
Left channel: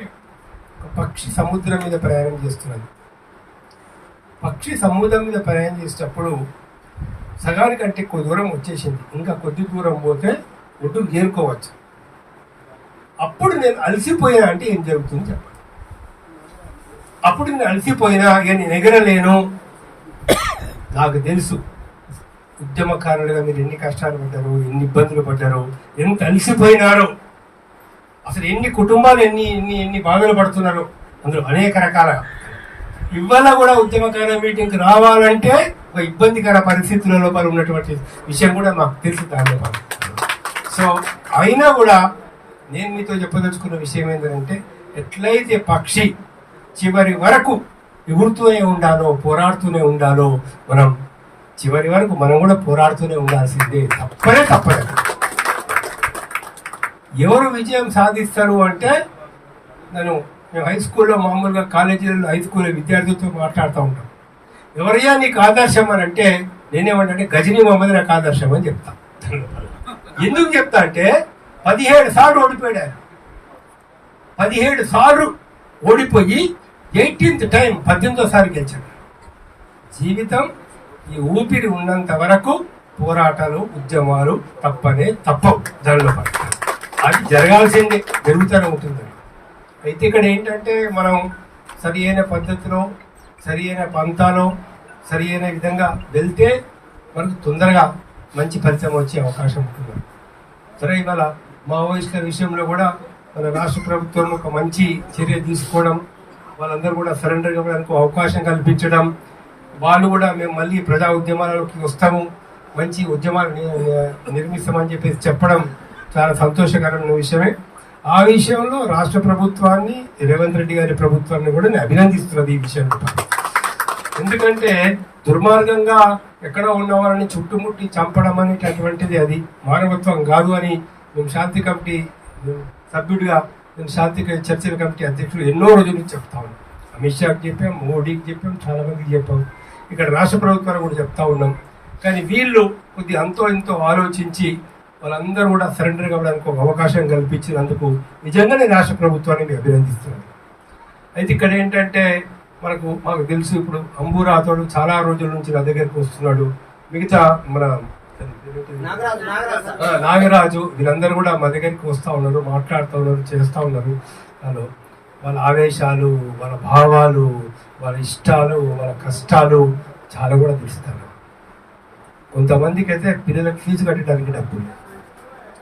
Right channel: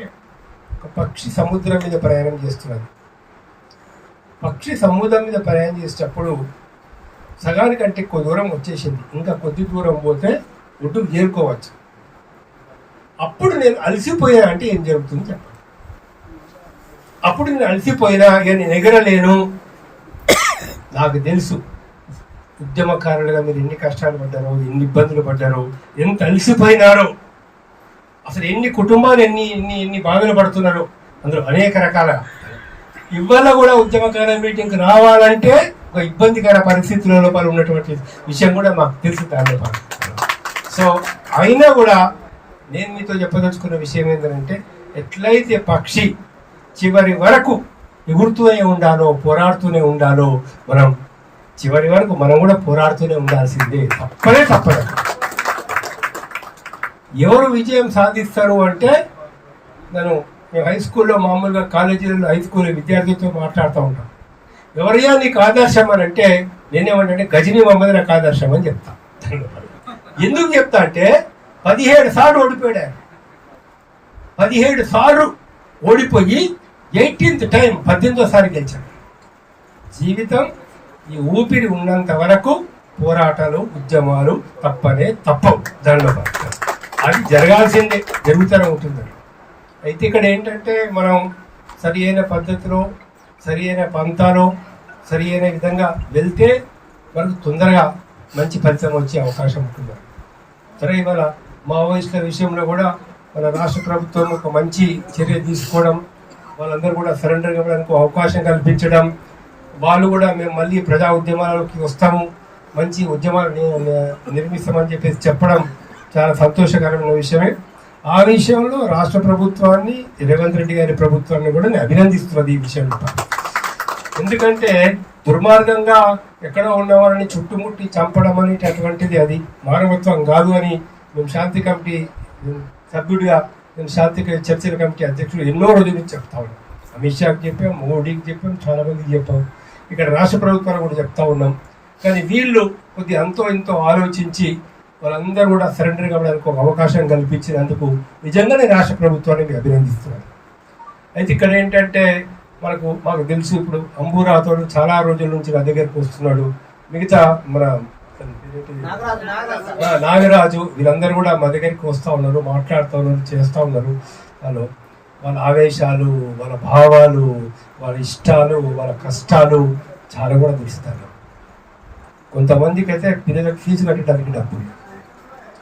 ఒక పక్షి సముద్రం మీద ప్రయాణం చేస్తున్నది. పక్షి సముద్రం మీద ప్రయాణం చేసేటప్పుడు సగానికంటే ఎక్కువ దూరం వచ్చేసింది, ఇంకా కొద్ది దూరం పోతే ఒడ్డు చేరుకోవచ్చు. అప్పుడు నేను అలసిపోయా అంటే ఏం జరుగుతుంది చెప్పండి. అప్పుడు నేను అలసిపోయినా ఇక నేను ఎగరలేను. నాకు తెలుసు ఉద్యమకారులుగా మీరు ఎన్ని కష్టాలు పడ్డారో, ఎన్ని ఇబ్బందులు పడ్డారో, ఎంత అలసిపోయినారో, అసలు ఎన్ని కుటుంబాలు ఎన్ని ఎన్ని ఎన్ని బాధలు పడుతున్నారో, అందులో అనేక రకాల. ఇవాళ కూడా ఉద్యమకారుల మీటింగ్కి రావాలంటే ఒక ఇబ్బందికర పరిస్థితుల లోపల ఉన్నటువంటి విషయం కూడా మాకు తెలుసు. దానిలో సో అయినా కూడా నేను మీతో చెప్పదలుచుకున్న విషయం ఏంటంటే, ఎట్లయితే పక్షి చివరి వరకు ఎగురుతూనే ఉండాలో, పోరాడుతూనే ఉండాలో, మనం చివరి వరకు మనం కూడా పోరాడుతూనే ఉండాల్సిందే. తప్పదే. ఎవరు విజయం సాధిస్తారు అంటే, మేము హై స్కూల్లో మామూలుగా కాలేజీలలో హై స్కూల్ విద్యార్థులతో మాట్లాడుతూ ఉంటాం. ఎవరయ్యా నీకు ఆదర్శం అని అంటే నేనేమంటే గజనీ మహమ్మద్ నాకు ఆదర్శం అని చెప్తా. ఎందుకు చెప్తా అంటే 17 సార్లు ఓడిపోయాడు ఆయన. 17 సార్లు ఓడిపోయి 18th టైం 18వ గెలిచాడు. జీవితం ఈ ఊపిరి ఉన్నంత వరకు పోరాటాలు, ఉద్యమాలు తప్పవు. దానిలో అది జరగాల్సిందే, జరుగుతూనే ఉంటుంది. అయితే ఇక్కడ ఏంటంటే, మనం సరి అయిన పద్ధతిలో, సరి అయిన పంతాలో, సరి అయిన విధంగా వెళ్తే మనకు తొందరగా మంచి ఫలితం వచ్చే అవకాశం ఉంటుంది. సరే, ఇవాళ మావోయిస్టుల విషయంలో కూడా మన రాష్ట్ర ప్రభుత్వం ఒక మంచి చర్య తీసుకోవడం, వాళ్ళందరూ కూడా సరెండర్ ఇవ్వడానికి అవకాశం కల్పించడం, వాళ్ళు కూడా మేము మళ్ళీ ప్రజా ఉద్యమాలకి వస్తాము, మంచి ఉద్యమాలు నిర్మిస్తామని చెప్పేసి చెప్పడం చాలా సంతోషకరమైన విషయమే. ఆ విషయంలో రాష్ట్ర ప్రభుత్వాన్ని, రేవంత్ రెడ్డి గారి ప్రభుత్వాన్ని కూడా నేను అభినందిస్తున్నది ఈ విషయంలో. ఎందుకంటే దుర్మార్గంగా ఎక్కడో ఉన్నవారిని చుట్టుముట్టి చంపడం అనేటటువంటిది అది మానవత్వం కాదు అని మేము శాంతి కమిటీ సభ్యుడిగా, నేను శాంతి చర్చల కమిటీ అధ్యక్షుడు ఎన్నో రోజుల నుంచి చెప్తా ఉన్నాం. అమిత్ షాకి చెప్పాం, మోడీకి చెప్పాం, చాలా మందికి చెప్పాం, ఇక్కడ రాష్ట్ర ప్రభుత్వాన్ని కూడా చెప్తా ఉన్నాం. కానీ వీళ్ళు కొద్దిగా అంతో ఇంతో ఆలోచించి వాళ్ళందరూ కూడా సరెండర్ కావడానికి ఒక అవకాశం కల్పించినందుకు నిజంగానే రాష్ట్ర ప్రభుత్వాన్ని అభినందిస్తున్నారు. అయితే ఇక్కడ ఏంటంటే, మాకు తెలుసు, ఇప్పుడు అంబురాతోడు చాలా రోజుల నుంచి నా దగ్గరికి వస్తున్నాడు. మిగతా మన నాగరాజు వీళ్ళందరూ కూడా మా దగ్గరికి వస్తూ ఉన్నారు, మాట్లాడుతూ ఉన్నారు, చేస్తూ ఉన్నారు. వాళ్ళ ఆవేశాలు, వాళ్ళ భావాలు, వాళ్ళ ఇష్టాలు, వాళ్ళ కష్టాలు చాలా కూడా తెలుస్తారు. కొంతమందికి అయితే పిల్లలకు ఫీజు కట్టడానికి డబ్బులు,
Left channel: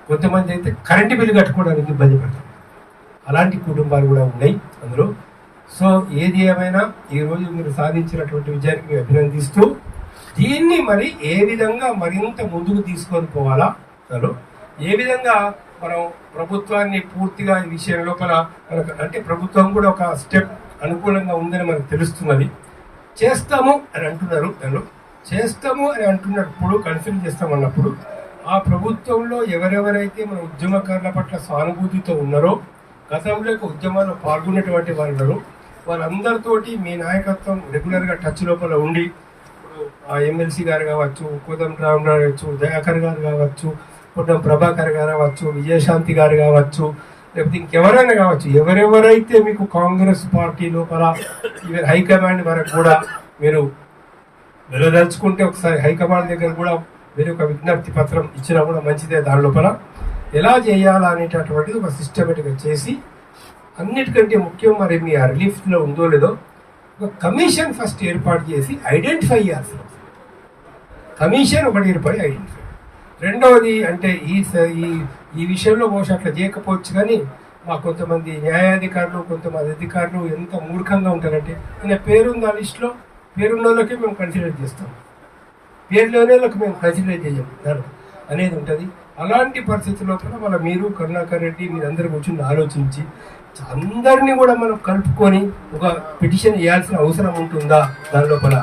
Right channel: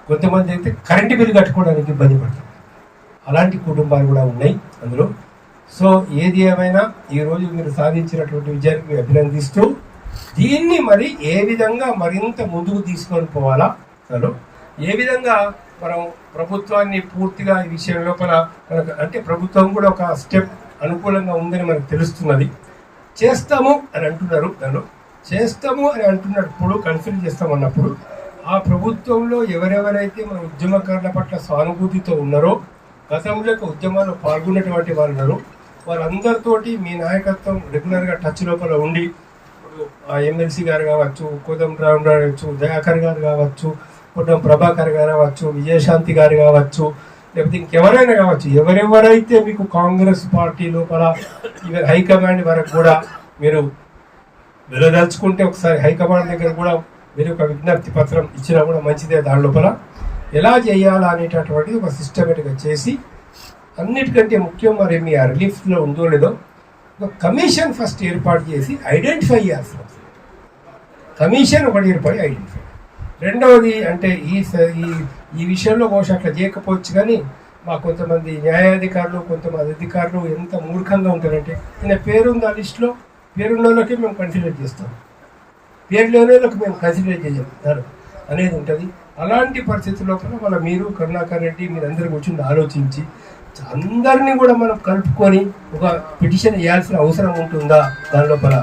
కొంతమంది అయితే కరెంటు బిల్లు కట్టుకోవడానికి ఇబ్బంది పడుతుంది. అలాంటి కుటుంబాలు కూడా ఉన్నాయి అందులో. సో ఏది ఏమైనా ఈరోజు మీరు సాధించినటువంటి విజయానికి అభినందిస్తూ, దీన్ని మరి ఏ విధంగా మరింత ముందుకు తీసుకొని పోవాలా, అందులో ఏ విధంగా మనం ప్రభుత్వాన్ని పూర్తిగా ఈ విషయం లోపల మనకు అంటే ప్రభుత్వం కూడా ఒక స్టెప్ అనుకూలంగా ఉందని మనకు తెలుస్తున్నది. చేస్తాము అని అంటున్నారు, దానిలో చేస్తాము అని అంటున్నప్పుడు, కన్సిడర్ చేస్తామన్నప్పుడు ఆ ప్రభుత్వంలో ఎవరెవరైతే మన ఉద్యమకారుల పట్ల సానుభూతితో ఉన్నారో, గతంలో ఉద్యమాల్లో పాల్గొన్నటువంటి వాళ్ళు ఉన్నారో, వాళ్ళందరితోటి మీ నాయకత్వం రెగ్యులర్గా టచ్ లోపల ఉండి, ఆ ఎమ్మెల్సీ గారు కావచ్చు, కోదండరామ్ కావచ్చు, దయాకర్ గారు కావచ్చు, పొన్నం ప్రభాకర్ గారు కావచ్చు, విజయశాంతి గారు కావచ్చు, లేకపోతే ఇంకెవరైనా కావచ్చు, ఎవరెవరైతే మీకు కాంగ్రెస్ పార్టీ లోపల ఈవెన్ హైకమాండ్ వరకు కూడా మీరు వెళ్ళదలుచుకుంటే ఒకసారి హైకమాండ్ దగ్గర కూడా మీరు ఒక విజ్ఞప్తి పత్రం ఇచ్చినా కూడా మంచిదే. దాని లోపల ఎలా చేయాలా అనేటటువంటిది ఒక సిస్టమేటిక్గా చేసి, అన్నిటికంటే ముఖ్యం మరి మీ ఆ రిలీఫ్లో ఉందో లేదో ఒక కమిషన్ ఫస్ట్ ఏర్పాటు చేసి ఐడెంటిఫై చేయాల్సిన కమిషన్ ఒకటి ఏర్పడి ఐడెంటిఫై. రెండవది అంటే ఈ విషయంలో బహుశా అట్లా చేయకపోవచ్చు, కానీ మా కొంతమంది న్యాయాధికారులు, కొంతమంది అధికారులు ఎంత మూర్ఖంగా ఉంటారంటే, ఈయన పేరుంది ఆ లిస్టులో, పేరున్న వాళ్ళకే మేము కన్సిడర్ చేస్తాం, పేరులోనే మేము కన్సిడర్ చేయం అనేది ఉంటుంది. అలాంటి పరిస్థితుల్లో కూడా మన మీరు కరుణాకర్ రెడ్డి మీరందరూ కూర్చొని ఆలోచించి అందరినీ కూడా మనం కలుపుకొని ఒక పిటిషన్ వేయాల్సిన అవసరం ఉంటుందా దాని లోపల.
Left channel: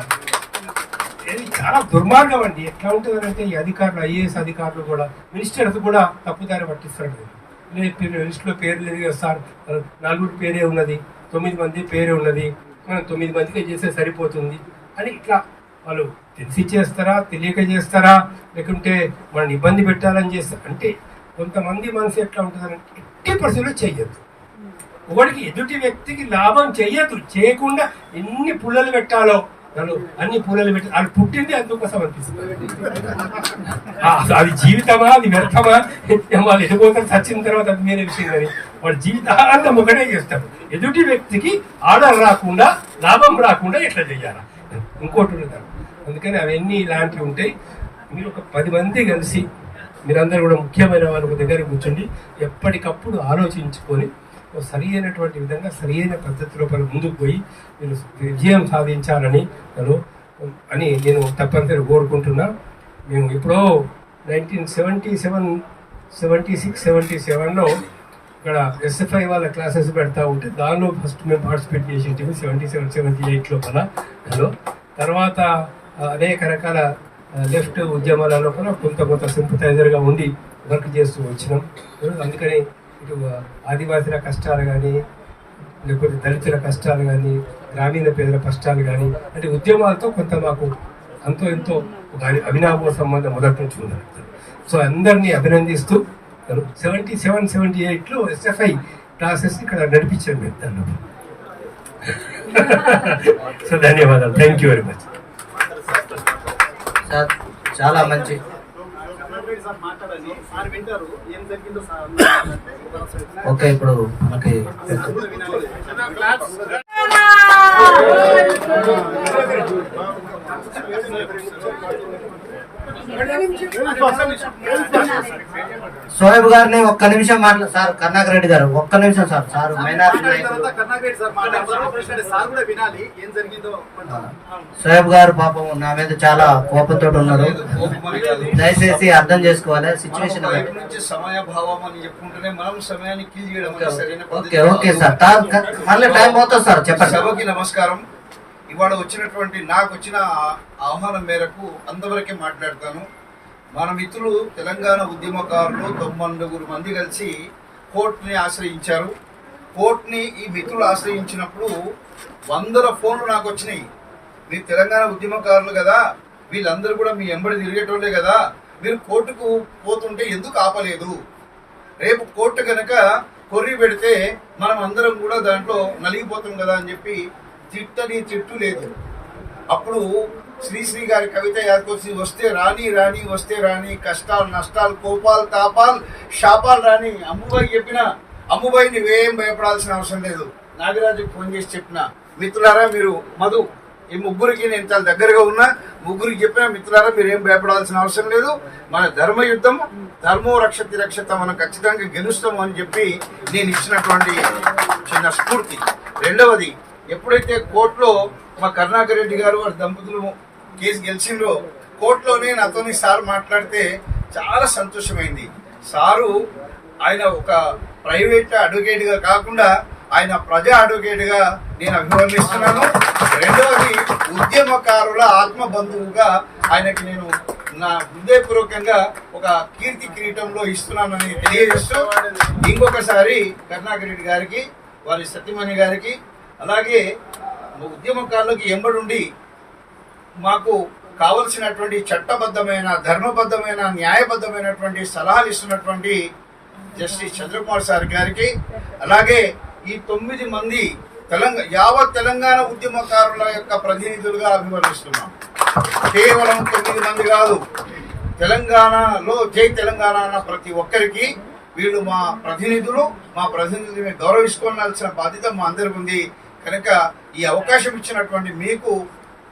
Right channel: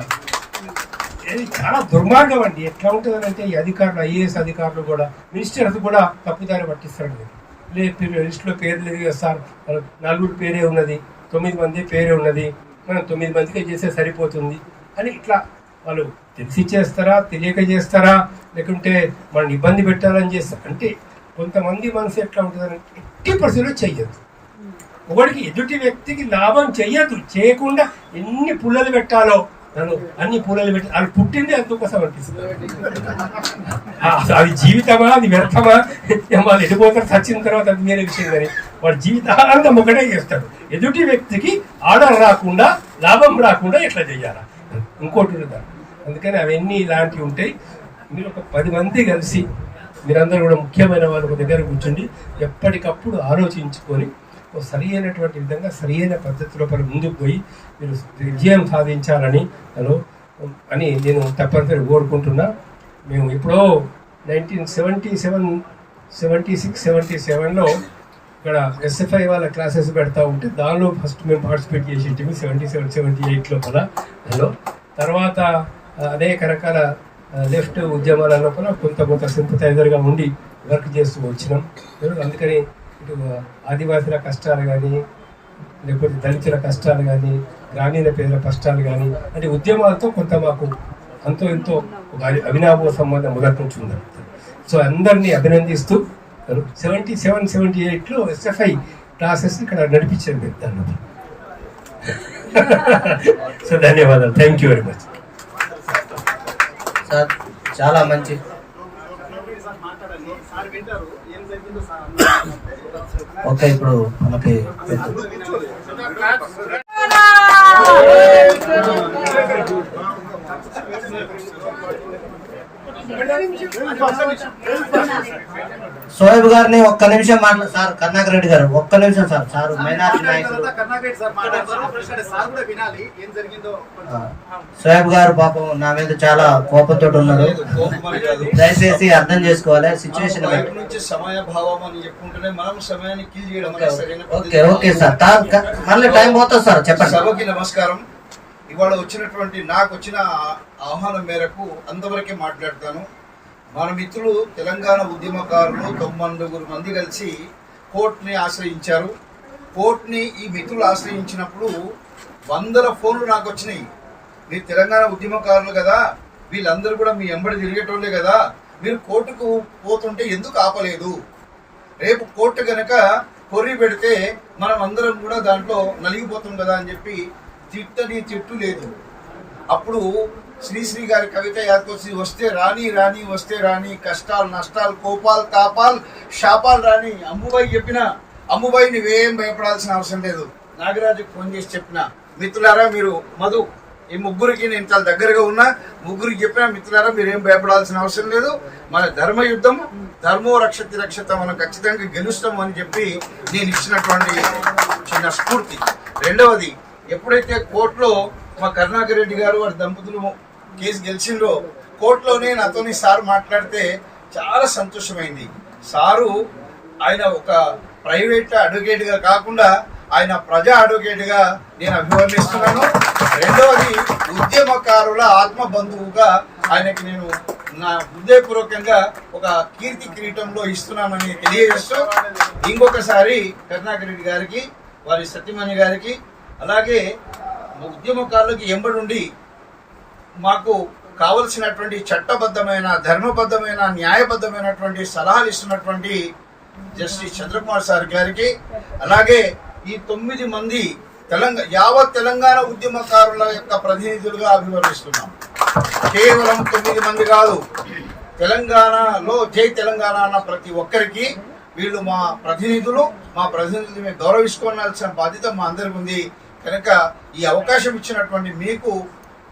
ఇది చాలా దుర్మార్గం అండి. ఎట్లా ఉంటుందంటే ఈ అధికారులు, ఐఏఎస్ అధికారులు కూడా, మినిస్టర్స్ కూడా తప్పుదారి పట్టిస్తాడు. లేదు లిస్టులో పేరు లేదు కదా సార్, 4 పేరే ఉన్నది, 9 మంది పేరే ఉన్నది, మనం 9 మందికి చేస్తే సరిపోతుంది అని ఇట్లా వాళ్ళు తెలిసి చేస్తారా, తెలియక చేస్తారా, లేకుంటే మనం ఇబ్బంది పెట్టాలని చేస్తారా అంటే, కొంతమంది మనసు ఎట్లా ఉంటుందంటే ఎట్టి పరిస్థితుల్లో చెయ్యొద్దు. ఒకటికి ఎదుటి వ్యక్తికి లాభం చెయ్యొద్దు, చేయకుండా ఎన్ని పుల్లలు పెట్టాలో అన్ని పుల్లలు పెట్టి అది పుట్టింది అందుకోసం అనిపిస్తుంది. అది జీవితమా, అది వ్యర్థమా, వాళ్ళు ఎడిపోతారు, చచ్చిన తర్వాత అది వేరే విషయం. కానీ వాడు జీవితాంతం ఒకటే చేస్తాడు. ఎదుటి వ్యక్తికి ఆర్డర్ రాకుండా లాభం రాకుండా ఎట్లా చేయాలి ఇంకోటి ఉన్నది. అందుకని అవన్నీ ఇలాంటివి ఉంటాయి. మీరు ఒక 10 మంది కలిసి మీరందరూ కూడా ముఖ్యమైన వాళ్ళు ఒక దగ్గర కూర్చోండి, ఎప్పటికప్పుడు ఆలోచించుకొని సరి అయినటువంటి విధంగా సరి అయిన పద్ధతిలో ముందుకు పోయి మీరు విజయం సాధించాలని అని నేను తప్పనిసరి కోరుకుంటున్నా. మేము ఎప్పుడో 1977-76-77లో ఇక్కడ SFI వాళ్ళ క్లాసెస్ పెడతా ఉంటే దానిలో ఫస్ట్ మేము పార్టిసిపేట్ చేసేటివి 77-78 లోపల. తర్వాత అనేక రకాల లెఫ్ట్ ఉద్యమాల లోపల కొంత సింపథైజర్గా ఉండి వర్క్ చేస్తూ వచ్చినాం. అందుకని ఇటు ఆదివాసుల కష్టాలు కానీ, లేకపోతే దళితుల కష్టాలు కానీ, గ్రామీణ పేదల కష్టాలు కానీ, అంటే ఉద్యమాలతో కొంత మాకు అంతో ఎంతో అవినాభావ సంబంధం మొదటి నుంచి ఉంది. సో అందరినీ అభినందిస్తూ 77-78లో SFI క్లాసెస్ ఇక్కడ నడిపించాను మేము దానిలో. సో ధన్యవాదాలు, thank you very much sir. చాలా మంచి ఓకే. ఇప్పుడు మనకి సోయబ్ గారిని ఒక్క నిమిషం సార్. కర్ణాకర్ రెడ్డి గారు ఒక్క నిమిషం సార్. సార్ మైనారిటీ నాయకులు సోయబ్ గారు పాపం నా మీద చాలా కోపంతో ఉన్నారు, దయచేసి అర్థం చేసుకోవాలి సిచ్యువేషన్. ఓకే ఓకే సార్, మళ్ళీ టైం పోతుంది సార్, చెప్పండి. సభకి నమస్కారం. ఇవాళ వచ్చినటువంటి నాకు వచ్చిన ఆహ్వానం మేరకు అంతవరకే మాట్లాడతాను. మన మిత్రులు తెలంగాణ ఉద్యమకారులు 99 మంది కలిసి కోర్టుని ఆశ్రయించారు. కోర్టుని ఈ మిత్రులు ఆశ్రయించినప్పుడు 100 ఫోన్లు నాకు వచ్చినాయి. మీరు తెలంగాణ ఉద్యమకారులు కదా, వీళ్ళందరూ కూడా మీ ఎంబడి తిరిగేటోళ్ళే కదా, మీరు కోర్టుకు పోతుంటే ఎందుకు ఆపలేదు? రేపు కోర్టు కనుక కొర్రి పెడితే మనం అందరం కూడా దాంట్లో నలిగిపోతాం కదా అని చెప్పి తిట్టని తిట్టు లేదు. అప్పుడు శ్రీశ్రీ గారి కవిత యాదకొచ్చి వస్తే రాని రాని వస్తే రాని, కష్టాలు నష్టాలు కోపాలు తాపాలు శాపాలు రాని. అమ్ముబాయి చెప్పిన, అమ్ముబాయి నువ్వేం భయపడాల్సిన అవసరం లేదు. నాగరాజుకు ఫోన్ చేసి చెప్పిన, మిత్రులారా మీరు మధు ఈ ముగ్గురికి నేను చాలా దగ్గరగా ఉన్నా, ముగ్గురికి చెప్పిన మిత్రులారా మీరు ఏం భయపడాల్సిన అవసరం లేదు, మన ధర్మ యుద్ధం ధర్మో రక్షతి రక్షత, మనం ఖచ్చితంగా గెలుస్తాము అని చెప్పి నేను ఇచ్చినటువంటి చిన్న స్ఫూర్తి. రెండవది, ఎప్పుడైతే కోర్టులో మా కరుణాకర్ రెడ్డి గారు వారి దంపతులు కేసు గెలిచిండ్రో, కోర్టులోనే నాతోని సార్ మాట్లాడితే చాలా సంతోషమైంది. సారు ఆయన ఒక ప్రైవేట్ అడ్వకేట్గా కాకుండా ఆయన ప్రజా అడ్వకేట్గా నేను అభివర్ణిస్తున్నాను. రెండవది, ఉద్యమకారుల ఆత్మ బంధువుగా ఆయనకి నేను నా హృదయపూర్వకంగా ఒక కీర్తి కిరీటంలో ఇస్తున్నానని తెలియజేస్తూ, ఇంకొకసారి కరుణాకర్ రెడ్డి గారికి, వారి సత్యమణి గారికి, అలాగే ఉద్యమకారులకు ఎంబడుండి మాకు కావలసినటువంటి చట్టబద్ధమైన ధర్మబద్ధమైన న్యాయబద్ధమైనటువంటి సలహాలు ఇస్తున్నటువంటి జస్టిస్ చంద్రకుమార్ సార్ గారికి, అలాగే ఈ 9 మంది యావత్ తెలంగాణ ఉద్యమకారుల యొక్క ప్రతినిధులుగా అభివర్ణిస్తున్నాం. కేవలం 9 మంది కాదు, తెలంగాణలో జై తెలంగాణ అన్న ప్రతి ఒక్కరికి వీళ్ళు మా ప్రతినిధులు. మా ప్రతినిధులు మేము గౌరవించుకోవాల్సిన బాధ్యత మా అందరికి ఉంది. కనుక ఈ అవకాశం ఇచ్చినటువంటి మీకు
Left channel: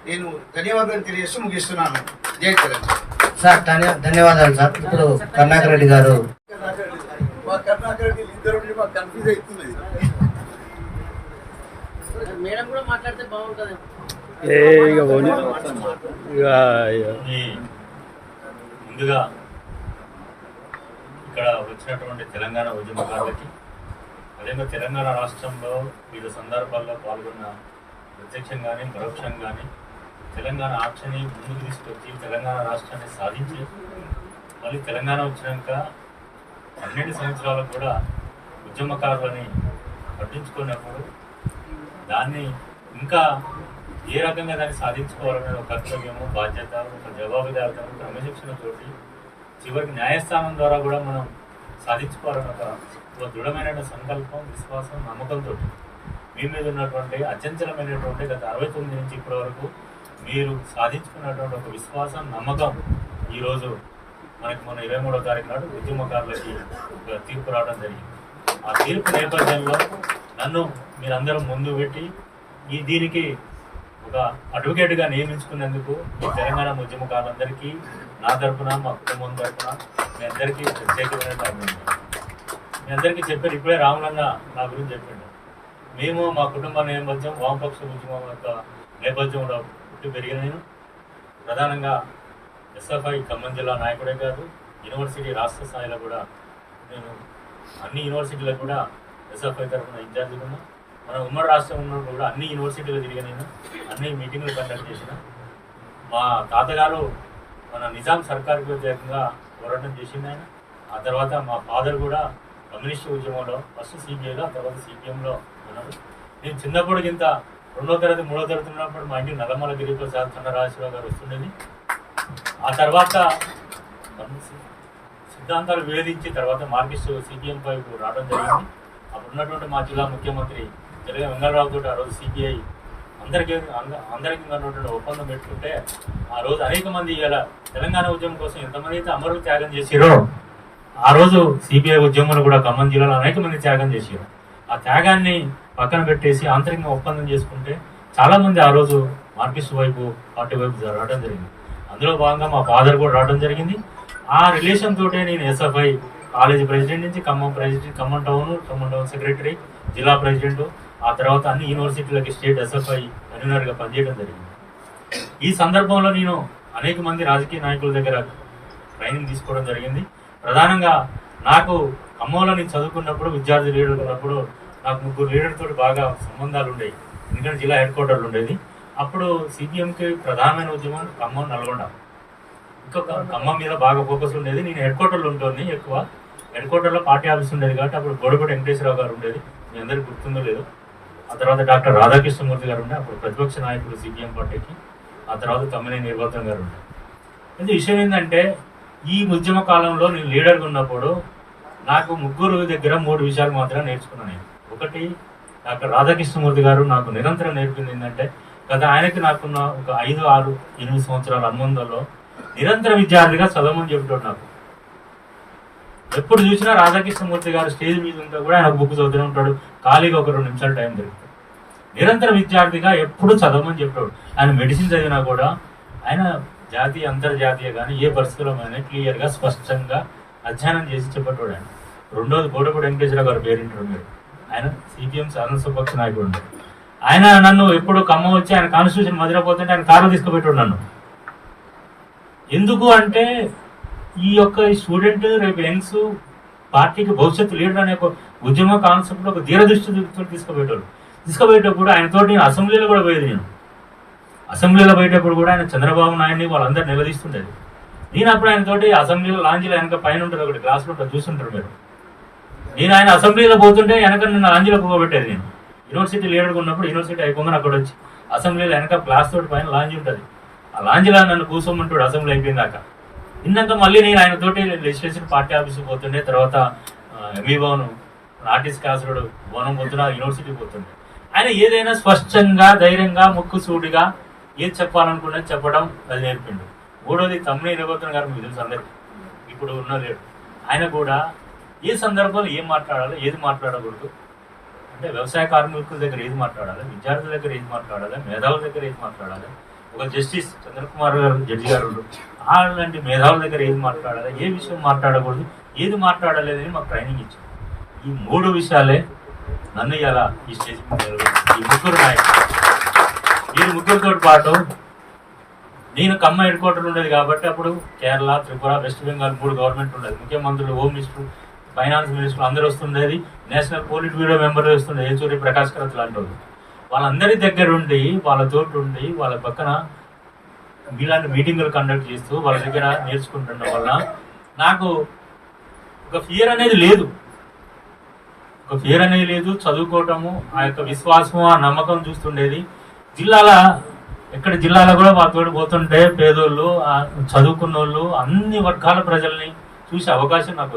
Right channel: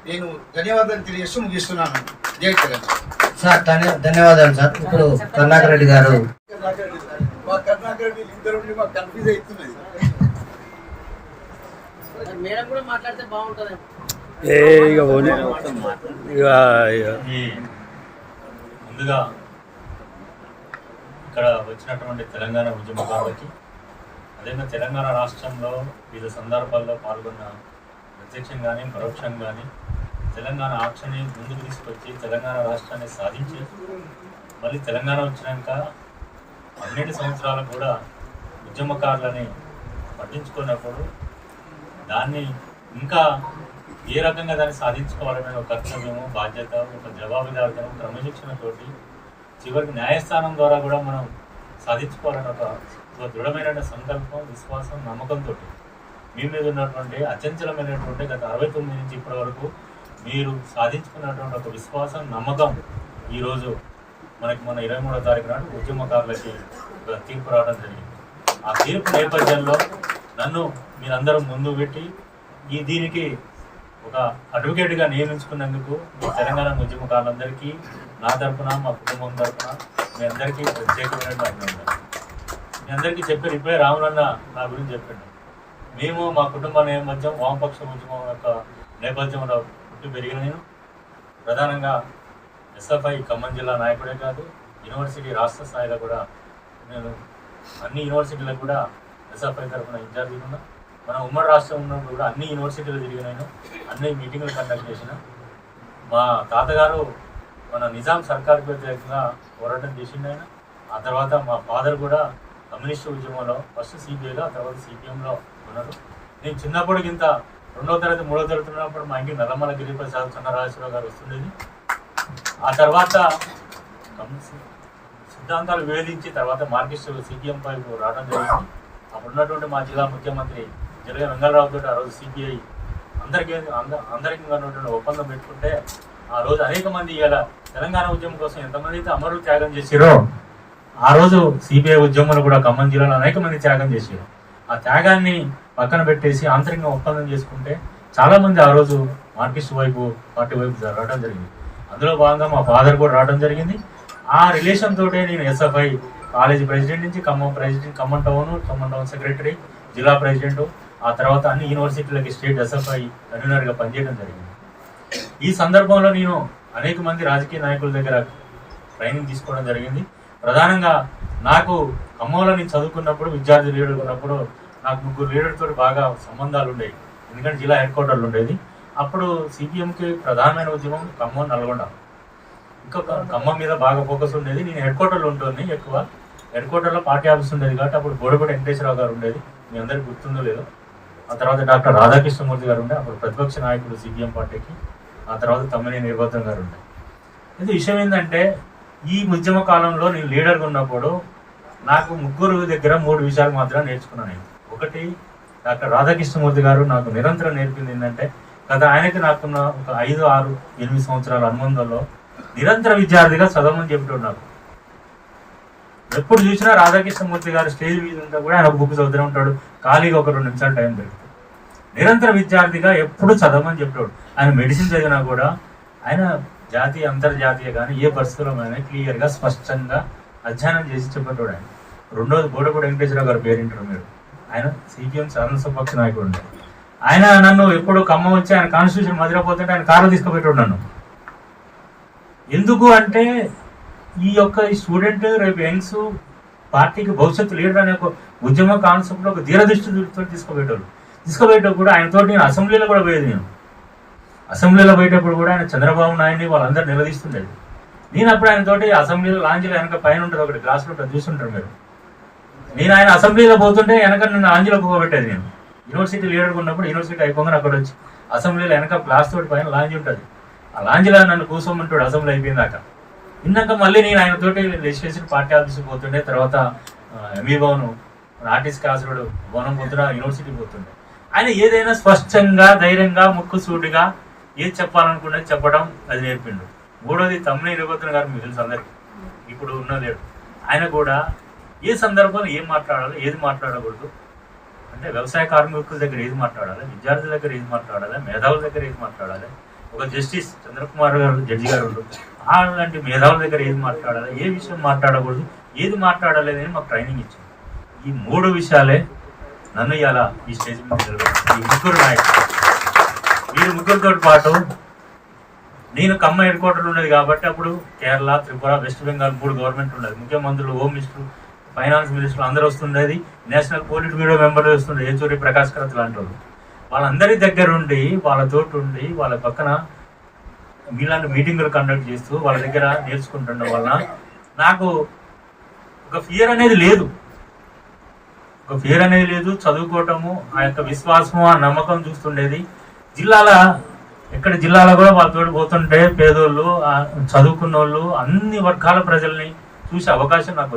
నేను ధన్యవాదాలు తెలియజేస్తూ ముగిస్తున్నాను. జై తెలంగాణ. సార్ ధన్యవాదాలు సార్. ఇప్పుడు కరుణాకర్ రెడ్డి గారు. మా కరుణాకర్ రెడ్డి ఇద్దరు మాకు కన్ఫ్యూజ్ అవుతున్నది. మేడం కూడా మాట్లాడితే బాగుంటుంది. ముందుగా ఇక్కడ వచ్చినటువంటి తెలంగాణ ఉద్యమకారులకి, అదేవిధంగా తెలంగాణ రాష్ట్రంలో వివిధ సందర్భాల్లో పాల్గొన్న ప్రత్యక్షంగానే పరోక్షంగానే తెలంగాణ ఆక్షని ముందుకు తీసుకొచ్చి తెలంగాణ రాష్ట్రాన్ని సాధించి, మళ్ళీ తెలంగాణ వచ్చినాక 12 సంవత్సరాలు కూడా ఉద్యమకారులని పట్టించుకున్నప్పుడు దాన్ని ఇంకా ఏ రకంగా దాన్ని సాధించుకోవాలనే ఒక కర్తవ్యము, బాధ్యత, ఒక జవాబుదారితనం, క్రమశిక్షణతోటి చివరికి న్యాయస్థానం ద్వారా కూడా మనం సాధించుకోవాలని ఒక దృఢమైన సంకల్పం, విశ్వాసం, నమ్మకంతో మీ మీద ఉన్నటువంటి అచంచలమైనటువంటి గత 69 నుంచి ఇప్పటి వరకు మీరు సాధించుకున్నటువంటి ఒక విశ్వాసం, నమ్మకం ఈరోజు మనకి మన 23వ తారీఖు నాడు ఉద్యమకారులకి ఒక తీర్పు రావడం జరిగింది. ఆ తీర్పు నేపథ్యంలో నన్ను మీరందరూ ముందు పెట్టి దీనికి ఒక అడ్వకేట్గా నియమించుకున్నందుకు మీ తెలంగాణ ఉద్యమకారులందరికీ నా తరఫున మా కుటుంబం తరఫున మీ అందరికీ ప్రత్యేకమైన అభినందనలు. మీ అందరికీ చెప్పారు, ఇప్పుడే రాములన్న నా గురించి చెప్పాడు. మేము మా కుటుంబ నేపథ్యం వామపక్ష ఉద్యమం యొక్క నేపథ్యంలో పుట్టి పెరిగిన నేను ప్రధానంగా ఎస్ఎఫ్ఐ ఖమ్మం జిల్లా నాయకుడే కాదు, యూనివర్సిటీ రాష్ట్ర స్థాయిలో కూడా నేను అన్ని యూనివర్సిటీలకు కూడా ఎస్ఎఫ్ఐ తరఫున ఇన్ఛార్జిగా ఉన్నా. మన ఉమ్మడి రాష్ట్రం ఉన్నప్పుడు కూడా అన్ని యూనివర్సిటీలు తిరిగి నేను అన్ని మీటింగులు కండక్ట్ చేసిన. మా తాతగారు మన నిజాం సర్కార్కి వ్యతిరేకంగా పోరాటం చేసింది ఆయన. ఆ తర్వాత మా ఫాదర్ కూడా కమ్యూనిస్ట్ ఉద్యమంలో ఫస్ట్ సిపిఐలో, ఆ తర్వాత సిపిఎంలో ఉన్నారు. నేను చిన్నప్పుడు ఇంత 2వ తరగతి 3వ తరగతి ఉన్నప్పుడు మా ఇంటికి నల్లమల గిరిప్రసాద్ చన్నరాజేశ్వరరావు గారు వస్తుండేది. ఆ తర్వాత సిద్ధాంతాలు వివేదించి తర్వాత మార్కిస్ట్ సిపిఎం పైపు రావడం జరిగింది. అప్పుడు ఉన్నటువంటి మా జిల్లా ముఖ్యమంత్రి జలగ వెంగళరావు తోటి ఆ రోజు సిపిఐ అందరికీ ఉన్నటువంటి ఒప్పందం పెట్టుకుంటే ఆ రోజు అనేక మంది ఇలా తెలంగాణ ఉద్యమం కోసం ఎంతమంది అయితే అమరులు త్యాగం చేసిరో ఆ రోజు సిపిఐ ఉద్యమంలో కూడా ఖమ్మం జిల్లాలో అనేక మంది త్యాగం చేశారు. ఆ త్యాగాన్ని పక్కన పెట్టేసి ఆంతరికంగా ఒప్పందం చేసుకుంటే చాలా మంది ఆ రోజు మార్కిస్ట్ వైపు పార్టీ వైపు రావడం జరిగింది. అందులో భాగంగా మా ఫాదర్ కూడా రావడం జరిగింది. ఆ రిలేషన్ తోటే నేను ఎస్ఎఫ్ఐ కాలేజీ ప్రెసిడెంట్ నుంచి ఖమ్మం టౌన్ సెక్రటరీ, జిల్లా ప్రెసిడెంట్, ఆ తర్వాత అన్ని యూనివర్సిటీలకి స్టేట్ ఎస్ఎఫ్ఐ కన్వీనర్గా పనిచేయడం జరిగింది. ఈ సందర్భంలో నేను అనేక మంది రాజకీయ నాయకుల దగ్గర ట్రైనింగ్ తీసుకోవడం జరిగింది. ప్రధానంగా నాకు ఖమ్మంలో నేను చదువుకున్నప్పుడు విద్యార్థి లీడర్ ఉన్నప్పుడు నాకు 3 లీడర్తో బాగా సంబంధాలు ఉండేవి. ఎందుకంటే జిల్లా హెడ్ క్వార్టర్లు ఉండేది. అప్పుడు సిపిఎంకి ప్రధానమైన ఉద్యమం ఖమ్మం, నల్గొండ. ఇంకొక ఖమ్మం మీద బాగా ఫోకస్ ఉండేది. నేను హెడ్ క్వార్టర్లో ఉంటుంది ఎక్కువ. హెడ్ క్వార్టర్లో పార్టీ ఆఫీస్ ఉండేది కాబట్టి అప్పుడు గోడపూడి వెంకటేశ్వరరావు గారు ఉండేది, మీ అందరికీ గుర్తుందో లేదో. ఆ తర్వాత డాక్టర్ రాధాకృష్ణమూర్తి గారు ఉండే, అప్పుడు ప్రతిపక్ష నాయకుడు సిపిఎం పార్టీకి. ఆ తర్వాత తమ్మినేని వీరభద్రం గారు ఉండే. అయితే విషయం ఏంటంటే ఈ ఉద్యమ కాలంలో నేను లీడర్గా ఉన్నప్పుడు నాకు 3 దగ్గర 3 విషయాలు మాత్రం నేర్చుకున్నాను నేను. ఒకటి, డాక్టర్ రాధాకృష్ణమూర్తి గారు నాకు నిరంతరం నేర్పింది ఏంటంటే గత ఆయనకి నాకున్న ఒక 5, 6, 8 సంవత్సరాల అనుబంధంలో నిరంతర విద్యార్థిగా చదవమని చెప్పాడు. నాకు ఎప్పుడు చూసినా రాధాకృష్ణమూర్తి గారు స్టేజ్ మీద ఉంటే కూడా ఆయన బుక్ చదువుతూనే ఉంటాడు. ఖాళీగా ఒక 2 నిమిషాలు టైం దొరుకుతుంది. నిరంతర విద్యార్థిగా ఎప్పుడు చదవమని చెప్పాడు. ఆయన మెడిసిన్ చదివినా కూడా ఆయన జాతీయ అంతర్జాతీయ కానీ ఏ పరిస్థితుల్లో కానీ క్లియర్గా స్పష్టంగా అధ్యయనం చేసి చెప్పేటోడు ఆయన. 2వది గోడపూడి వెంకటేశ్వరరావు గారు పేరింటారు మీరు. ఆయన సిపిఎం శాసనసభపక్ష నాయకుడు ఉంటారు. ఆయన నన్ను ఎప్పుడు ఖమ్మం వచ్చి ఆయన కాన్స్టిట్యూషన్ మదిలిపోతుంటే ఆయన కారు తీసుకుపెట్టాడు నన్ను. ఎందుకు అంటే ఈ స్టూడెంట్ రేపు యంగ్స్ పార్టీకి భవిష్యత్తు లీడర్ అనే ఒక ఉద్యమ కాన్సెప్ట్లో ఒక దీర్ఘదృష్టితో తీసుకుపోయేటప్పుడు ఆయనతోటి నేను అసెంబ్లీలో కూడా పోయేది. నేను అసెంబ్లీలో పోయేటప్పుడు కూడా ఆయన చంద్రబాబు నాయుడిని వాళ్ళందరూ నిలదీస్తుండేది. నేను అప్పుడు ఆయనతోటి అసెంబ్లీలో లాంజ్లో వెనక పైన ఉంటుంది ఒకటి గ్లాసులో ఉంటుంది, చూస్తుంటారు మీరు. నేను ఆయన అసెంబ్లీలో పోతుంటే వెనక నన్ను లాంజ్లో పోగొట్టేది. నేను యూనివర్సిటీ లీడర్గా ఉన్నప్పుడు యూనివర్సిటీ అయిపోగానే అక్కడ వచ్చి అసెంబ్లీలో వెనక గ్లాస్ తోటి పైన లాంజ్ ఉంటుంది, ఆ లాంజ్లో నన్ను కూర్చోమంటాడు అసెంబ్లీ అయిపోయిందాక. ఇందాక మళ్ళీ నేను ఆయనతోటి లెజిస్లేషన్ పార్టీ ఆఫీస్కి పోతుండే, తర్వాత ఎంఈ భవన్ ఆర్టిస్ట్ కాసరుడు భవనం పోతున్నా, యూనివర్సిటీ పోతుండే. ఆయన ఏదైనా స్పష్టంగా ధైర్యంగా ముక్కుసూటిగా ఏది చెప్పాలనుకున్నది చెప్పడం అది నేర్పిండు. 3వది తమ్మినేని వీరభద్రం గారు మీకు తెలుసు అందరికీ, ఇప్పుడు ఉన్న లేడు. ఆయన కూడా ఏ సందర్భంలో ఏం మాట్లాడాలో ఏది మాట్లాడకూడదు అంటే వ్యవసాయ కార్మికుల దగ్గర ఏది మాట్లాడాలి, విద్యార్థుల దగ్గర ఏది మాట్లాడాలి, మేధావుల దగ్గర ఏది మాట్లాడాలి, ఒక జస్టిస్ చంద్రకుమార్ గారు జడ్జి గారు అలాంటి మేధావుల దగ్గర ఏది మాట్లాడాలి, ఏ విషయం మాట్లాడకూడదు, ఏది మాట్లాడలేదని మాకు ట్రైనింగ్ ఇచ్చారు. ఈ 3 విషయాలే నన్ను ఇలా ఈ స్టేజ్ మీద ఈ 3 నాయకులు, ఈ 3తో పాటు నేను ఖమ్మం హెడ్ క్వార్టర్లు ఉండేది కాబట్టి అప్పుడు కేరళ, త్రిపుర, వెస్ట్ బెంగాల్ 3 గవర్నమెంట్ ఉండేది. ముఖ్యమంత్రులు, హోమ్ మినిస్టర్, ఫైనాన్స్ మినిస్టర్ అందరూ వస్తుండేది. నేషనల్ పోలిట్ బ్యూరో మెంబర్లు వస్తుండే, ఏచూరి ప్రకాష్ కరత్ లాంటి వాళ్ళు. వాళ్ళందరి దగ్గర ఉండి వాళ్ళతోటి ఉండి వాళ్ళ పక్కన మీలాంటి మీటింగులు కండక్ట్ చేస్తూ వాళ్ళ దగ్గర నేర్చుకుంటుండడం వల్ల నాకు ఒక ఫియర్ అనేది లేదు. చదువుకోవటము, ఆ యొక్క విశ్వాసము, ఆ నమ్మకం చూస్తుండేది. జిల్లాలో కూడా వాళ్ళతో పోతుంటే పేదోళ్ళు, చదువుకున్న వాళ్ళు, అన్ని వర్గాల ప్రజల్ని చూసే అవకాశం నాకు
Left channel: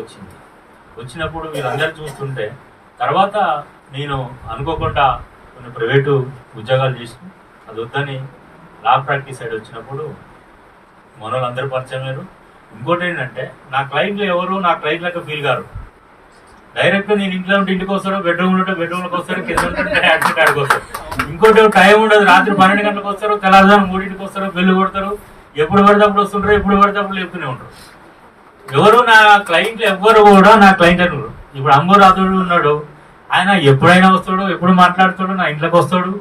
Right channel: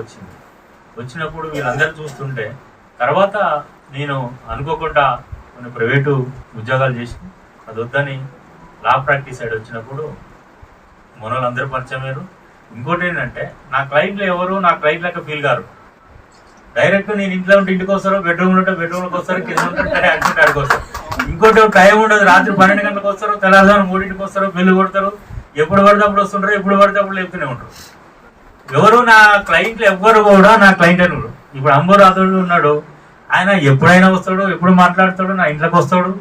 వచ్చినప్పుడు వీళ్ళందరూ చూస్తుంటే తర్వాత నేను అనుకోకుండా కొన్ని ప్రైవేటు ఉద్యోగాలు చేసి అది వద్దని లా ప్రాక్టీస్ సైడ్ వచ్చినప్పుడు మనోళ్ళందరూ పరిచయం అయ్యారు. ఇంకోటి ఏంటంటే నా క్లయింట్లు ఎవరు నా క్లయింట్ లెక్క ఫీల్ గారు. డైరెక్ట్ నేను ఇంట్లో ఉంటే ఇంటికి వస్తారో, బెడ్రూమ్ ఉంటే బెడ్రూమ్కి వస్తారు, కింద ఉంటే ట్యాక్సీ కాడికి వస్తారు. ఇంకోటి టైం ఉండదు, రాత్రి 12 గంటలకు వస్తారు, తెల్లవారు 3ంటికి వస్తారు, బిల్లు కొడతారు, ఎప్పుడు పడితే అప్పుడు వస్తుంటారు, ఎప్పుడు పడితే అప్పుడు లేపుతూనే ఉంటారు. ఎవరు నా క్లయింట్లు ఎవ్వరు కూడా నా క్లయింట్ అని. ఇప్పుడు అంబురాతుడు ఉన్నాడు, ఆయన ఎప్పుడైనా వస్తాడు, ఎప్పుడు మాట్లాడతాడు, నా ఇంట్లోకి వస్తాడు.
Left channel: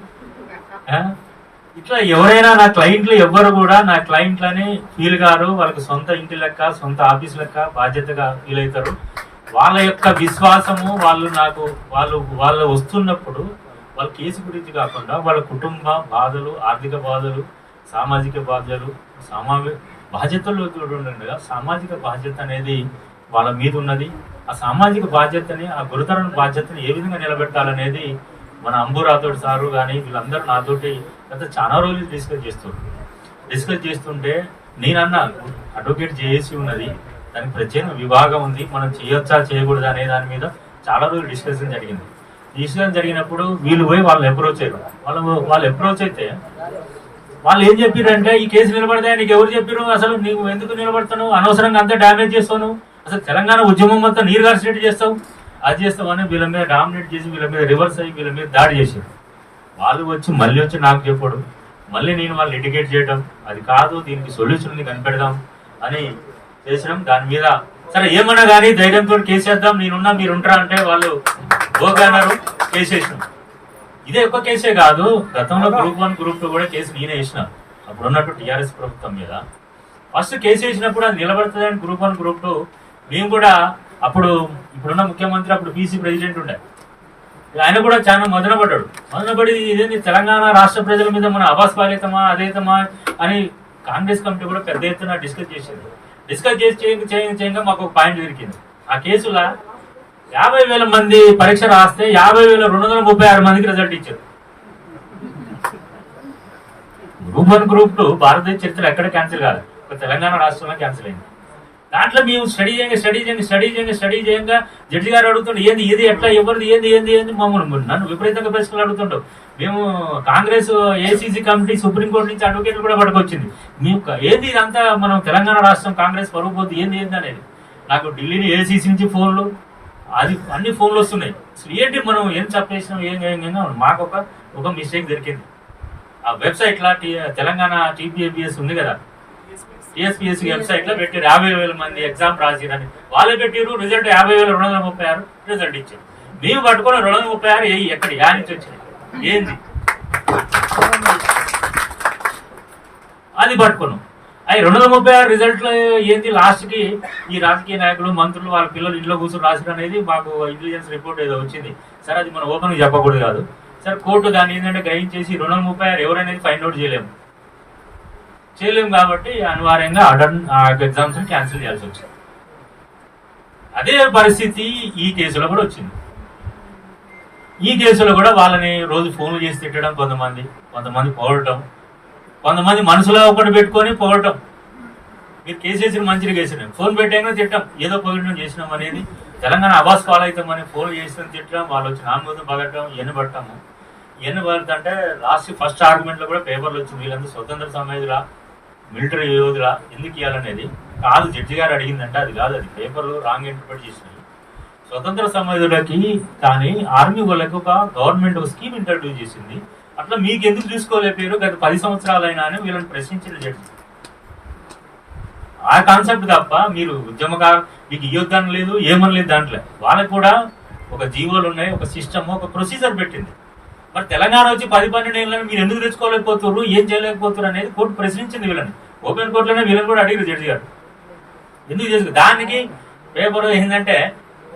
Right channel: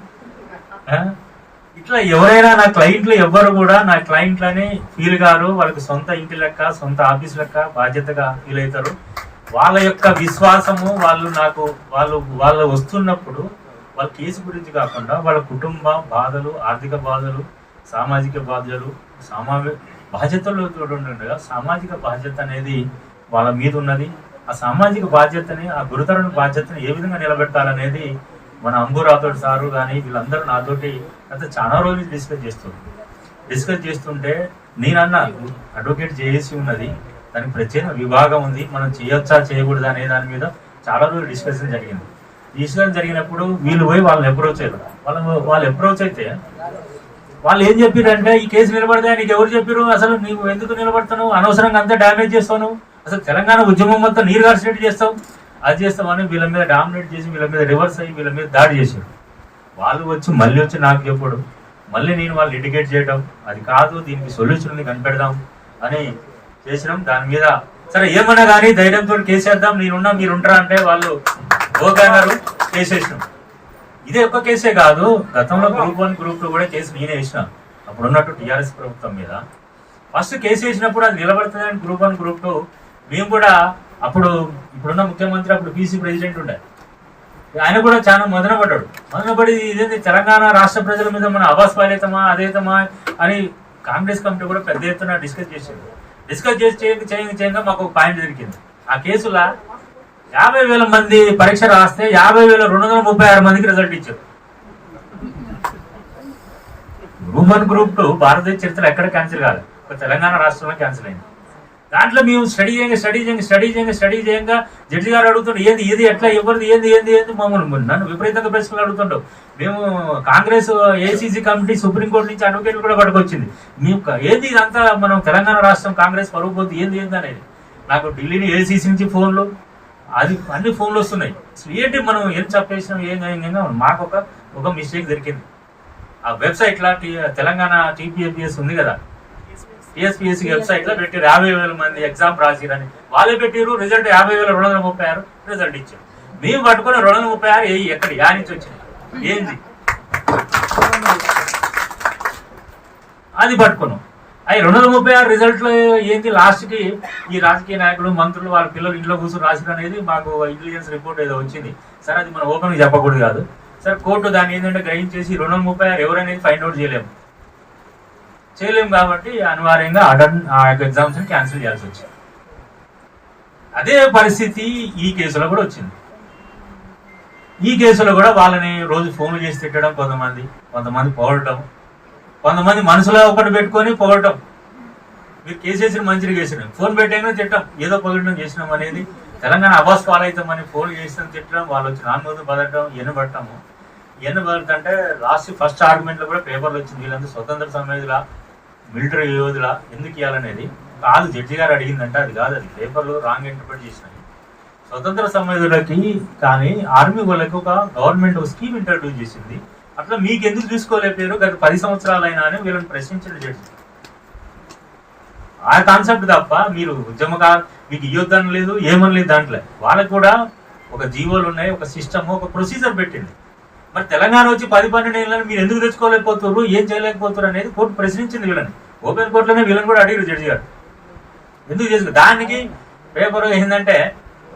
ఇట్లా ఎవరైనా నా క్లయింట్లు ఎవ్వరు కూడా నా క్లయింట్లని ఫీల్ గారు, వాళ్ళకి సొంత ఇంటి లెక్క, సొంత ఆఫీస్ లెక్క బాధ్యతగా ఫీల్ అవుతారు. వాళ్ళ యొక్క విశ్వాసము వాళ్ళు వస్తున్నప్పుడు వాళ్ళ కేసు గురించి కాకుండా వాళ్ళ కుటుంబ బాధలు, ఆర్థిక బాధలు, సామాజిక బాధ్యతలు, బాధ్యతలు ఉండగా సామాజిక బాధ్యత అనేది వాళ్ళ మీద ఉన్నది. ఆ సామాజిక బాధ్యతని, ఆ గురుతరమైన బాధ్యతని ఏ విధంగా నిలబెట్టాలనేది మన అంబురాతోటి సారు కానీ వీళ్ళందరూ నాతోటి అయితే చాలా రోజులు డిస్కస్ చేస్తుంటే నేనన్నా అడ్వకేట్ చేసి ఉన్నది, దానికి ప్రత్యేక విభాగం ఉంది, మనం చేయొచ్చా చేయకూడదు అనే దాని మీద చాలా రోజులు డిస్కషన్ జరిగినప్పుడు వీళ్ళు పోయి వాళ్ళని అప్రోచ్ అయ్యారు. వాళ్ళు అప్రోచ్ అయితే వాళ్ళు ఏం చెప్పారంటే, ఈ కేసు నిలబడితే నీకు ఎవరు చెప్పారు, అసలు నీకు ఎందుకు నిలబడతాను, అనవసరంగా అంతా డ్యామేజ్ చేస్తాను, అసలు తెలంగాణ ఉద్యమం మొత్తం నీరు గార్సినట్టు చేస్తావు, అది చేస్తామని వీళ్ళ మీద డామినేట్ చేసి వీళ్ళ మీద రివర్స్ అయ్యి వీళ్ళ మీద దాడి చేశారు. వాళ్ళు మళ్ళీ వచ్చి నాకు చెప్పడు, మళ్ళీ నేను వాళ్ళు ఎడ్యుకేట్ చేయడం, అది కాదు దీనికి సొల్యూషన్ ఉంది కనిపెడదాం అని చేసినాం. దాని మీద సరే ఏమన్నా కానీ ధైర్యంతో కేసేద్దాం, నేనున్నా మీరుంటారా అంటే వాళ్ళు ఓకన్నారు, కేసేసినాం. ఇదే ఒక్క కేసే కాదు, గతంలో గ్రూప్ 1 గ్రూప్ 2 కూడా కేసు నేనే వేసిన. అప్పుడు ఉన్నట్టు టీఆర్ఎస్ ప్రభుత్వం మీద ఫస్ట్ కేసు వేసినప్పుడు అది నిలబడుతుంది అని గ్రూప్ 1 గ్రూప్ 2 మేము కూడా అప్పుడు ఇప్పుడున్న ముఖ్యమంత్రి అప్పుడు పీసీ ప్రెసిడెంట్ ఉండే, ఆయన కూడా చాలా మదనపడి ఇదేంటి తెలంగాణ రాష్ట్ర ప్రజల మీద మన అబాస్ పాలేతమా అదేతమా అని కాంగ్రెస్ కమిటీ కూడా పెద్ద ఎత్తున డిస్కస్ చేయంగా మాకు ఒక పాయింట్ దొరికింది. ఆ కేసులో 50,000 మంది పరీక్ష రాస్తే 50,236 మందికి రిజల్ట్ ఇచ్చారు. గ్రూప్ 1 గ్రూప్ 2 భారతదేశ చరిత్ర ఎక్కడ క్యాన్సిల్ కాదు, తెలంగాణ రాష్ట్రంలో క్యాన్సిల్ అయింది. దాంట్లో మేము స్టడీ చేయంగా జడ్జి గారు అడుగుతుండే ఏది ఎట్లా ఎవరిది ఏంది మమ్మల్ని నన్ను విపరీతంగా ప్రశ్నలు అడుగుతుంటావు. మేము కాంగ్రెస్ ఏసీసీ కమిటీ సుప్రీంకోర్టు నుంచి అడ్వకేట్లు కూడా పట్టుకొచ్చింది, మేము ఏది ఇదంతా మనం తెలంగాణ రాష్ట్రం కాంగ్రెస్ పరుగు పోతుంది ఏంది అనేది. నాకు ఢిల్లీ ఏసీసీ నుంచి ఫోన్లు, అది అన్ని ఫోన్లు వస్తున్నాయి. అసలు ఏంటి మనం ఏం చెప్పేసినాం ఏం మాకు ఒక మిస్టేక్ దొరికింది. ఆ వెబ్సైట్ లా తెలంగాణ టీపీఏపీఎస్ ఉంది కదా, టీఎస్పీఎస్సీ వెబ్సైట్ లో పెట్టారు 50,000 మంది ఎగ్జామ్ రాసిరని. వాళ్ళే పెట్టారు రిజల్ట్ 50,236 రిజల్ట్ ఇచ్చారు. మేము పట్టుకున్న 236 ఎక్కడ నుంచి వచ్చింది ఏంది అది పట్టుకున్నాం. అవి 236 రిజల్ట్లో ఏంది లాస్ట్ కి ఈ రాజకీయ నాయకులు మంత్రులు వాళ్ళ పిల్లలు ఇంట్లో కూర్చొని రాసిరు అనేది మాకు ఇంటెలిజెన్స్ రిపోర్ట్ ఏదో వచ్చింది. సరే అది మనం ఓపెన్ చెప్పకూడదు కాదు. సరే కోర్టు దాన్ని ఏంటంటే గ్రహించేసి 236 ఎవరనేది ఫైండ్ అవుట్ చేయలేము కాబట్టి అనివార్యంగా ఆ ఎగ్జామ్స్ క్యాన్సిల్ చేయాల్సి వచ్చింది. అదే పరిస్థితి ఈ కేసులో కూడా వచ్చింది. ఈ కేసులో కూడా వాళ్ళని రోజు ఫోన్లు చేసి తిట్టడం, కొంతమంది పొగడటం, కొంతమంది మనసులో ఒకటి పెట్టుకొని పొగడటం. మీరు కేసేసిన మంచిగా చేసినాం, ఫోన్ పెట్టాక తిట్టడం, ఏదో పొగడడం చేసినాం అనేది తెలంగాణ అబాస్ పాలవుతామని ఫోన్ చేసిన తిట్టడం, వాళ్ళు వచ్చి నామోదు పడటం, ఎన్నబడటము. ఎన్నబడుతుంటే లాస్ట్ ఫస్ట్ ఆర్గ్యుమెంట్ లో కూడా పేపర్లు వచ్చింది, వీళ్ళందరూ స్వతంత్ర సమేతులా మిలిటరీ యోధులా ఎందుకు ఇవ్వాలనేది కాదు. జడ్జి గారు అడిగిందంటే అది కాదు, అది పేపర్లు రాంగ్ ఇంటర్ప్రిట్ చేసినాయి. స్వతంత్ర సమేతులకి కానీ ఆర్మీ వాళ్ళకి ఒక గవర్నమెంట్ ఒక స్కీమ్ ఇంట్రడ్యూస్ చేసింది, అట్లా మీకు ఎందుకు చూసుకోలేకపోయారు గత 10 సంవత్సరాలైనా అని వీళ్ళని ప్రశ్నించిన జడ్జి. ఆ కాన్సెప్ట్ తప్ప మీరు ఉద్యమకారు మీకు ఇవ్వద్దని లేదు, ఏమని లేదు. దాంట్లో వాళ్ళకి కూడా ఒక జీవోలు ఉన్నాయి, ఒక సిస్టమ్, ఒక ప్రొసీజర్ పెట్టింది. మరి తెలంగాణ వచ్చి 10-12 ఏళ్ళని మీరు ఎందుకు తెచ్చుకోలేకపోతున్నారు, ఏం చేయలేకపోతున్నారు అనేది కోర్టు ప్రశ్నించింది వీళ్ళని. ఓపెన్ కోర్టులోనే వీళ్ళని కూడా అడిగారు జడ్జి గారు ఎందుకు చేసుకో. దానికి పేపర్ ఏంటంటే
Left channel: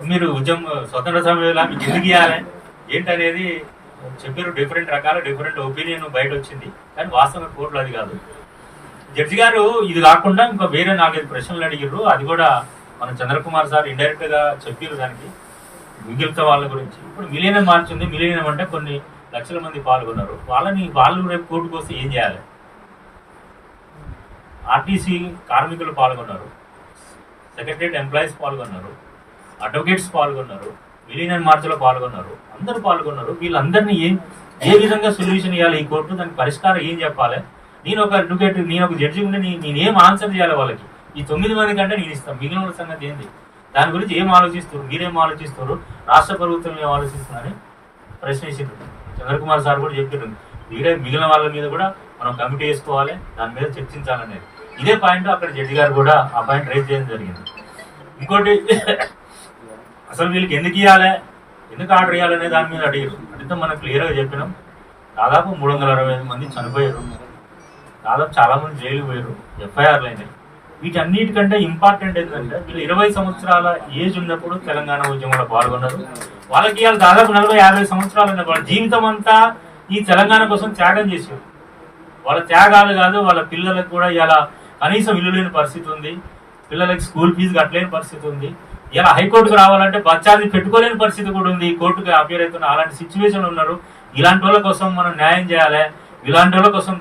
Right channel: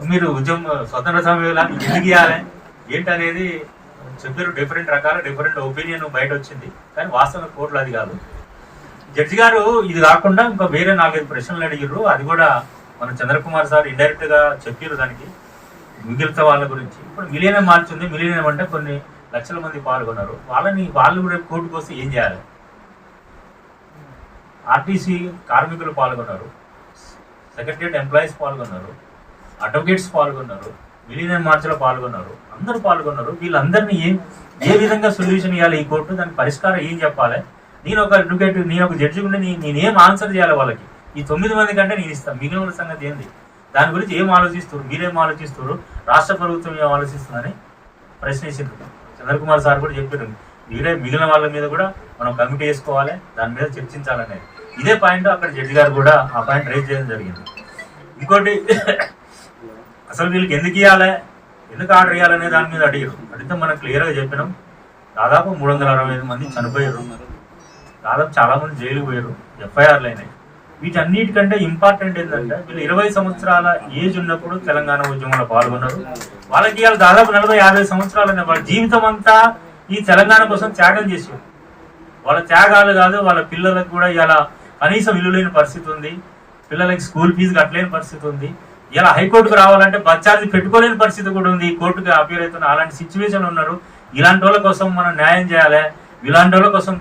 మీరు ఉద్యమం స్వతంత్ర సమయంలో మీకు ఎందుకు ఇవ్వాలి ఏంటనేది చెప్పారు. డిఫరెంట్ ఒపీనియన్ బయట వచ్చింది, కానీ వాస్తవంగా కోర్టులో అది కాదు. జడ్జి గారు ఇది కాకుండా ఇంకా వేరే 4-5 ప్రశ్నలు అడిగారు. అది కూడా మన చంద్రకుమార్ సార్ ఇండైరెక్ట్ గా చెప్పారు దానికి మిగిలిన వాళ్ళ గురించి. ఇప్పుడు మిలియనం మార్చింది. మిలియనం అంటే కొన్ని లక్షల మంది పాల్గొన్నారు. వాళ్ళు రేపు కోర్టుకు వస్తే ఏం చేయాలి? ఆర్టీసీ కార్మికులు పాల్గొన్నారు, సెక్రటరియట్ ఎంప్లాయీస్ పాల్గొన్నారు, అడ్వకేట్స్ పాల్గొన్నారు, మిలియన్ మార్చ్లో పాల్గొన్నారు, అందరూ పాల్గొన్నారు. వీళ్ళందరినీ ఏ విధంగా సొల్యూషన్ ఇవ్వాలి ఈ కోర్టు, దానికి పరిష్కారం ఏం చెప్పాలి? నేను ఒక అడ్వకేట్, నేను ఒక జడ్జి ఉండి నేనేం ఆన్సర్ చేయాలి వాళ్ళకి? ఈ 9 మంది కంటే నేను ఇస్తాను, మిగిలిన సంగతి ఏంది? దాని గురించి ఏం ఆలోచిస్తారు, మీరేం ఆలోచిస్తారు, రాష్ట్ర ప్రభుత్వం ఏం ఆలోచిస్తుందని ప్రశ్నించారు. చంద్రకుమార్ సార్ కూడా చెప్పారు, వీరే మిగిలిన వాళ్ళ మీద కూడా మనం కమిటీ వేసుకోవాలి, దాని మీద చర్చించాలనేది. ఇదే పాయింట్ అక్కడ జడ్జి గారు కూడా ఆ పాయింట్ రైజ్ చేయడం జరిగింది. ఇంకోటి, అసలు వీళ్ళకి ఎందుకు ఇవ్వాలి, ఎందుకు ఆర్డర్ ఇవ్వాలనే దాని మీద అడిగారు. అడిగితే మనం క్లియర్గా చెప్పినాం, దాదాపు 365 మంది చనిపోయారు, దాదాపు చాలా మంది జైలుకు పోయారు, ఎఫ్ఐఆర్లు అయినాయి. వీటన్నిటికంటే ఇంపార్టెంట్ ఏంటంటే వీళ్ళు 20 సంవత్సరాల ఏజ్ ఉన్నప్పుడు తెలంగాణ ఉద్యమంలో పాల్గొన్నారు. వాళ్ళకి ఇవాళ దాదాపు 40-50 సంవత్సరాలు వాళ్ళ జీవితం అంతా ఈ తెలంగాణ కోసం త్యాగం చేసేవారు. వాళ్ళ త్యాగాలు కాదు, వాళ్ళ పిల్లలకు కూడా ఇవాళ కనీసం ఇల్లు లేని పరిస్థితి ఉంది, పిల్లలకి స్కూల్ ఫీజు కట్టలేని పరిస్థితి ఉంది. ఇలా హైకోర్టుకు రావాలంటే బచ్చాది పెట్టుకోలేని పరిస్థితి కూడా ఉంది, కోర్టుకు అపీర్ అవుతున్న అలాంటి సిచ్యువేషన్ ఉన్నారు. ఇలాంటి వాళ్ళ కోసం మనం న్యాయం చేయాలి, ఇలాంటి వాళ్ళ కోసం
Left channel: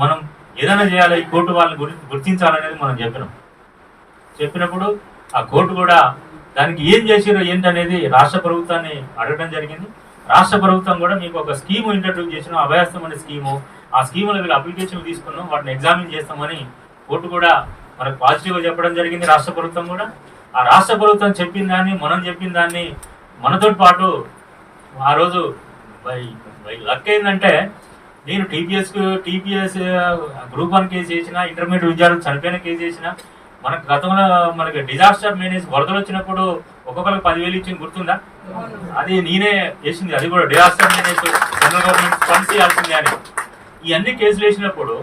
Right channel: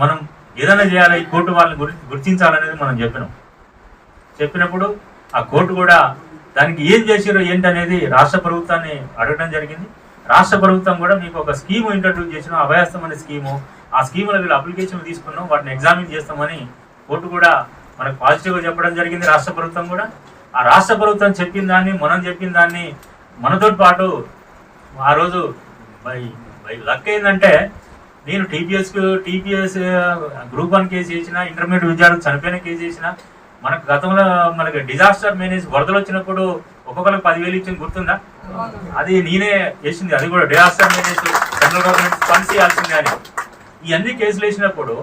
మనం ఏదైనా చేయాలి, ఈ కోర్టు వాళ్ళని గుర్తించాలనేది మనం చెప్పినప్పుడు ఆ కోర్టు కూడా దానికి ఏం చేసారో ఏంటనేది రాష్ట్ర ప్రభుత్వాన్ని అడగడం జరిగింది. రాష్ట్ర ప్రభుత్వం కూడా మీకు ఒక స్కీమ్ ఇంట్రడ్యూస్ చేసిన, అభయాస్తం అనే స్కీము, ఆ స్కీములో వీళ్ళు అప్లికేషన్ తీసుకున్నాం, వాటిని ఎగ్జామిన్ చేస్తామని కోర్టు కూడా మనకు పాజిటివ్గా చెప్పడం జరిగింది. రాష్ట్ర ప్రభుత్వం కూడా ఆ రాష్ట్ర ప్రభుత్వం చెప్పిన దాన్ని, మనం చెప్పిన దాన్ని, మనతో పాటు ఆ రోజు లక్ ఏంటంటే నేను టీపీఎస్ గ్రూప్ 1 కేసు చేసిన, ఇంటర్మీడియట్ విద్యార్థులు చనిపోయిన కేసు చేసిన. మనకు గతంలో మనకి డిజాస్టర్ మేనేజ్ వరదలు వచ్చినప్పుడు ఒక్కొక్కరికి 10,000 ఇచ్చింది గుర్తుందా? అది నేనే వేసింది, అది కూడా disaster manage central government funds ఇవ్వాల్సింది అని. ఇవన్నీ కేసులు వేసినప్పుడు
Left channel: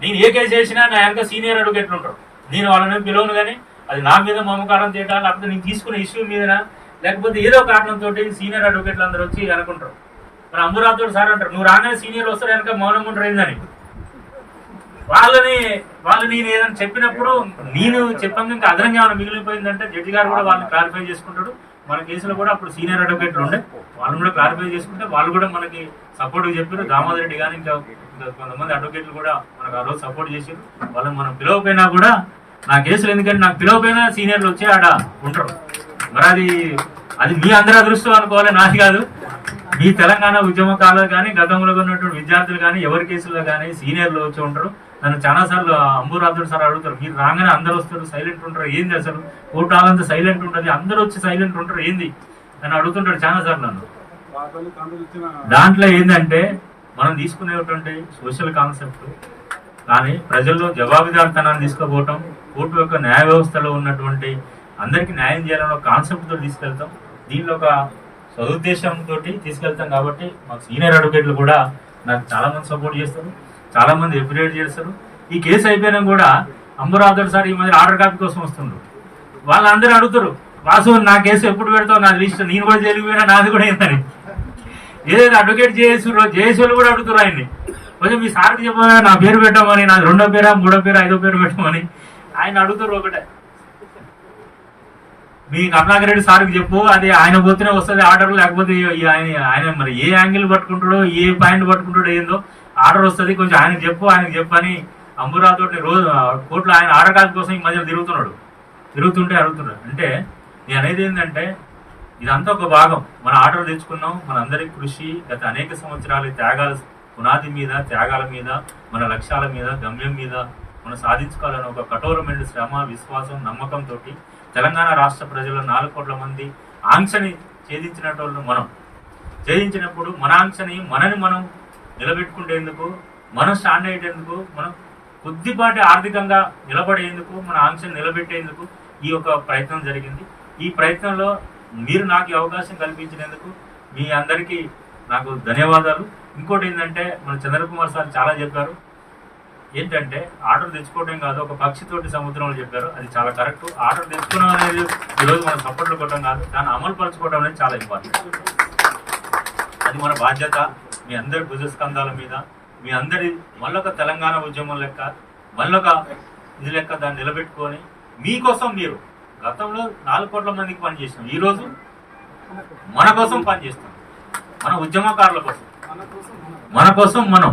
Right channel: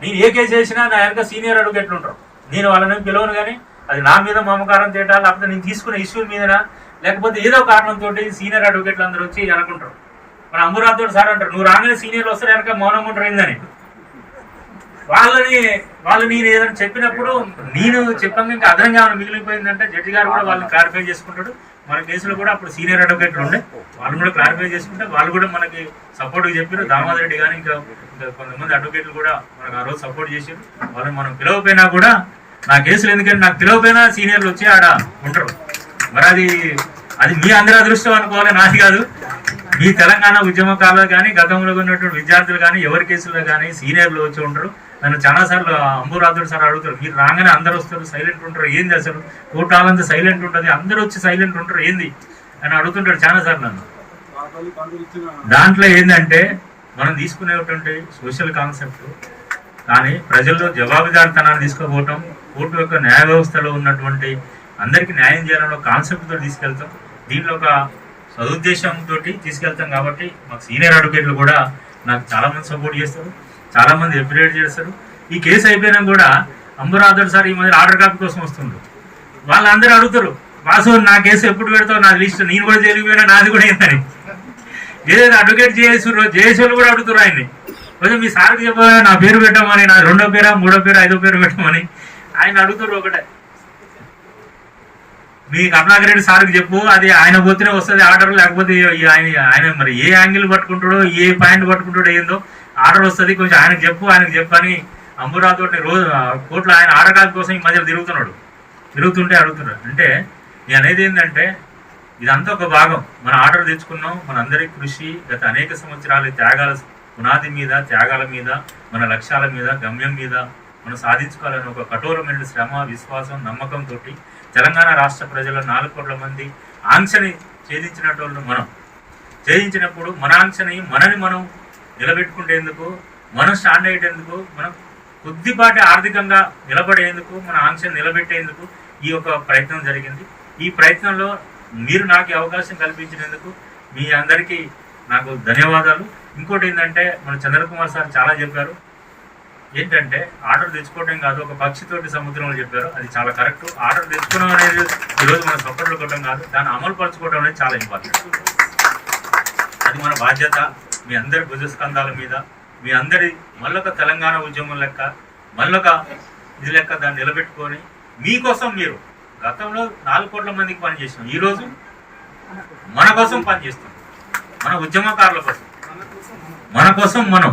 నేను ఏ కేసు వేసినా నా వెనక సీనియర్ అడ్వకేట్లు ఉంటారు. నేను వాళ్ళని పిలవను, కానీ అది నా మీద మమకారం చేయటం, లేకపోతే నేను తీసుకునే ఇష్యూ మీద, లేకపోతే ఏదో కారణంతో సీనియర్ అడ్వకేట్లు అందరూ వచ్చి అనుకుంటారు. మరి అంబురాథోడ్ సార్ అంటారు, నువ్వు రాగానే సీనియర్లు వస్తారు వెనక మౌనంగా ఉంటారు ఏందని. వాళ్ళు నేను ఏదైనా చెప్పినప్పుడు నేను చెప్పాను, ఇంకా అదనంగా ఏమైనా మిగిలిపోయిందంటే జడ్జి గారు కూడా వాళ్ళని క్లారిఫై చేసుకుంటాడు. మన కేసులో కూడా అప్పుడు సీనియర్ అడ్వకేట్లు ఉండే, వాళ్ళు కూడా క్లారిఫై చేసుకుంటే వాళ్ళు కూడా మనకి సపోర్ట్గా చెప్పారు. దామోదర్ రెడ్డి కానీ ఇంకా కొంతమంది అడ్వకేట్లు కూడా మనకు ఆ రోజు సపోర్ట్ చేశారు. వాళ్ళని మనం పిలవపోయినా కూడా నా కేసులు, ఎందుకంటే నాకు పిలవపోయినా సీనియర్లు వచ్చి ఆడ ఉంటారు. మరి అది మీ అందరూ అదృష్టం అనుకోవాలి, నాది కాదు. మీ తెలంగాణ ఉద్యమకారులు కానీ, గతంలో ఉన్నటువంటి విద్యార్థులు కానీ, ఎవరి కేసుల్లో కానీ సీనియర్లు వచ్చి ఉంటారు. నన్ను చాలాసార్లు అంబురాథోడ్ సార్ అడుగుతారు, మీరు రాగానే అందరూ వస్తారు, సైలెంట్ ఉంటారు, ఏంది అసలు కోర్టు హాలంతా సైలెంట్ ఉంటుంది, అందరూ వచ్చి సైలెంట్ ఉంటారు ఏంది అని అడుగుతుంటాడు చాలాసార్లు నన్ను. దాంట్లో ఏంటంటే మనం తీసుకునేటువంటి సోషల్ కాన్సెప్ట్ కానీ ప్రజల్లో జవాబుదారితనాన్ని తీసుకుపోవటం, కోర్టు యొక్క న్యాయ వ్యవస్థలో ఉన్నటువంటి అందరికీ న్యాయం చేయాలన్న కాన్సెప్ట్తో తీసుకెళ్తాం. దీంట్లో ఒక సదుద్దేశంతో తీసుకెళ్తాం. కాబట్టి మాకు సీనియర్ అడ్వకేట్లు కూడా నాకు చాలామంది సపోర్ట్ చేస్తారు, చాలామంది ఎఫిలియేట్ చేస్తారు. ఈ కేసు అయిపోయినా కూడా అంబురాథోడ్ సార్ ఈ మధ్య ఆర్డర్ కాపీ కోసం వస్తుండ్రు. వాళ్ళందరూ అడుగుతారు, వాసు నా కేసు ఎప్పుడు పెడతావు, నా లిస్ట్, నేను కూడా జరిగిపోయినా నాది కూడా ఏంటని. ఏదైతే అడ్వకేట్ జేఏసీలు కూడా అడుగుతారు ఆయన్ని, కొంచెం మీ సార్కి చెప్పాలి నా పేరు పెట్టమని, నా 2వ పేరా 3వ పేరు 5వ పేరు పెట్టమని ఆయన అడుగుతారు. ఒకటే మీ కరుణాకర్ రెడ్డి సార్కి చెప్పు, అది ఆయన పోతేనే వస్తుంది ఆర్డర్, లేకపోతే ఆయన మరి ఏ యాంగిల్ పట్టుకుంటాడో, ఏ పాయింట్ పట్టుకుంటాడో ఏందో ఆర్డర్ వస్తుంది, కొంచెం ఆయనకు చెప్పని అంబురాథోడ్ రోజు కోర్టులో ఆయన ఆర్డర్ కాపీ కోసం ఈ మధ్యలో తిరుగుతుంటే అడుగుతున్నాడు. అంటే నేను అనేది ఏంటంటే ఇదంతా ఒక భాగం. మన ఆర్డర్ తెచ్చుకున్నాం, మన అందరి కృషి గత అనేక సంవత్సరాలు త్యాగాల పునాది మీద, త్యాగాల మీద, మన లక్ష్యాల మీద, గమ్యం మీద మనం సాధించుకోవాలని ఒక కఠోరమైన శ్రమ, విశ్వాసం, నమ్మకంతో తెలంగాణ రాష్ట్ర ప్రజల 4 కోట్ల మంది ఆంక్షని ఛేదించినట్టు ఛేదించినప్పుడు మన ఆంక్షని మనని మనం నిలబెట్టుకుంటేందుకు, మనం స్టాండ్ అయ్యేందుకు, మనం కొద్దిపాటి ఆర్థికంగా నిలబడేందుకు, మన ఆంక్షను నిలబెట్టేందుకు ఈ యొక్క ప్రయత్నం జరిగింది. ఈ ప్రయత్నంలో మీరు నాకు అవకాశం కల్పించినందుకు మీ అందరికీ నాకు ధన్యవాదాలు. ఇంకోటి ఏంటంటే మన చంద్రకుమార్ సార్ చాలా చెప్పారు, ఏంటంటే ఆర్డర్ తెచ్చుకోవడం కాదు, ఒక పక్షితోటి సముద్రంలో చెప్పారు, అది చాలా కరెక్ట్. ఆర్డర్ తెచ్చుకోవడం అనేది ఈరోజు మనం సపోర్ట్లు కొట్టడం కాదు, దాన్ని అమలు పరచుకోవడం అనేది చాలా ఇంపార్టెంట్. అది మన బాధ్యత. మీ అందరి భుజస్కంధాల మీద, మీ అందరి మళ్ళొక తెలంగాణ ఉద్యమం లెక్క, మళ్ళొక ఇది లెక్క దాన్ని నిలబెట్టుకొని మీకోసం, మీరు గతంలో 4 కోట్ల మందికి పనిచేసినాం, ఈరోజు మన కోసం పనిచేస్తాం, మన ఉద్యమకారుల కోసం, మన కోసం మనం.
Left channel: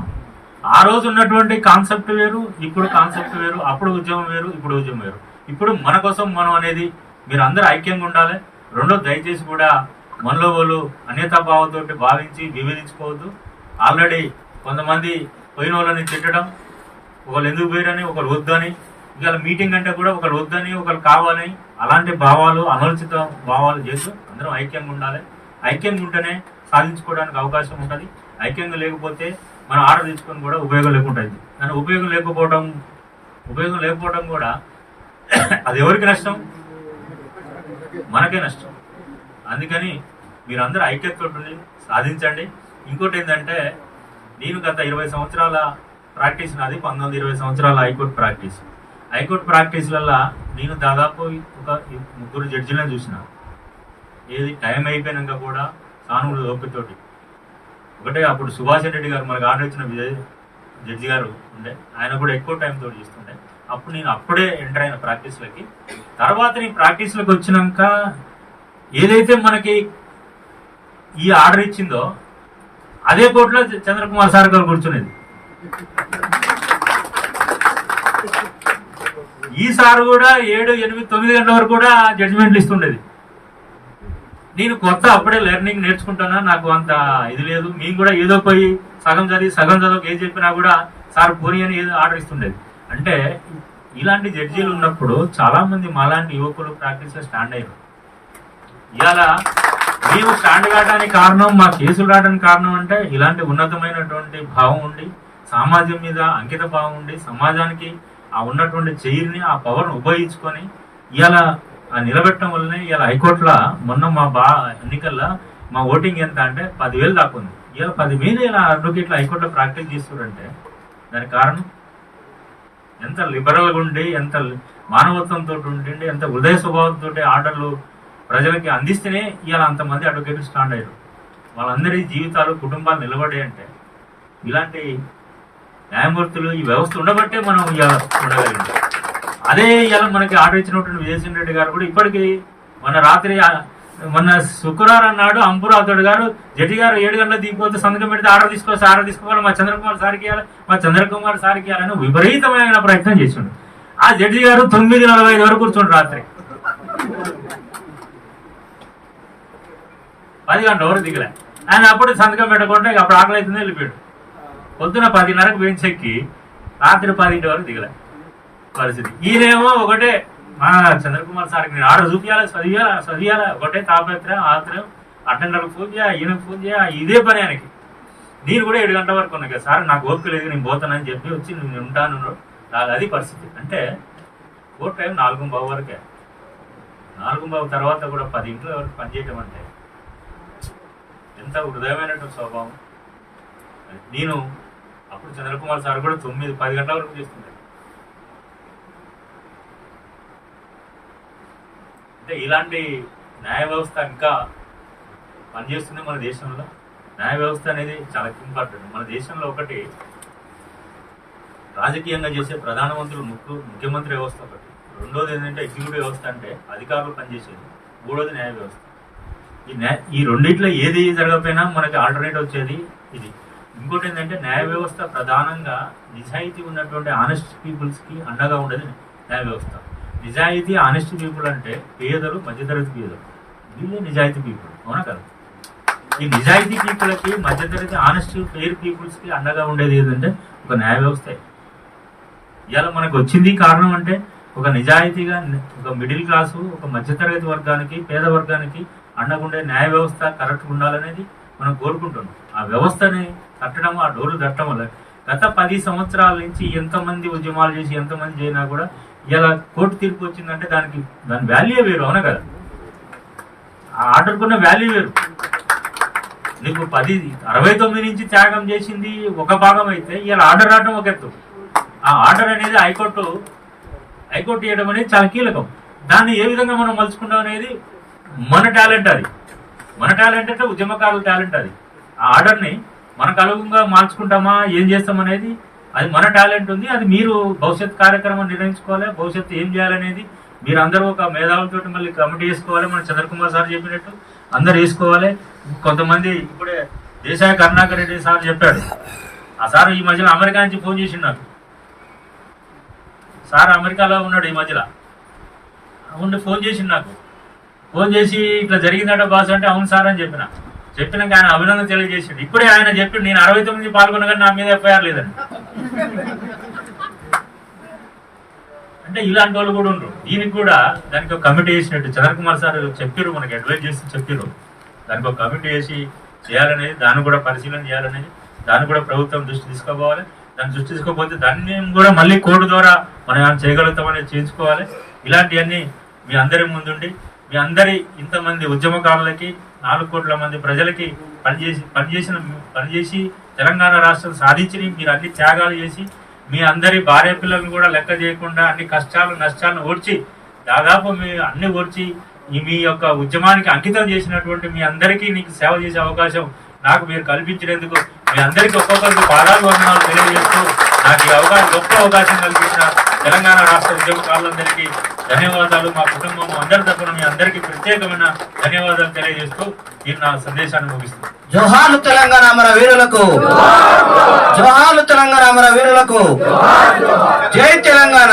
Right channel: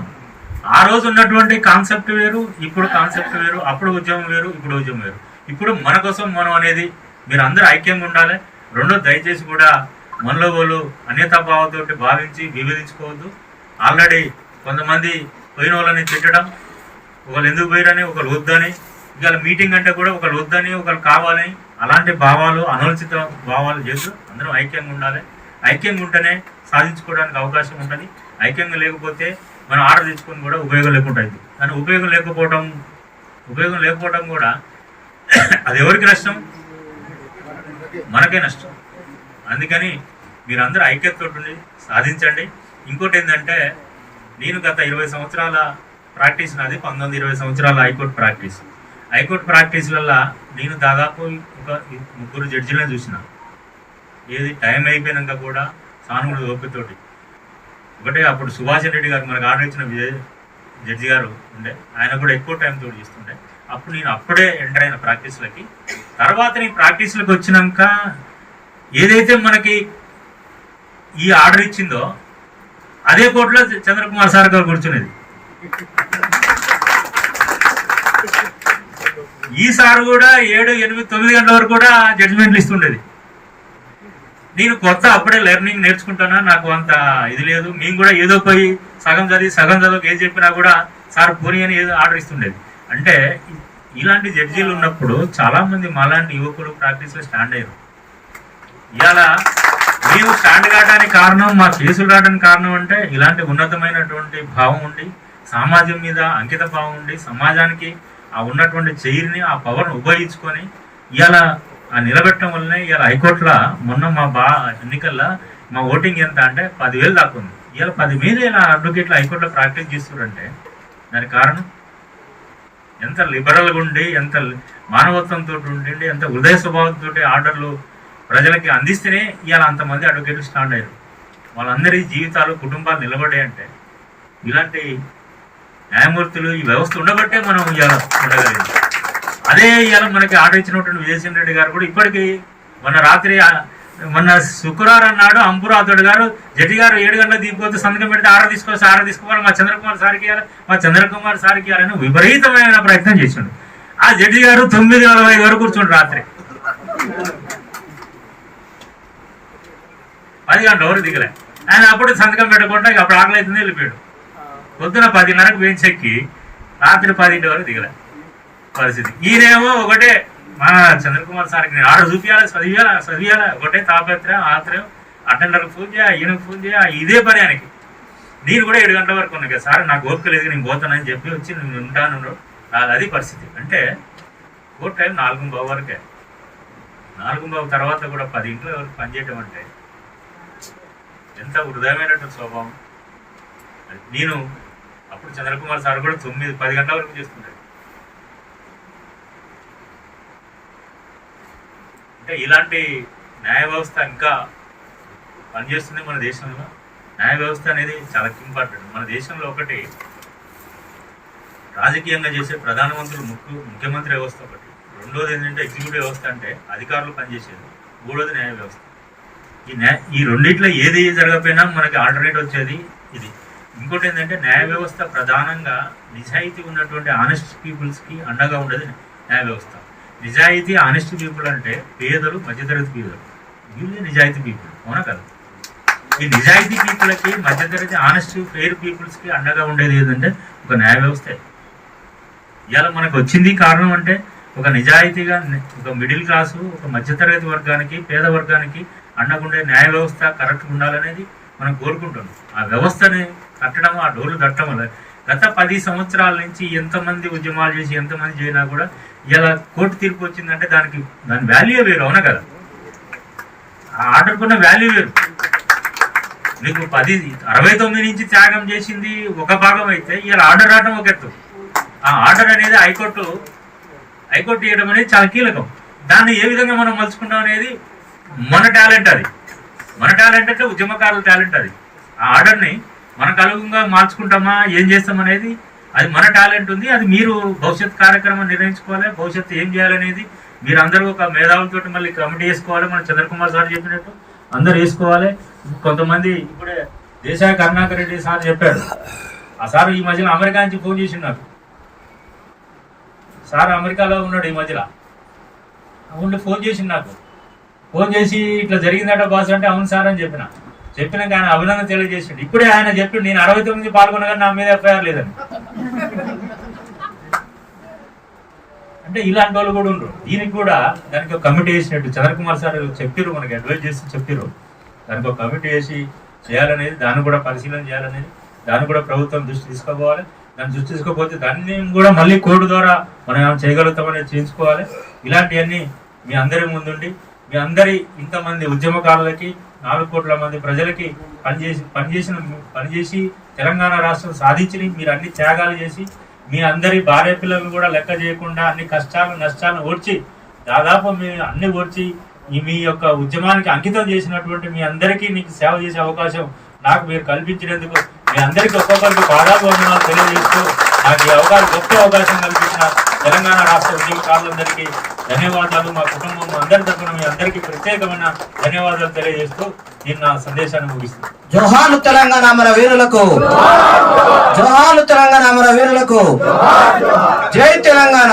ఆ రోజు ఉన్నటువంటి కాన్సెప్ట్ వేరు, ఇప్పుడు కాన్సెప్ట్ వేరు, అప్పుడు ఉద్యమం వేరు, ఇప్పుడు ఉద్యమం వేరు. ఇప్పుడు మన కోసం మనం అనేది మీరు అందరూ ఐక్యంగా ఉండాలి. రెండో, దయచేసి కూడా మనలో వాళ్ళు అన్యతాభావంతో భావించి విభేదించుకోవద్దు. ఆల్రెడీ కొంతమంది పోయిన వాళ్ళని తిట్టడం, ఒకళ్ళు ఎందుకు పోయారని, ఒకరు వద్దని, ఇవాళ మీటింగ్ అంటే కూడా ఒకరు వద్దని, ఒకరు కావాలని అలాంటి భావాలు అనుచిత భావాలు చేస్తూ అందరం ఐక్యంగా ఉండాలి. ఐక్యంగా ఉంటేనే సాధించుకోవడానికి అవకాశం ఉంటుంది. ఐక్యంగా లేకపోతే మనం ఆర్డర్ తెచ్చుకొని కూడా ఉపయోగం లేకుండా అయింది. కానీ ఉపయోగం లేకపోవడం కూడా అది ఎవరికి నష్టం? మనకే నష్టం. అందుకని మీరందరూ ఐక్యతతో ఉండి సాధించండి. ఇంకోటి ఏంటంటే, నేను గత 20 సంవత్సరాల ప్రాక్టీస్ నాది, 19-20 సంవత్సరాల హైకోర్టు ప్రాక్టీస్లలో నేను దాదాపు ఒక 3 జడ్జిలను చూసిన. ఏది టైం అయిపోయినాక కూడా సానుభూతి ఓపికతోటి. ఒకటే అప్పుడు సుభాష్ రెడ్డి గారు మనకు ఆర్డర్ ఇచ్చిన జడ్జి గారు ఉండే, ఆయన కూడా ఎక్కువ టైం తోటి చేస్తుండే. అప్పుడు నేను అప్పుడే ఎంటర్ అయిన ప్రాక్టీస్లకి. తర్వాత నేను ప్రాక్టీస్లకు వచ్చినాక ఏదైతే మనకి ఈ ఆర్డర్ ఇచ్చిందో అదే కోర్టులో చంద్రకుమార్ సార్ గారు కూర్చునేది. ఈ సార్ కూడా 7, 8, 9 గంటల వరకు కూడా జడ్జిమెంట్లు ఇస్తుండేది. నేను కొత్త అప్పుడే లెర్నింగ్ నేర్చుకుంటానా, నాకు అంత ఇది లేదు. మేము కూడా ఏదో పోయి సగం చదవక ఏం చెప్పినా కూడా సార్ పోనీ అని ఏదో ఆర్డర్ ఇస్తుండేది. అంటే ఇలాంటి జడ్జీలు ఉన్నప్పుడు చాలా మంది మాలాంటి యువకులు ప్రాక్టీస్లో స్టాండ్ అయ్యారు. ఇవాళ మేము స్టాండ్ కావడానికి కారణం, మా కేసులు రావడానికి కారణం అంటే ఇలాంటి ఉన్నతమైనటువంటి భావం ఉండి, సమాజం మీద అంకిత భావం ఉండి, సమాజానికి ఆ ఉన్నటువంటి చైర్ని, ఆ పవర్ను ఉపయోగించుకొని ఇవాళ నిలబెట్టడం వల్లనే ఇవాళ హైకోర్టులో మొన్న మా ఎన్నికల్లో మా ఓటింగ్ ఎంత అంటే 10,000 దాకా ఉంది. ఇవాళ 10 మీద ఇలా అడ్వకేట్లు హైకోర్టులో ప్రాక్టీస్ చేస్తున్నారంటే దానికి కారణం ఎంత లిబరల్గా ఉండి, ఎంత మానవత్వంతో ఉండి, ఎంత హృదయ స్వభావంతో ఆర్డర్లు ప్రజలకి అందిస్తేనే ఇవాళ అంతమంది అడ్వకేట్లు స్టాండ్ అయ్యారు. వాళ్ళందరి జీవితాలు, కుటుంబాలు నిలబడ్డాయి అంటే ఇలాంటి న్యాయమూర్తులు, ఈ వ్యవస్థ ఉండబట్టే మనం ఇవాళ ఉండగలిగింది. అదే ఇవాళ మనకి ఆర్డర్ ఇచ్చినటువంటి విజయసింహ రెడ్డి గారు కూడా ఇప్పటికీ మొన్న శుక్రవారం నాడు అంపురాథోడ్ గారు జడ్జి గారు 7 గంటలకు దిగిపోతే సంతకం పెడితే ఆర్డర్ తీసుకోవాలి మా చంద్రకుమార్ సార్కి ఇవ్వాలని విపరీతమైన ప్రయత్నం చేసిండు. ఆ జడ్జి గారు 9:45 వరకు కూర్చుండు, రాత్రి 10 గంటల వరకు దిగలే. ఆయన అప్పుడు సంతకం పెట్టకుండా అప్పుడు ఆకలి అవుతుంది వెళ్ళిపోయాడు. పొద్దున 10:30కు బెంచ్ ఎక్కి రాత్రి 10 వరకు దిగలే పరిస్థితి. ఈయనేమో ఒకటే మా చంద్రకుమార్ సార్కి నేను ఆర్డర్ చదివియాలా ఒకటే తాపత్రయం, ఆత్రయం. అటెండర్కి ఫోన్ చేయ, ఈయనకు ఫోన్ చేయ, ఇదే పని ఆయనకి. నేను కూడా 7 గంటల వరకు ఉన్నా కదా సార్, నాకు ఓపిక లేదు, నేను పోతానని చెప్పి వచ్చి నేను ఉంటాను. అది పరిస్థితి. అంటే కోర్టు టైం 4:15 వరకే. 4:15 తర్వాత కూడా 10 వరకు పనిచేయటం అంటే ఎంత హృదయమైనటువంటి స్వభావం. నేను అప్పుడు చంద్రకుమార్ సార్ కూడా 9-10 గంటల వరకు చేస్తుంటాడు. అంటే ఇలాంటి న్యాయ వ్యవస్థ ఇంకా పనిచేస్తుంది మన దేశంలో. న్యాయ వ్యవస్థ అనేది చాలా ఇంపార్టెంట్. మన దేశంలో ఒకటి రాజకీయంగా చేసే ప్రధానమంత్రులు, ముఖ్యమంత్రి వ్యవస్థ ఒకటి. రెండోది ఏంటంటే ఎగ్జిక్యూటివ్ వ్యవస్థ, అంటే అధికారులు పనిచేసేది. మూడోది న్యాయ వ్యవస్థ. ఈ రెండిట్లో ఏది జరగకపోయినా మనకి ఆల్టర్నేట్ వచ్చేది ఇది. ఇంకోటి ఏంటంటే న్యాయ వ్యవస్థ ప్రధానంగా నిజాయితీ ఉన్నటువంటి ఆనెస్ట్ పీపుల్స్కి అండగా ఉండేది న్యాయ వ్యవస్థ. నిజాయితీ ఆనెస్ట్ పీపుల్ అంటే పేదలు, మధ్యతరగతి పేదలు, వీళ్ళే నిజాయితీ పీపుల్, అవునా కదా? ఈ నిజాయితీ పీపుల్కి, మధ్యతరగతి ఆనెస్ట్ ఫెయిర్ పీపుల్స్కి అండగా ఉండేది ఏంటంటే ఒక న్యాయ వ్యవస్థే. ఇవాళ మనకు వచ్చింది కారణం అంటే ఒక నిజాయితీగా ఒక మిడిల్ క్లాసు, ఒక మధ్యతరగతి వర్గానికి, పేద వర్గానికి అండగుండే న్యాయ వ్యవస్థ కరెక్ట్గా ఉండాలనేది మనం కోరుకుంటున్నాం. ఆ వ్యవస్థని కట్టడం, ఆ డోర్లు కట్టడం వల్ల గత 10 సంవత్సరాల నుంచి ఎంతమంది ఉద్యమాలు చేసి ఎంతమంది చేసినా కూడా ఇలా కోర్టు తీర్పు వచ్చిందంటే దాని వాల్యూ వేరు, అవునా కదా? ఆ ఆర్డర్కున్న వాల్యూ వేరు. నీకు 69 నుంచి త్యాగం చేసింది ఒక భాగం అయితే ఇలా ఆర్డర్ రావడం ఒక ఎత్తు. ఆ ఆర్డర్ అనేది హైకోర్టు చేయడం అనేది చాలా కీలకం. దాన్ని ఏ విధంగా మనం మలుచుకుంటాం అనేది మన టాలెంట్. అది మన టాలెంట్ అంటే ఉద్యమకారుల టాలెంట్. అది ఆ ఆర్డర్ని మనకు అనుగుణంగా మార్చుకుంటామా, ఏం చేస్తాం అనేది అది మన టాలెంట్ ఉంది. అది మీరు భవిష్యత్ కార్యక్రమం నిర్ణయించుకోవాలి. భవిష్యత్తు ఏం చేయాలనేది మీరు అందరూ ఒక మేధావులతో మళ్ళీ కమిటీ వేసుకోవాలి. మన చంద్రకుమార్ సార్ చెప్పినట్టు అందరు వేసుకోవాలి. కొంతమంది ఇప్పుడే దేశాయ కరుణాకర్ రెడ్డి సార్ చెప్పాడు. ఆ సార్ ఈ మధ్యలో అమెరికా నుంచి ఫోన్ చేసిండు నాకు. సార్ అమెరికాలో ఉన్నాడు ఈ మధ్యలో, ఉండి ఫోన్ చేసిండు నాకు. ఫోన్ చేసి ఇట్లా జరిగిందట బాస్ అంటే అవును సార్ అని చెప్పినాక ఆయన అభినందన తెలియజేసిండు. ఇప్పుడే ఆయన చెప్పిండు నేను 69 పాల్గొన్నా కానీ నా మీద ఎఫ్ఐఆర్ లేదని. అంటే ఇలాంటి వాళ్ళు కూడా ఉండరు. దీనికి కూడా దానికి ఒక కమిటీ వేసినట్టు చంద్రకుమార్ సార్ చెప్పిర్రు, మనకి అడ్వైజ్ చేసి చెప్పిర్రు. దానికి ఒక కమిటీ వేసి చేయాలనేది, దాన్ని కూడా పరిశీలన చేయాలనేది, దాన్ని కూడా ప్రభుత్వం దృష్టి తీసుకోపోవాలి. దాన్ని దృష్టి తీసుకోకపోతే దాన్ని కూడా మళ్ళీ కోర్టు ద్వారా మనం ఏమైనా చేయగలుగుతామనేది చేయించుకోవాలి. ఇలాంటివన్నీ మీ అందరి ముందుండి మీ అందరి ఇంతమంది ఉద్యమకారులకి 4 కోట్ల మంది ప్రజలకి పనిచేసి తెలంగాణ రాష్ట్రం సాధించి మీరు అన్ని త్యాగాలు చేసి మీ అందరి భార్య పిల్లలను కూడా లెక్క చేయకుండా అన్ని కష్టాలు నష్టాలను ఓడ్చి దాదాపు మీ అన్ని ఓడ్చి మీ యొక్క ఉద్యమానికి అంకితం చేసినటువంటి మీ అందరికీ నీకు సేవ చేసే అవకాశం నాకు మీరు కల్పించినందుకు మీ అందరికీ ఒక్కొక్కరికి పాదాలు వందనాలు తెలియజేస్తూ నాకు ఈ గొప్ప అవకాశం కల్పించిన తెలంగాణ రాష్ట్ర ఉద్యమకారులందరికీ ధన్యవాదాలు. మా కుటుంబం అందరి తరఫున మీ అందరికీ ప్రత్యేకమైన ధన్యవాదాలు తెలియజేస్తూ నేను నా సందేశాన్ని ముగిస్తున్నాను. జోహార్లు తెలంగాణ అమర వీరులకు, జోహార్లు తెలంగాణ అమర వీరులకు, జై తెలంగాణ.